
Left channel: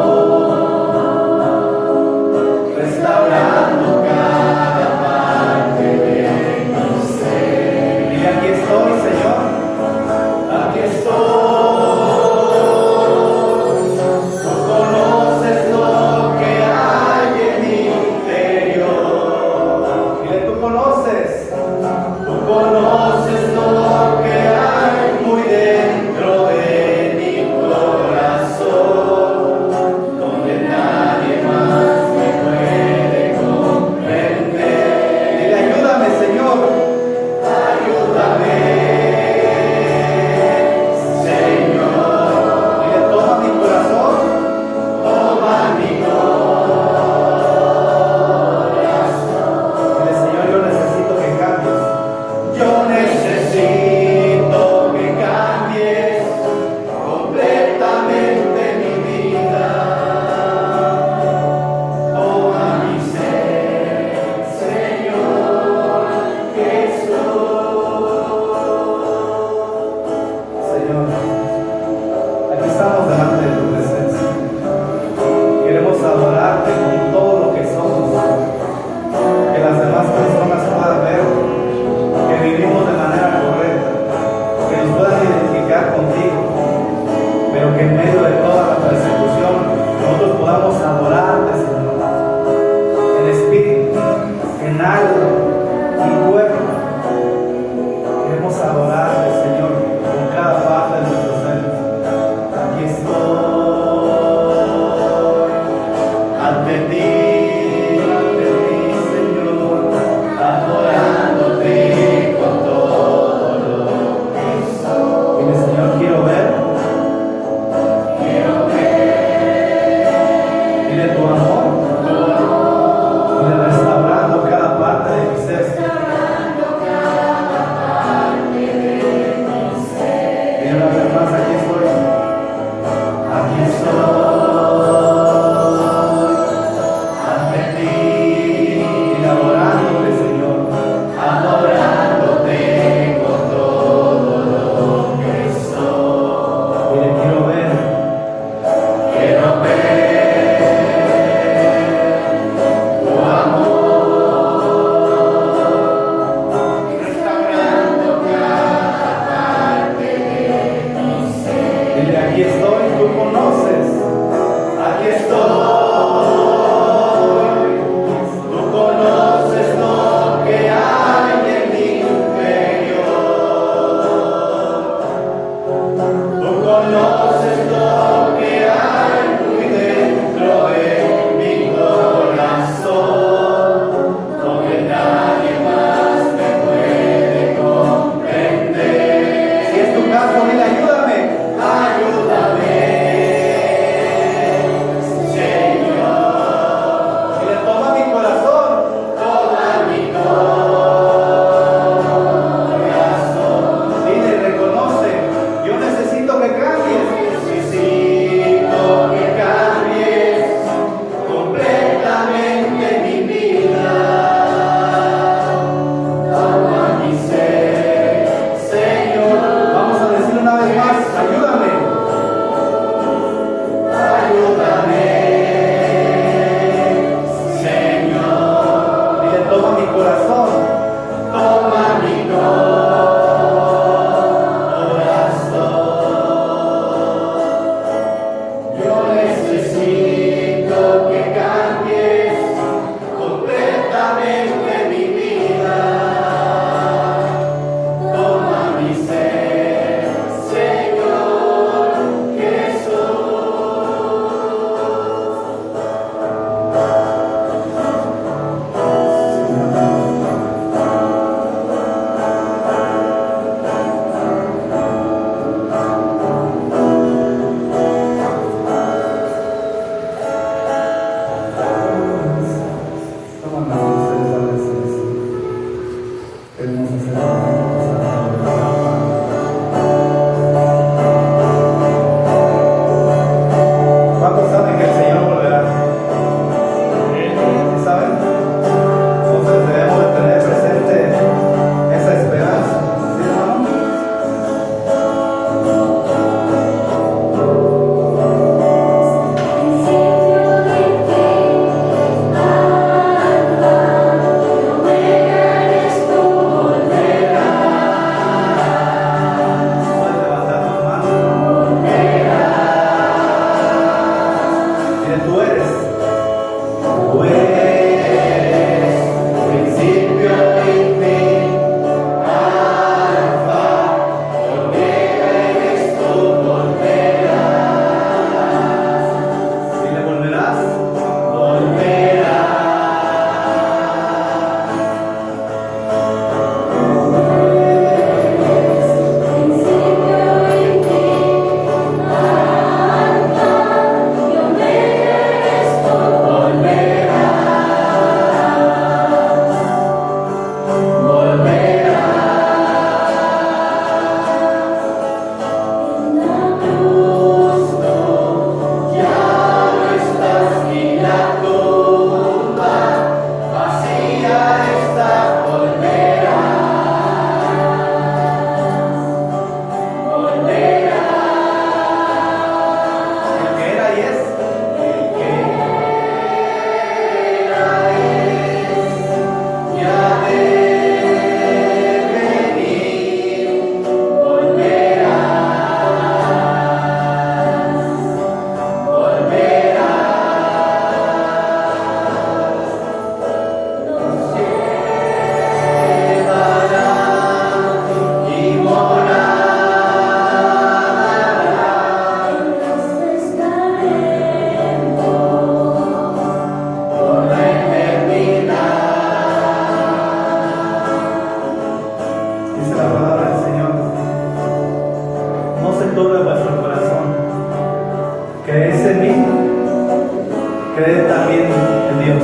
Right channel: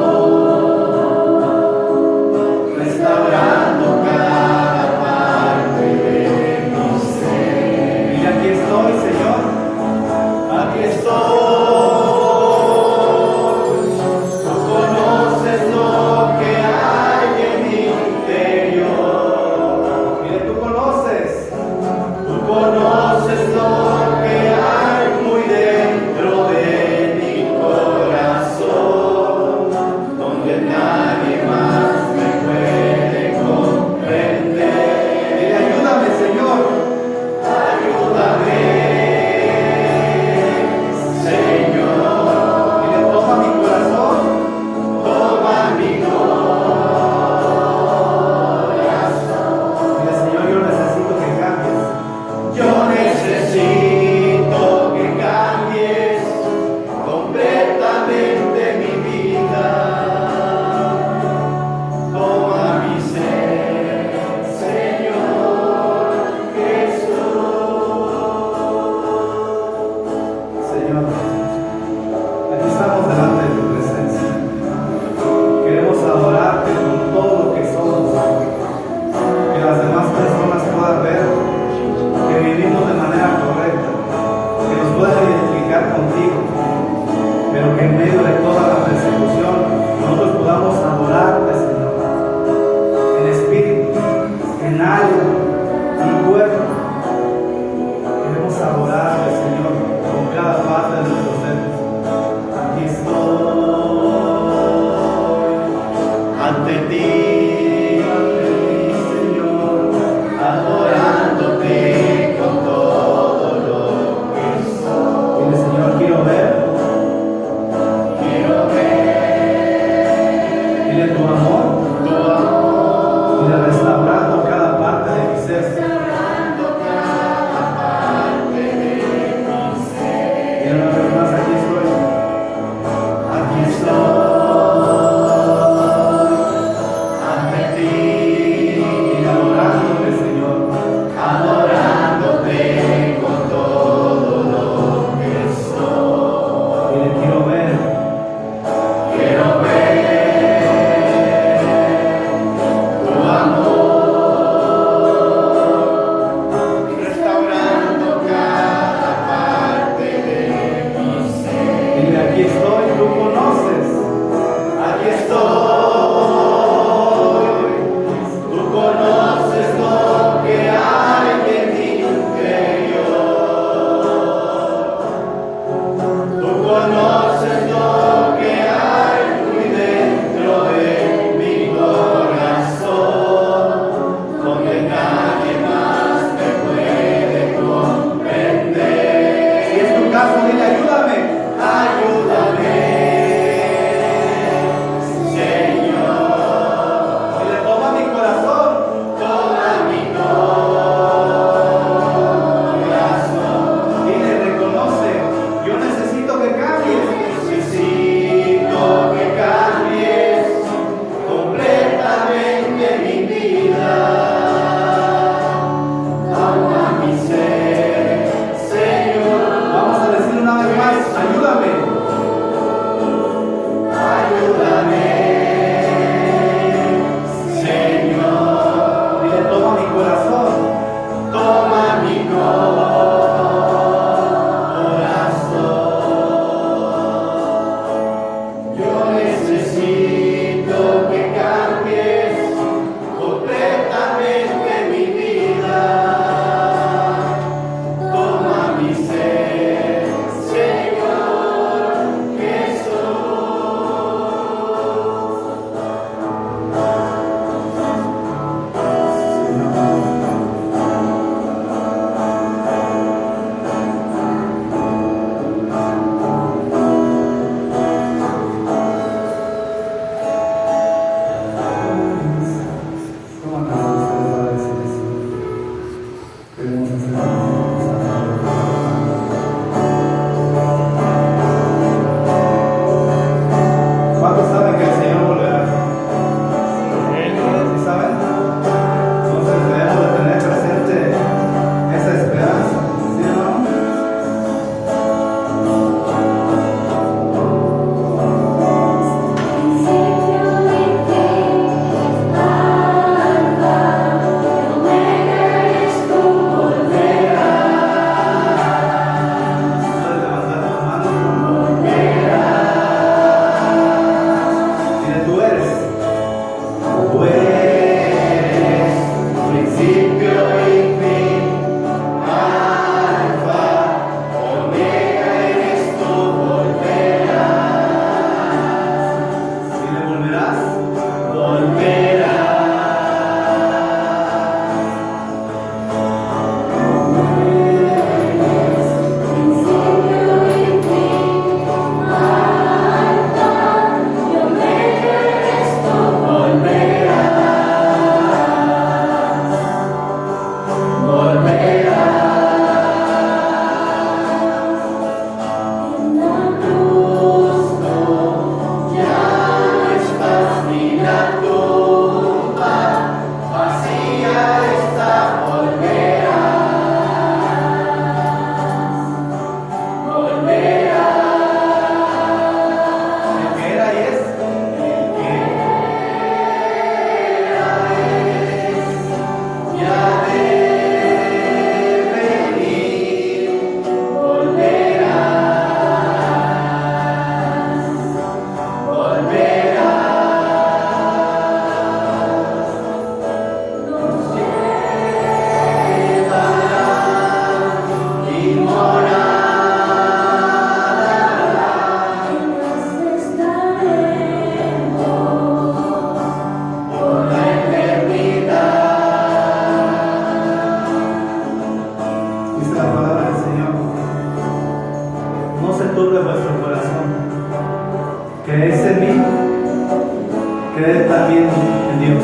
creed también en Dios.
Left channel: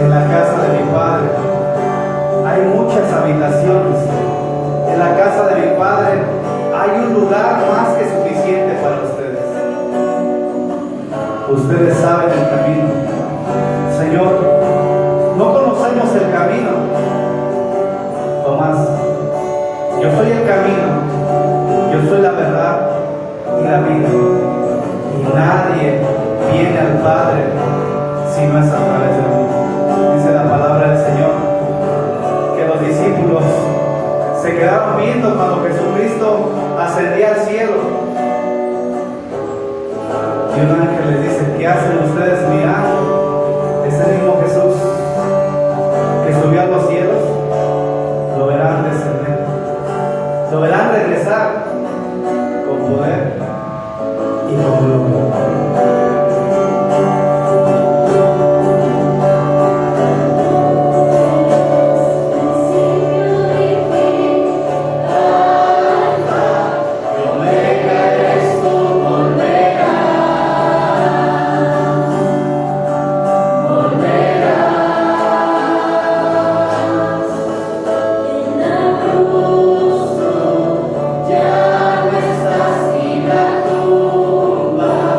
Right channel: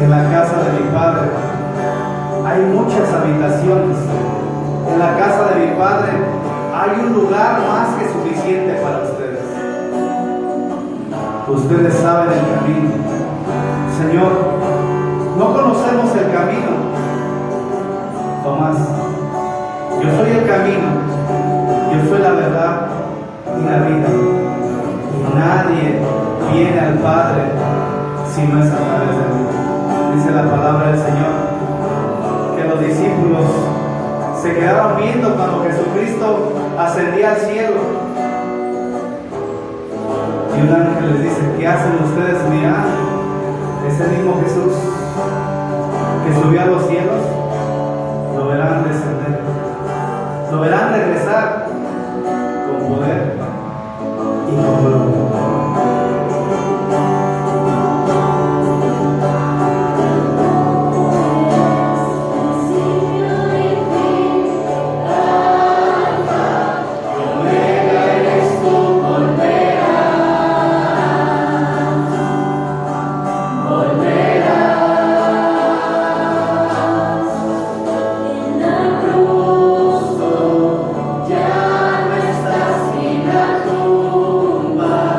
En la casa de mi Padre hay muchas habitaciones. En la casa de mi Padre hay un lugar más que suficiente para ustedes. Ustedes saben el camino. Señor, no conocemos el camino. Tomás, yo soy el camino, yo soy la verdad y la vida. Y nadie viene al Padre si no es a través de mí. Dice la palabra del Señor que los discípulos se quedaron viendo cuando Jesucristo ascendía al cielo. Y un ángel les dice: ¿qué hacen ustedes mirando? Ese mismo Jesús que subió a los cielos, lo verán descender, lo verán regresar con poder y con gloria. Ya no estás en la tumba.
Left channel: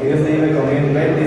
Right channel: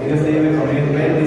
Que Dios te lleve con él.